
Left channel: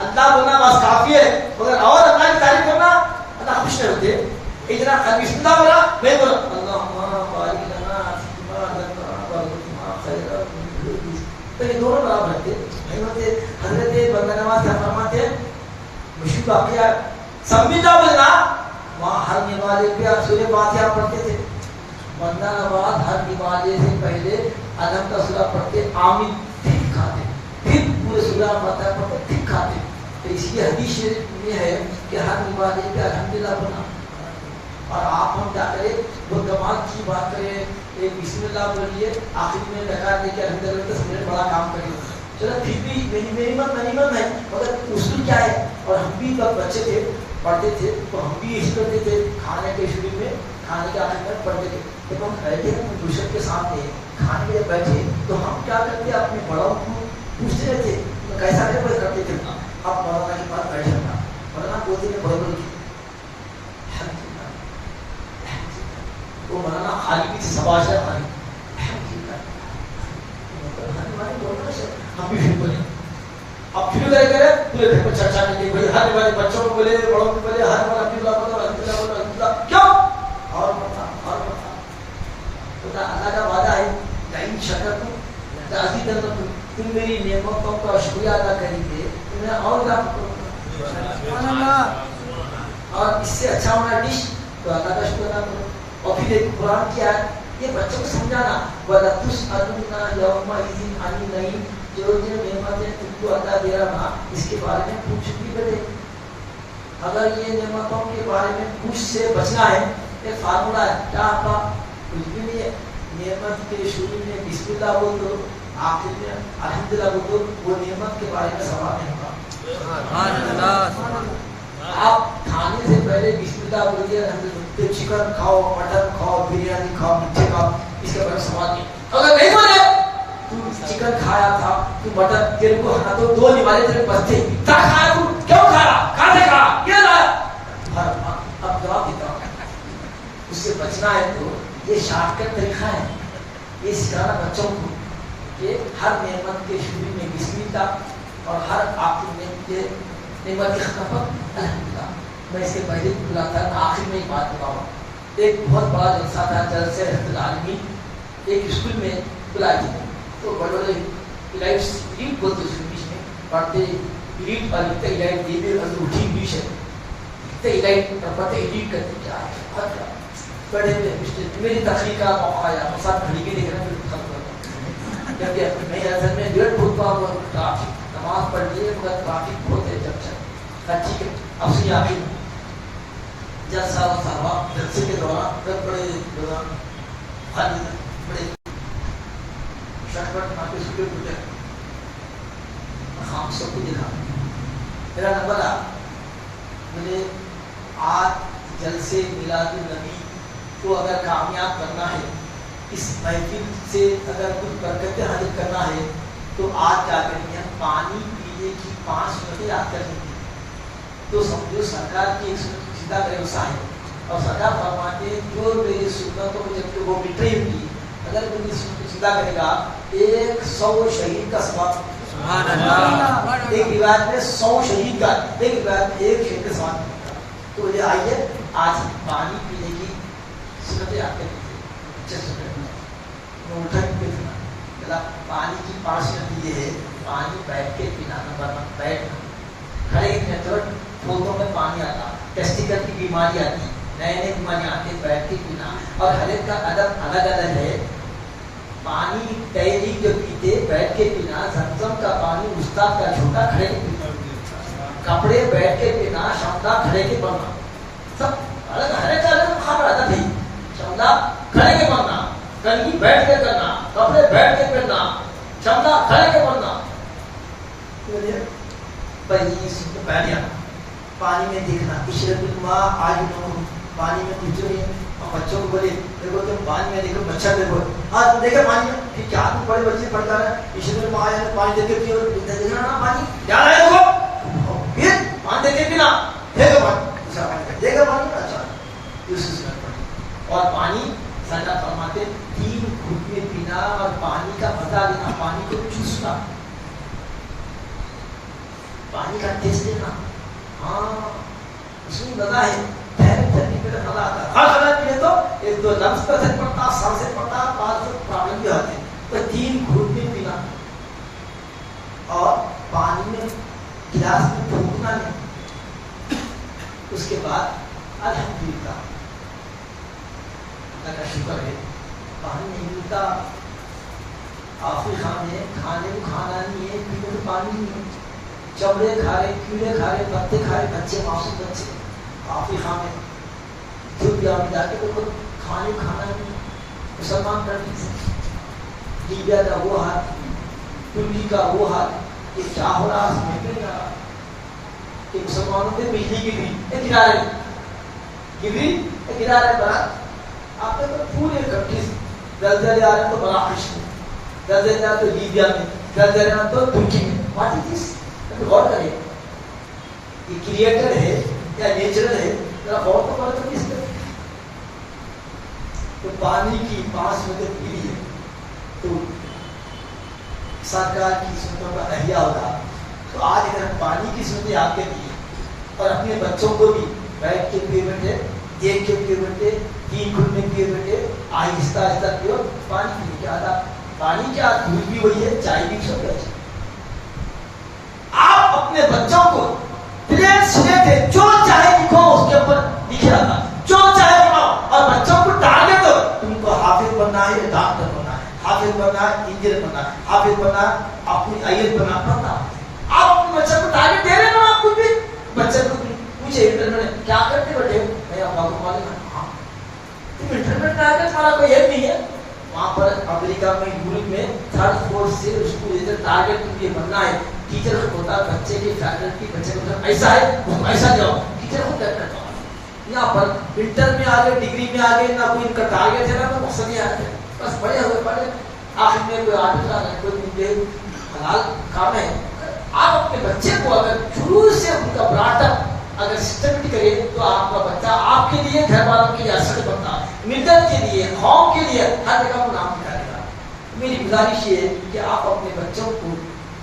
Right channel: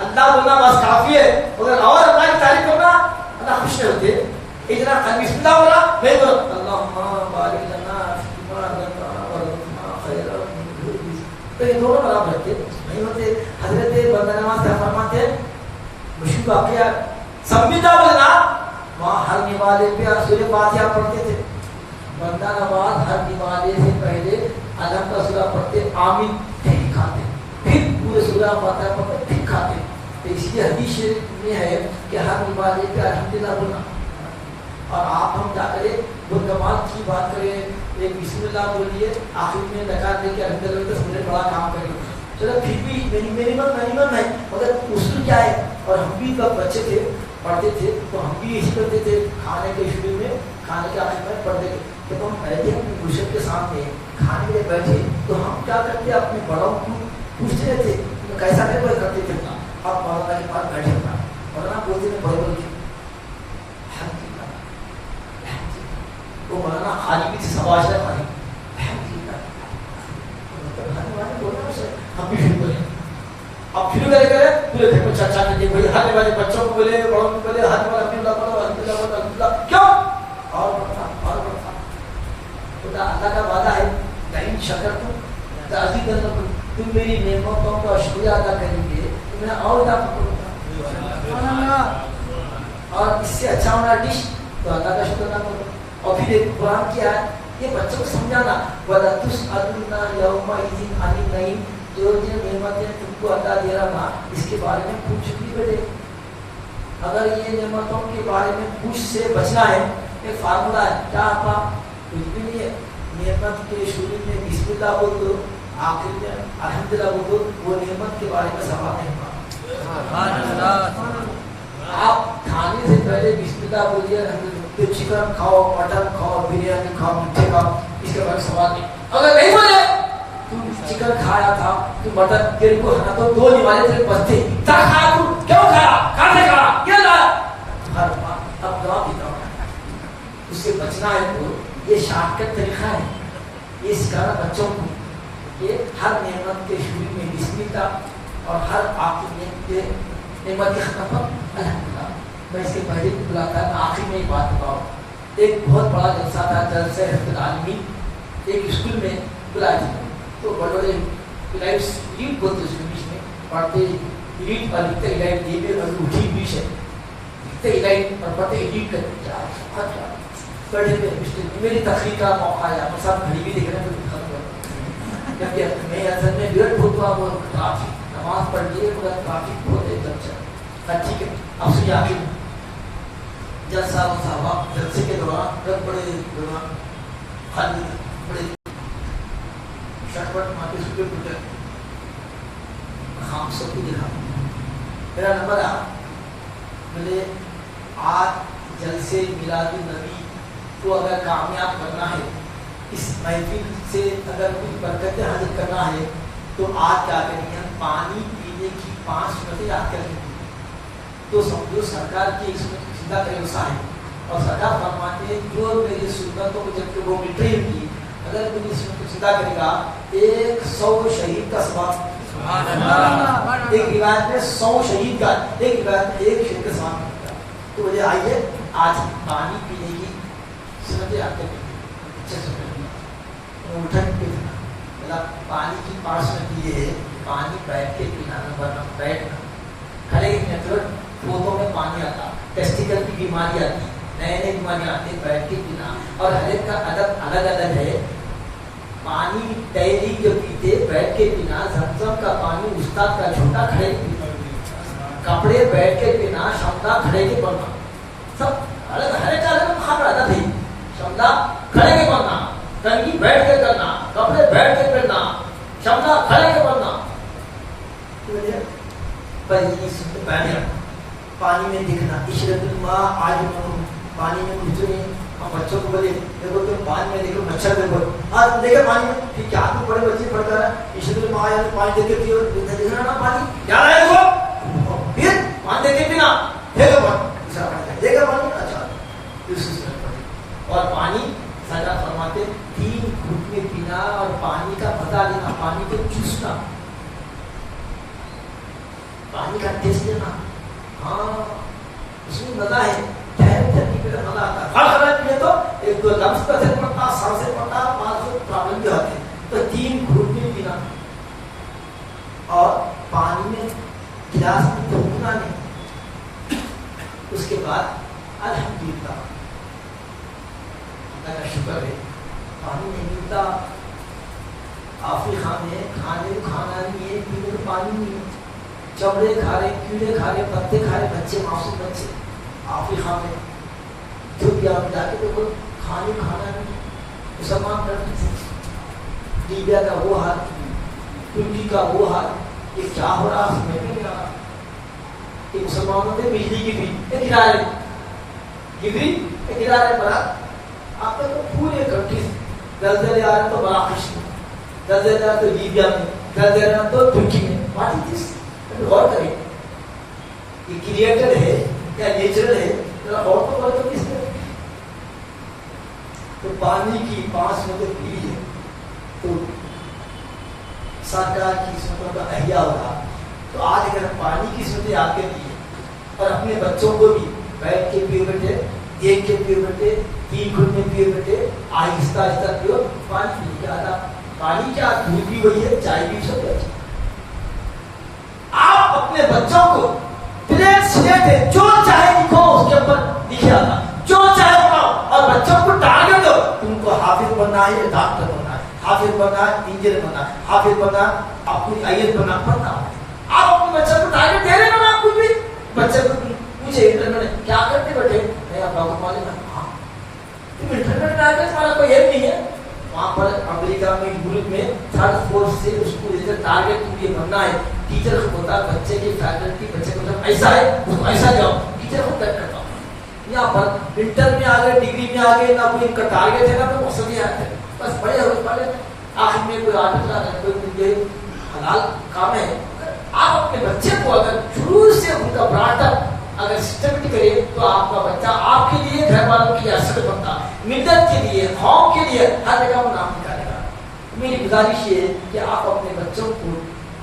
اللہ بولنا بس کافی ہے، مگر اور اللہ کی تعریف کرنا اللہ خوش نہیں ہوتے۔ اتنا بسم اللہ بولا میں بولا اللہم بارک لنا فیما رزقتنا وارزقنا خیرا منہ، تو یہ دونوں برابر ہوتے نہیں ہوتے۔ حضرت بندہ نواز کیا فرماتے ہیں، مشہور واقعہ سمجھا بولنا، وہاں ہر نوالے پہ سورہ فاتحہ پڑھتے تھے، بندہ نواز ہر نوالے سے پہلے علم کا سورہ پڑھتے، آمین پھر کھاتے، پھر پورے سورہ فاتحہ پڑھتے پھر کھاتے۔ تو اس لیے حدیث شریف میں ہے کہ ہر نوالے پہ الحمدللہ بولنا، اور آپ ہم کیا کریں، وہ کمال کی بات کریں، ایک بسم اللہ بولیے، آخر میں نکال دے کے الحمدللہ تو سمجھے بڑا کام کریں، چلو پھر بھی میری مت نہیں، مگر اصول کیا ہے۔ اور ہم بھی جب بچے تھے پڑھتے تھے تو ہم بھی یہی کرتے تھے، کھانے کے شروع میں، کھانے کے آخر میں پڑھتے تھے، جب ہم بیٹھے اپنے دوست کے سامنے کھانے کے لیے بیٹھے تو ہم کیا کرتے اپنے بڑوں کو پوچھتے رہتے کیسا کرتے تھے۔ اب مولانا کے پاس بیٹھے تھا، مولانا بولتے تھے بڑے بڑے وہ مولانا خالی بھی تھے، سباش ہے خالی ہم بھی پھر بولے، اب پھر کرے پورے گھر میں چرچا کرتے بھائی، ہر والے بچوں کو بولے، بڑوں کو بولے، ہر والا الحمدللہ بولو، الحمدللہ بولو، الحمدللہ کیوں، اور بڑھتا خدا اللہ کا وعدہ ہے، لئن شکرتم لأزیدنکم، تم میری نعمتوں کا شکریہ ادا کریں گے تو میں اور اضافہ کروں گا، اور اس سے اچھا ہونا ڈش تو اللہ کا شکر ادا کرو۔ اور پھر ایک قرآن کیا ہے، یہ بچوں کو سمجھانا، وَلَتُسْأَلُنَّ يَوْمَئِذٍ عَنِ النَّعِيمِ، جو نعمتیں تم کو عطا دے رہا نا اس کے بارے میں پوچھ بھی کرے، اگر یہ نعمتوں کے بارے میں پوچھ سے بچنا ہے، ایک فارمولا ہے، کیا آپا کچھ بھی نہیں ہے، نعمت کے شروع میں بسم اللہ بول دو، آخر میں الحمدللہ بول دو، وہ نعمت کے بارے میں سوال نہیں ہوگا۔ آپ کھانے سے پہلے بسم اللہ بولیے، چکن کھاؤ، مٹن کھاؤ، بریانی کھاؤ، میٹھے کھاؤ، اس کے بارے میں سوال نہیں. اگر نہیں بولے تو چکن کھایا تھا تو مٹن تیرے کو ہاں تو 2 نمازیں تیرے بچتے تھا کھایا تو کیوں کھایا کہاں سے کھایا کیا لایا ہر اب دوا پیتا ہوں اس سے بچنا ہے. تو یہ شارٹ کٹ طریقہ ہے یہ سکھانا بچوں کو کہ ہر نعمت کے شروع میں بسم اللہ اور ہر آخر میں نعمت کے ختم پر الحمدللہ. میں اس کے پہلے بھی بلاتا آخر میں ایک بات بتاؤں. ایک بہت بڑا جلسہ تھا جلسہ رحمت العالمین ایک اسکول میں بلائے تھے. تو بڑے بڑے ایلیٹ بولتے اس انگلش میں پڑھتے ایلیٹ اور لکھتے ایلیٹ یہ بھی اردو انگلش ہے لکھتے ایلیٹ اور پڑھتے ایلیٹ کرتے کیا ہے بڑے میری تقریر کا موقع آیا تو سب گھڑی بھی دیکھ رہے ہیں کیونکہ میں اصل میں ڈیڑھ بھوک ہوا وہ ٹرافک نماز پڑھ لیے مگر ٹرافک بہت ہے جب چل ٹھیک ہے. اب سنیے آخر جلسہ صاحب جلسے کے دوران بڑے دوران خالی بڑے شربت ماں کے سکے پوچھا ہم سب کو دکھا میرا نمبر آ بولے آج جلسے میلاد النبی کو اگر کامیاب کرنا ہے اس محفل سے اگر کچھ برکتیں حاصل کرنا ہے تو آج کیا کریں گے پانی پینے کی 5 سنتیں یاد کریں گے. تو سمجھو سرکار کی ایک سنت سیدھا کرے وسا ہے اور سرکار فرماتے ہیں جو میری سنتوں کو جب کہ وہ مٹرے کی اگر میری سنت کو سیدھا کرے گا 100 شہید کا ثواب. ایک روایت میں 100 شہید کا ایک روایت میں 1 شہید کا ثواب ملتا ہے. تو مجھے آئیے آج پانی پینے کی سنتیں یاد کریں گے. پانی کی 5 سنت یہ ہے پانی بیٹھ کے پینا نمبر بیٹھنا کھڑے کے پودوں میں پانی آتا ٹیسٹیکل کی بیماری آتی نئے نئے بیماریاں آتی بیٹھ کے پینا. اور ہر ایک کا ادب الگ الگ ہے. پانی ڈیلی جو پیتے بیٹھ کے پینا زمزم کا پانی استاد کا چھوٹا کھڑے کے پینا کپڑے بیٹھ کے پینا شملہ کھڑے کے پڑھنا سب الگ ہر ایک کا الگ خبر ادب ہے. شملہ کھڑے کے پڑھنا کنگھی بیٹھ کے کرنا کپڑے بیٹھ کے پہننا شملہ کھڑے کے پڑھنا. پہلے پانی میں دکھنا اشرف الماء آج پانی میں کچھ نہیں. بچوں کو بولے دیکھو تم پانی میں دیکھو مچھر دیکھو آج دیکھے پانی میں پھر کیا تم بڑے بچے پڑھ کر اشرف الماء پانی دیکھ کے پیو دیکھنا نا پانی کیا رہے دیکھو پھر پانی دیکھ کے پینا دیکھو پانی دوسرا پانی دیکھو پانی اچھا دوسری اور پانی سجا فرماتے 3 گھوٹ میں پینا اور پانی کا مزہ لینا پانی کو چوسنا پانی کا ٹیسٹ لینا. ہاں اس میں مزہ ہے ٹھنڈی پہ مزہ آتا ہے. ہر خراب پیے تو 1-2 لفظ کا اثر پڑتا سر سے پڑتا بعض جو پرابلم بھی ہوتے ہیں. تو 3 گھوٹ میں پینا اور پانی میں گلاس میں پھونکنا نہیں. اس کے بعد الحمدللہ کا شکر ہے پانی نہیں ملتا آخری کھانے کو کھانا نہیں ہے پینے کو پانی نہیں ہے. چمڑے کھا رہے کیڑے کھا رہے پتے کھا رہے بچے معصوم بچے آخری کھانے دھوپ یا ملا کے تو کھانے کھانا نہیں. مسلمان کرتے لیبیا کا وہ حال ترکی کا وہ حال یہ کیا ہو رہا ہے میں بھی نہیں رہا کہ مسلمانوں نے بجلی گرا رہے بڑا آپ نے پورے کنٹری زلزلے آ رہے تو بڑا خوش ہے زلزلے آ تو لیبیا میں زلزلے آ تو ترکی میں واٹ از دس غور کریں یہ کریٹر ہے یا نیچرل ہے ذرا غور تو کرو تو کس نے تو پانی کی 5 سنتیں پی ہے تو سرکار کی سنتوں کا احیاء ہوگا. تو آج اگر ہم پانی کی سنتیں یاد کر دیے اور اپنے بچوں کو بھی بیٹھ کے پیو بیٹے دیکھ کے پیو بیٹے 3 گھنٹ میں پیو بیٹے آہستہ آہستہ پیو. پانی پینے کیا تھا پانی کیا دودھ بھی وہی ہے چائے بھی سب اچھا. آپ اپنے بچوں کو پلین سلیٹ ہے جو چاہے لکھو اس کے اوپر لکھے آتا جو چاہے بناؤ اور بچوں کو ٹارگیٹ دو تم کو حافظ بننا ہے ڈاکٹر بننا ہے حافظ بننا ہے انجینئر بننا ہے حافظ بننا ہے اپنی IAS بننا پڑھنا. آپ اپنے بچے کو ٹارگیٹ دے رہے نا آپ کچھ بھی بچے کو پوچھے انٹرنیٹ کیا کرتے بیٹھے میں آپ کو معلوم ہے ہاں انٹرنیٹ ٹارگیٹ ہمارا کوئی ہے نہیں ہے. وہاں پر امریکہ میں یورپ میں 3rd 4th سے اس کو ٹارگیٹ تم یہ بننا ہے. ٹیچر کو ہوتا ہے بچے کی فیکلٹی بچے کو ایسا ہے اس کو ایسا جاؤ ٹیچر کو طے کرتا. یہاں پر انٹر میں آگے ڈگری میں آگے نہ کوئی ان کا ٹارگیٹ ہے نا تو مقصد یہ ہے بس بڑے ہوئے پڑھے آخر میں کوئی آٹو چلانا کوئی مجھے حلال کام ہے. آپ اپنے بچے کو اگر شروع سے ان کا براٹ اپ اگر سسٹمیٹک کرے تو آپ کا بچہ آپ کے لیے گھر والوں کے لیے اثر بنتا ہے, ملت کے لیے قوم کے لیے ہر جگہ وہ نام نکالے گا. میری گزارش یہ ہے کہ آپ اپنے بچوں کو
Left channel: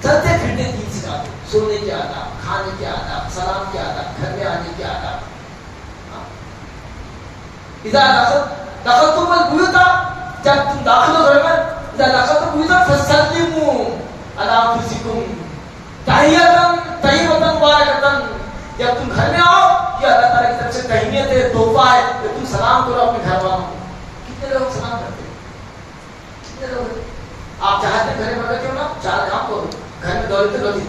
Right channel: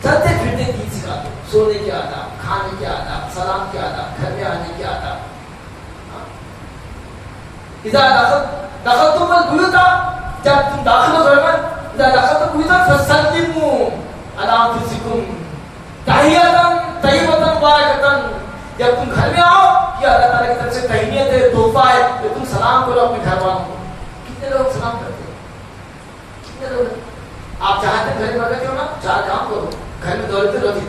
چلتے پھرتے دین سکھا دو, سونے کے آداب, کھانے کے آداب, سلام کے آداب, گھر میں آنے کے آداب. اذا دخلتم البیوت, جب تم داخل ہو گھر میں, اذا دخلتم البیوت فسلموا علی انفسکم تحیۃ طیبۃ مبارکۃ, جب تم گھر میں آؤ یہ اللہ تعالیٰ کی طرف سے تہنیت ہے, تحفہ ہے کہ تم سلام کرو اپنے گھر والوں کو. کتنے لوگ سلام کرتے ہیں, کتنے لوگ ہیں؟ آپ چاہتے ہیں گھر میں رکھے کیوں نا, چار کام کرو گھر میں,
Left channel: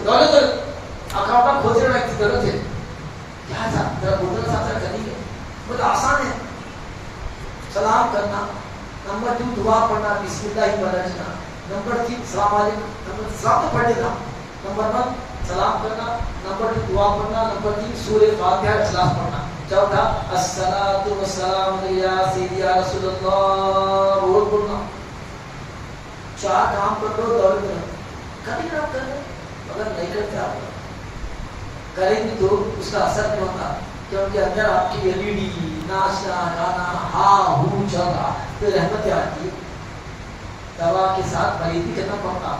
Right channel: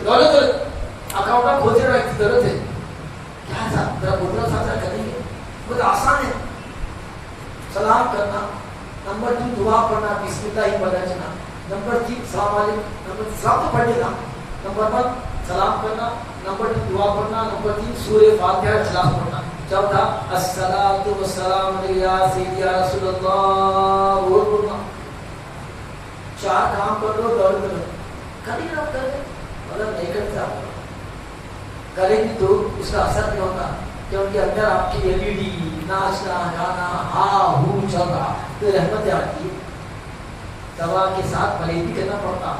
دولت اکاؤنٹ کھوجنے میں کی ضرورت ہے, کیا ذرا بولنا ساتھ کریں گے, بہت آسان ہے. سلام کرنا, نمبر 2 دعا پڑھنا, بسم اللہ ہی پڑھنا, نمبر 3 السلام علیکم, نمبر سلام تو پڑھ لینا, نمبر 1 سلام کرنا, نمبر 2 دعا پڑھنا, نمبر 3 سورہ فاتحہ اخلاص پڑھنا, چوتھا الصلاۃ والسلام علی سیدی یا رسول اللہ وہ پڑھنا. 4 کام کر لو, دور کرو, کبھی آپ کر لیں, مگر نہیں کرتے آپ کریں گے تو اس کا اثر نہیں ہوتا, کیونکہ اندر آپ کی LED ناچنا گانا ہاں ہوں چل رہا تو رحمت آتی ہے. دوا کے ساتھ پرہیزی کرنا پڑتا,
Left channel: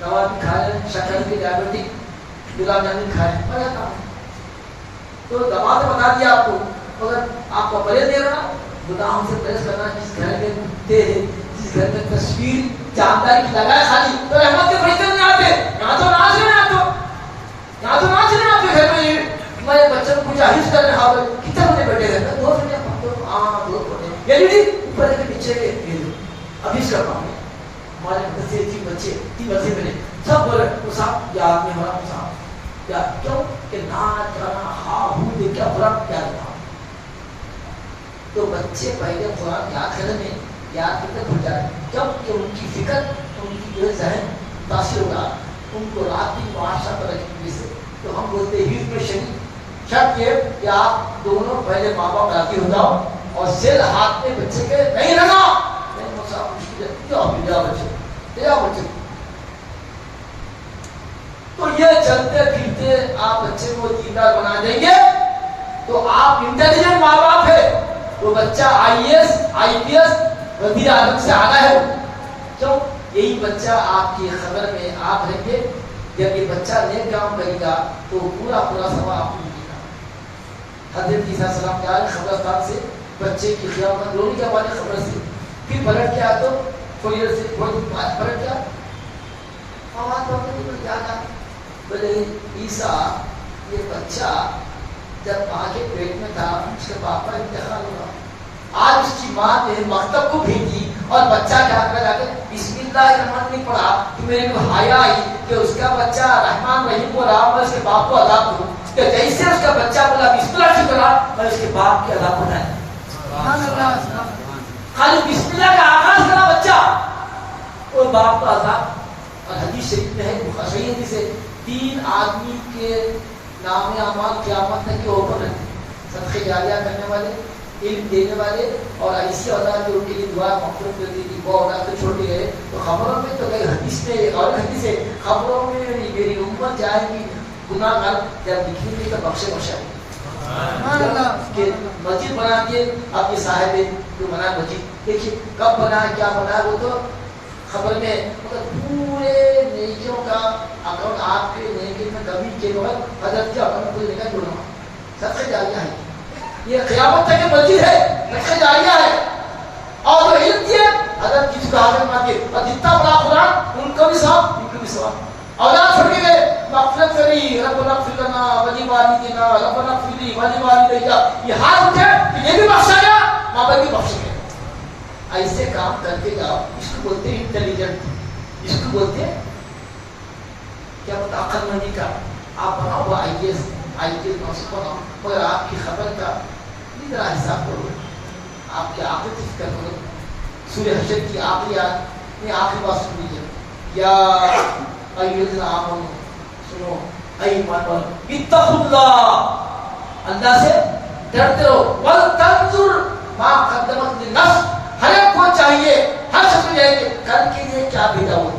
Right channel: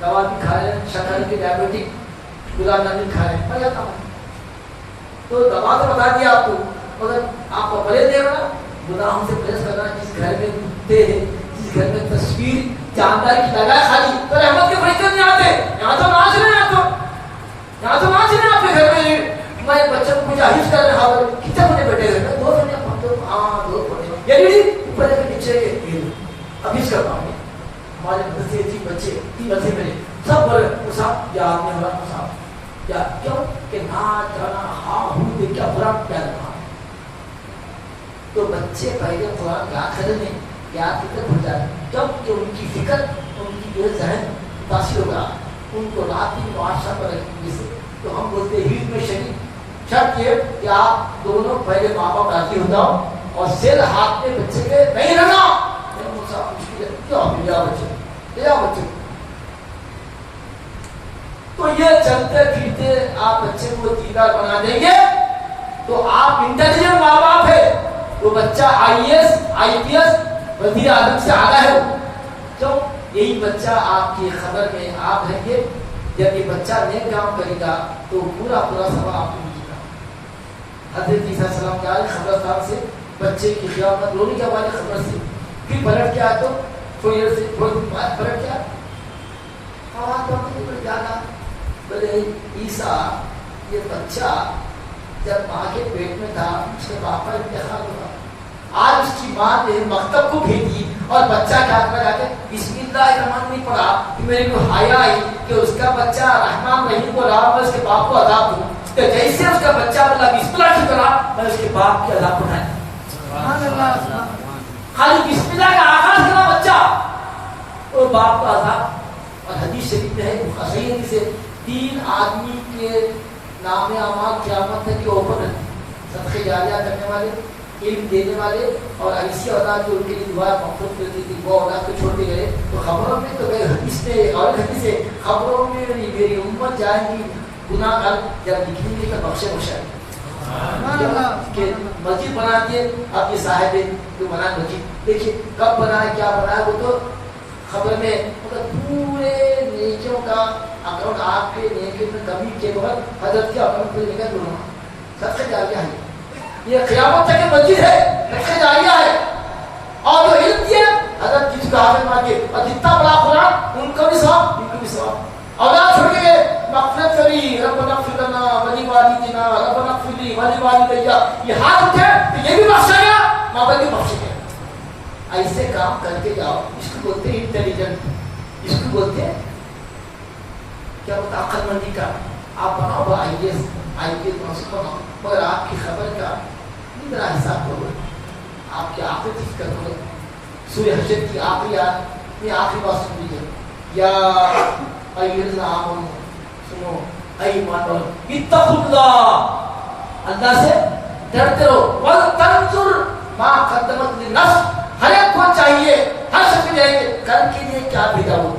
دوا بھی کھا رہے ہیں, شکر کے ڈائبٹک گلاب جامن کھا رہے ہیں, میں جاتا ہوں تو دوا تو بتا دیا آپ کو, مگر آپ کا پرہیز دیکھنا, گناہوں سے پرہیز کرنا. جس گھر میں گھومتے ہیں, جس گھر میں تصویر جانداری کی لگائے خالی, تو رحمت کے فرشتے نہیں آتے. یہاں تو ناچ رہے ہیں, یہاں تو ناچ رہے ہیں آپ کے گھر میں. میں بچوں کو کچھ حفظ کر رہا ہوں, کتنے بجے بیٹھے رہے, 2 گھنٹے پڑھتے ہوں, ہاں 2 گھنٹے, یعنی اوپر کے پیچھے کے حفظ کر رہا ہوں. ہمارے بچے 3 بچے میرے سب بولے وہ صاحب یاد میں ہوا, صاحب یاد کیوں کہ ناچ گانا ہاں ہوں دے کیا برا یاد رہا. تو بچے پہلے قرآن یاد کرنے میں یاد کرتے بھول جاتے, جب کہ ان کی فکر, ان کی جو ذہن متاثر ہوگا, ان کو رات دن معاشرہ پر رکھنے سے. تو ہم بولتے ہیں حفظ میں شرط یہ کہ آپ دونوں پہلے ماں باپ راضی ہو جاؤ, اور سر ہاتھ میں بچے کے نہیں رہنا. بچے تو یہ چلتے پھرتے آپ بچے کو دیندار بنا دیں گے تو آپ انٹیلیجنٹ ماں باپ ہے. وہ بچہ IAS IPS وزیر اعظم سے آگاہ ہے. کیوں؟ یہی بچہ آپ کی خبر میں آپ رہیں گے. جب یہ بچہ نیک کام کرے گا تو پورا ثواب آپ کو ملے گا. حضرت عیسیٰ علیہ السلام کیا قبرستان سے بچے کی قیامت رونے کے بعد خبر سے پھر پلٹ کے آئے, تو تھوڑی دیر سے تھوڑی بعد پلٹ گیا, آواز پڑھنے کو یاد آ بولے عیسیٰ یہ بچہ جب ماں کے پیٹ میں تھا اس کے باپ کا انتقال ہوا, آج اس کی ماں نے مکتب کو بھیجی اور بچہ کیا کر جا کے بسم اللہ الرحمن نہیں پڑھا تو میرے کو حیا آئی کہ اس کا بچہ رحمان رحیم کو رہا, میں اس کے باپ کو عذاب دوں. کہ جیسے اس کا بچہ بولا بسم اللہ سے کرا, میں اس کے باپ کے عذاب بنایا. خالی بسم اللہ کا آغاز کرا بچہ اور باپ کا عذاب. اور حدیث شریف میں ہے, صحیح حدیث ہے, 3 آدمی کے نام اعمال قیامت تک کے اوپر رہتے, صدقہ جاریہ کرنے والے, علم دینے والے, اور ایسی اولاد جو ان کے لیے دعا مغفرت کرتی تھی, وہ اولاد کو چھوڑ کے گئے. تو خبروں میں تو گئے, حدیث میں اور حدیث ہے, خبروں میں میری امت جائے گی گناہ گار جب لکھیں گے تو بخشے بخشائے کہ مسجد بنا دیے آپ کے صاحب جو بنا مسجد, دیکھیے کب بنا ہے کیا بنا ہے, وہ تو خبر میں مطلب پورے نیکیوں کا اکاؤنٹ آپ کے نیکی میں کمی کے وقت حضرت کے اکاؤنٹ میں نکل جڑنا. صدقہ جاریہ ہے, یہ قیامت تک کی مسجد ہے, صدقہ جاریہ ہے. اور جو علم دیا حضرت کسی کو حاضر مان کے, اور جتنا بڑا قرآن ان کو بھی ثواب, ان کو بھی ثواب. اولاد چھوڑ کے گئے, مغفرت کری, ربنا اغفر لنا ولی والدینا ربنا اغفر لی ولی والدیا, یہ ہاتھ اٹھے تو یہ بھی بخشا گیا, ماں باپ بھی بخشے گئے. ایسے کام کر کے جاؤ, اس کو بولتے ہیں انٹیلیجنٹ, اس کو بولتے ہیں کیا بولتا عقل مندی کا. آپ بناؤ وہ IAS IPS منصب بناؤ, مگر آپ کی خبر کا اتنا حساب کرو, آپ کی آخرت کی فکر کرو. سورہ حشر کی آخری آیت میں آخری بات سن لیجیے, یا ایھا آمنو, سنو اے ایمان والو, اتقوا اللہ, اللہ سے ڈرتے رہو, ولتنظر ما قدمت للنفس, ہر ایک کو چاہیے ہر شخص جائیں گے کل کے لیے کیا بھیجا وہ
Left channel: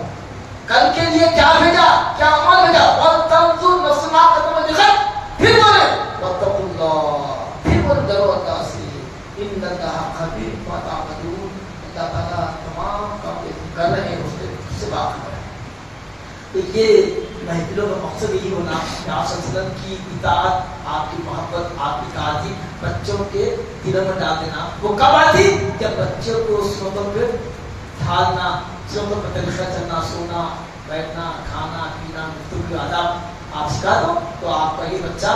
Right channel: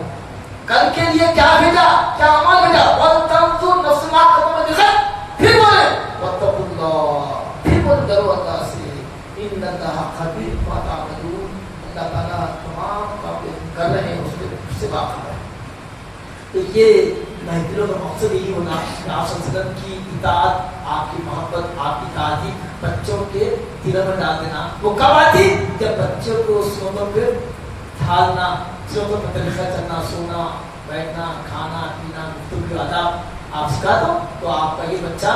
کل کے لیے کیا بھیجا کیا عمل بھیجا وَتَنْظُرْ نَفْسٌ مَا قَدَّمَتْ لِغَدٍ پھر بولے وَاتَّقُوا اللَّهَ پھر بولے ڈرو اللہ سے إِنَّ اللَّهَ خَبِيرٌ بِمَا تَعْمَلُونَ اللہ تعالیٰ تمام کام کر رہے ہیں اس سے واقف ہے. یہ محفلوں کا مقصد یہی ہونا کہ آپ صلی اللہ علیہ وسلم کی اطاعت آپ کی محبت آپ کی تعظیم بچوں کے دلوں میں ڈال دینا. وہ کب آتی جب بچوں کو سنتوں پہ ڈھالنا سنتوں پر طریقہ چلنا سونا بیٹھنا کھانا پینا گفتگو آداب آپ سکھا دو تو آپ کا یہ بچہ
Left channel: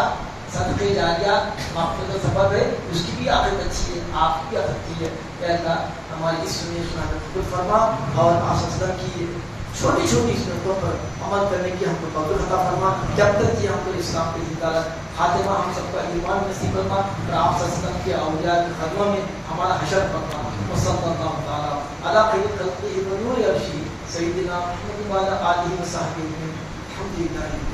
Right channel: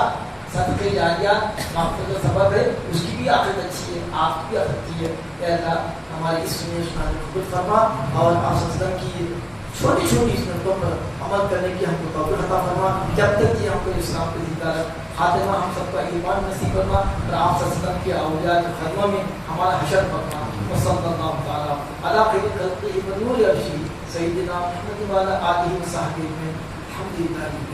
صدقے جاریہ مغفرت کا سبب ہے. اس کی بھی آخرت اچھی ہے آپ کی بھی آخرت اچھی ہے. اے اللہ ہماری اس سنت کو قبول فرما اور آپ صلی اللہ علیہ وسلم کی چھوٹی چھوٹی سنتوں پر عمل کرنے کی ہم کو توفیق عطا فرما. جب تک کہ ہم کو اسلام کے زندہ خاتمہ ہم سب کا ایمان نصیب فرما اور آپ صلی اللہ علیہ وسلم کے اولیاء کے خدمہ میں ہمارا حشر فرما. وصلی اللہ تعالیٰ علی خیر خلقہ و نور عرشہ سیدنا محمد وعلی آلہ و صحبہ اجمعین. الحمدللہ.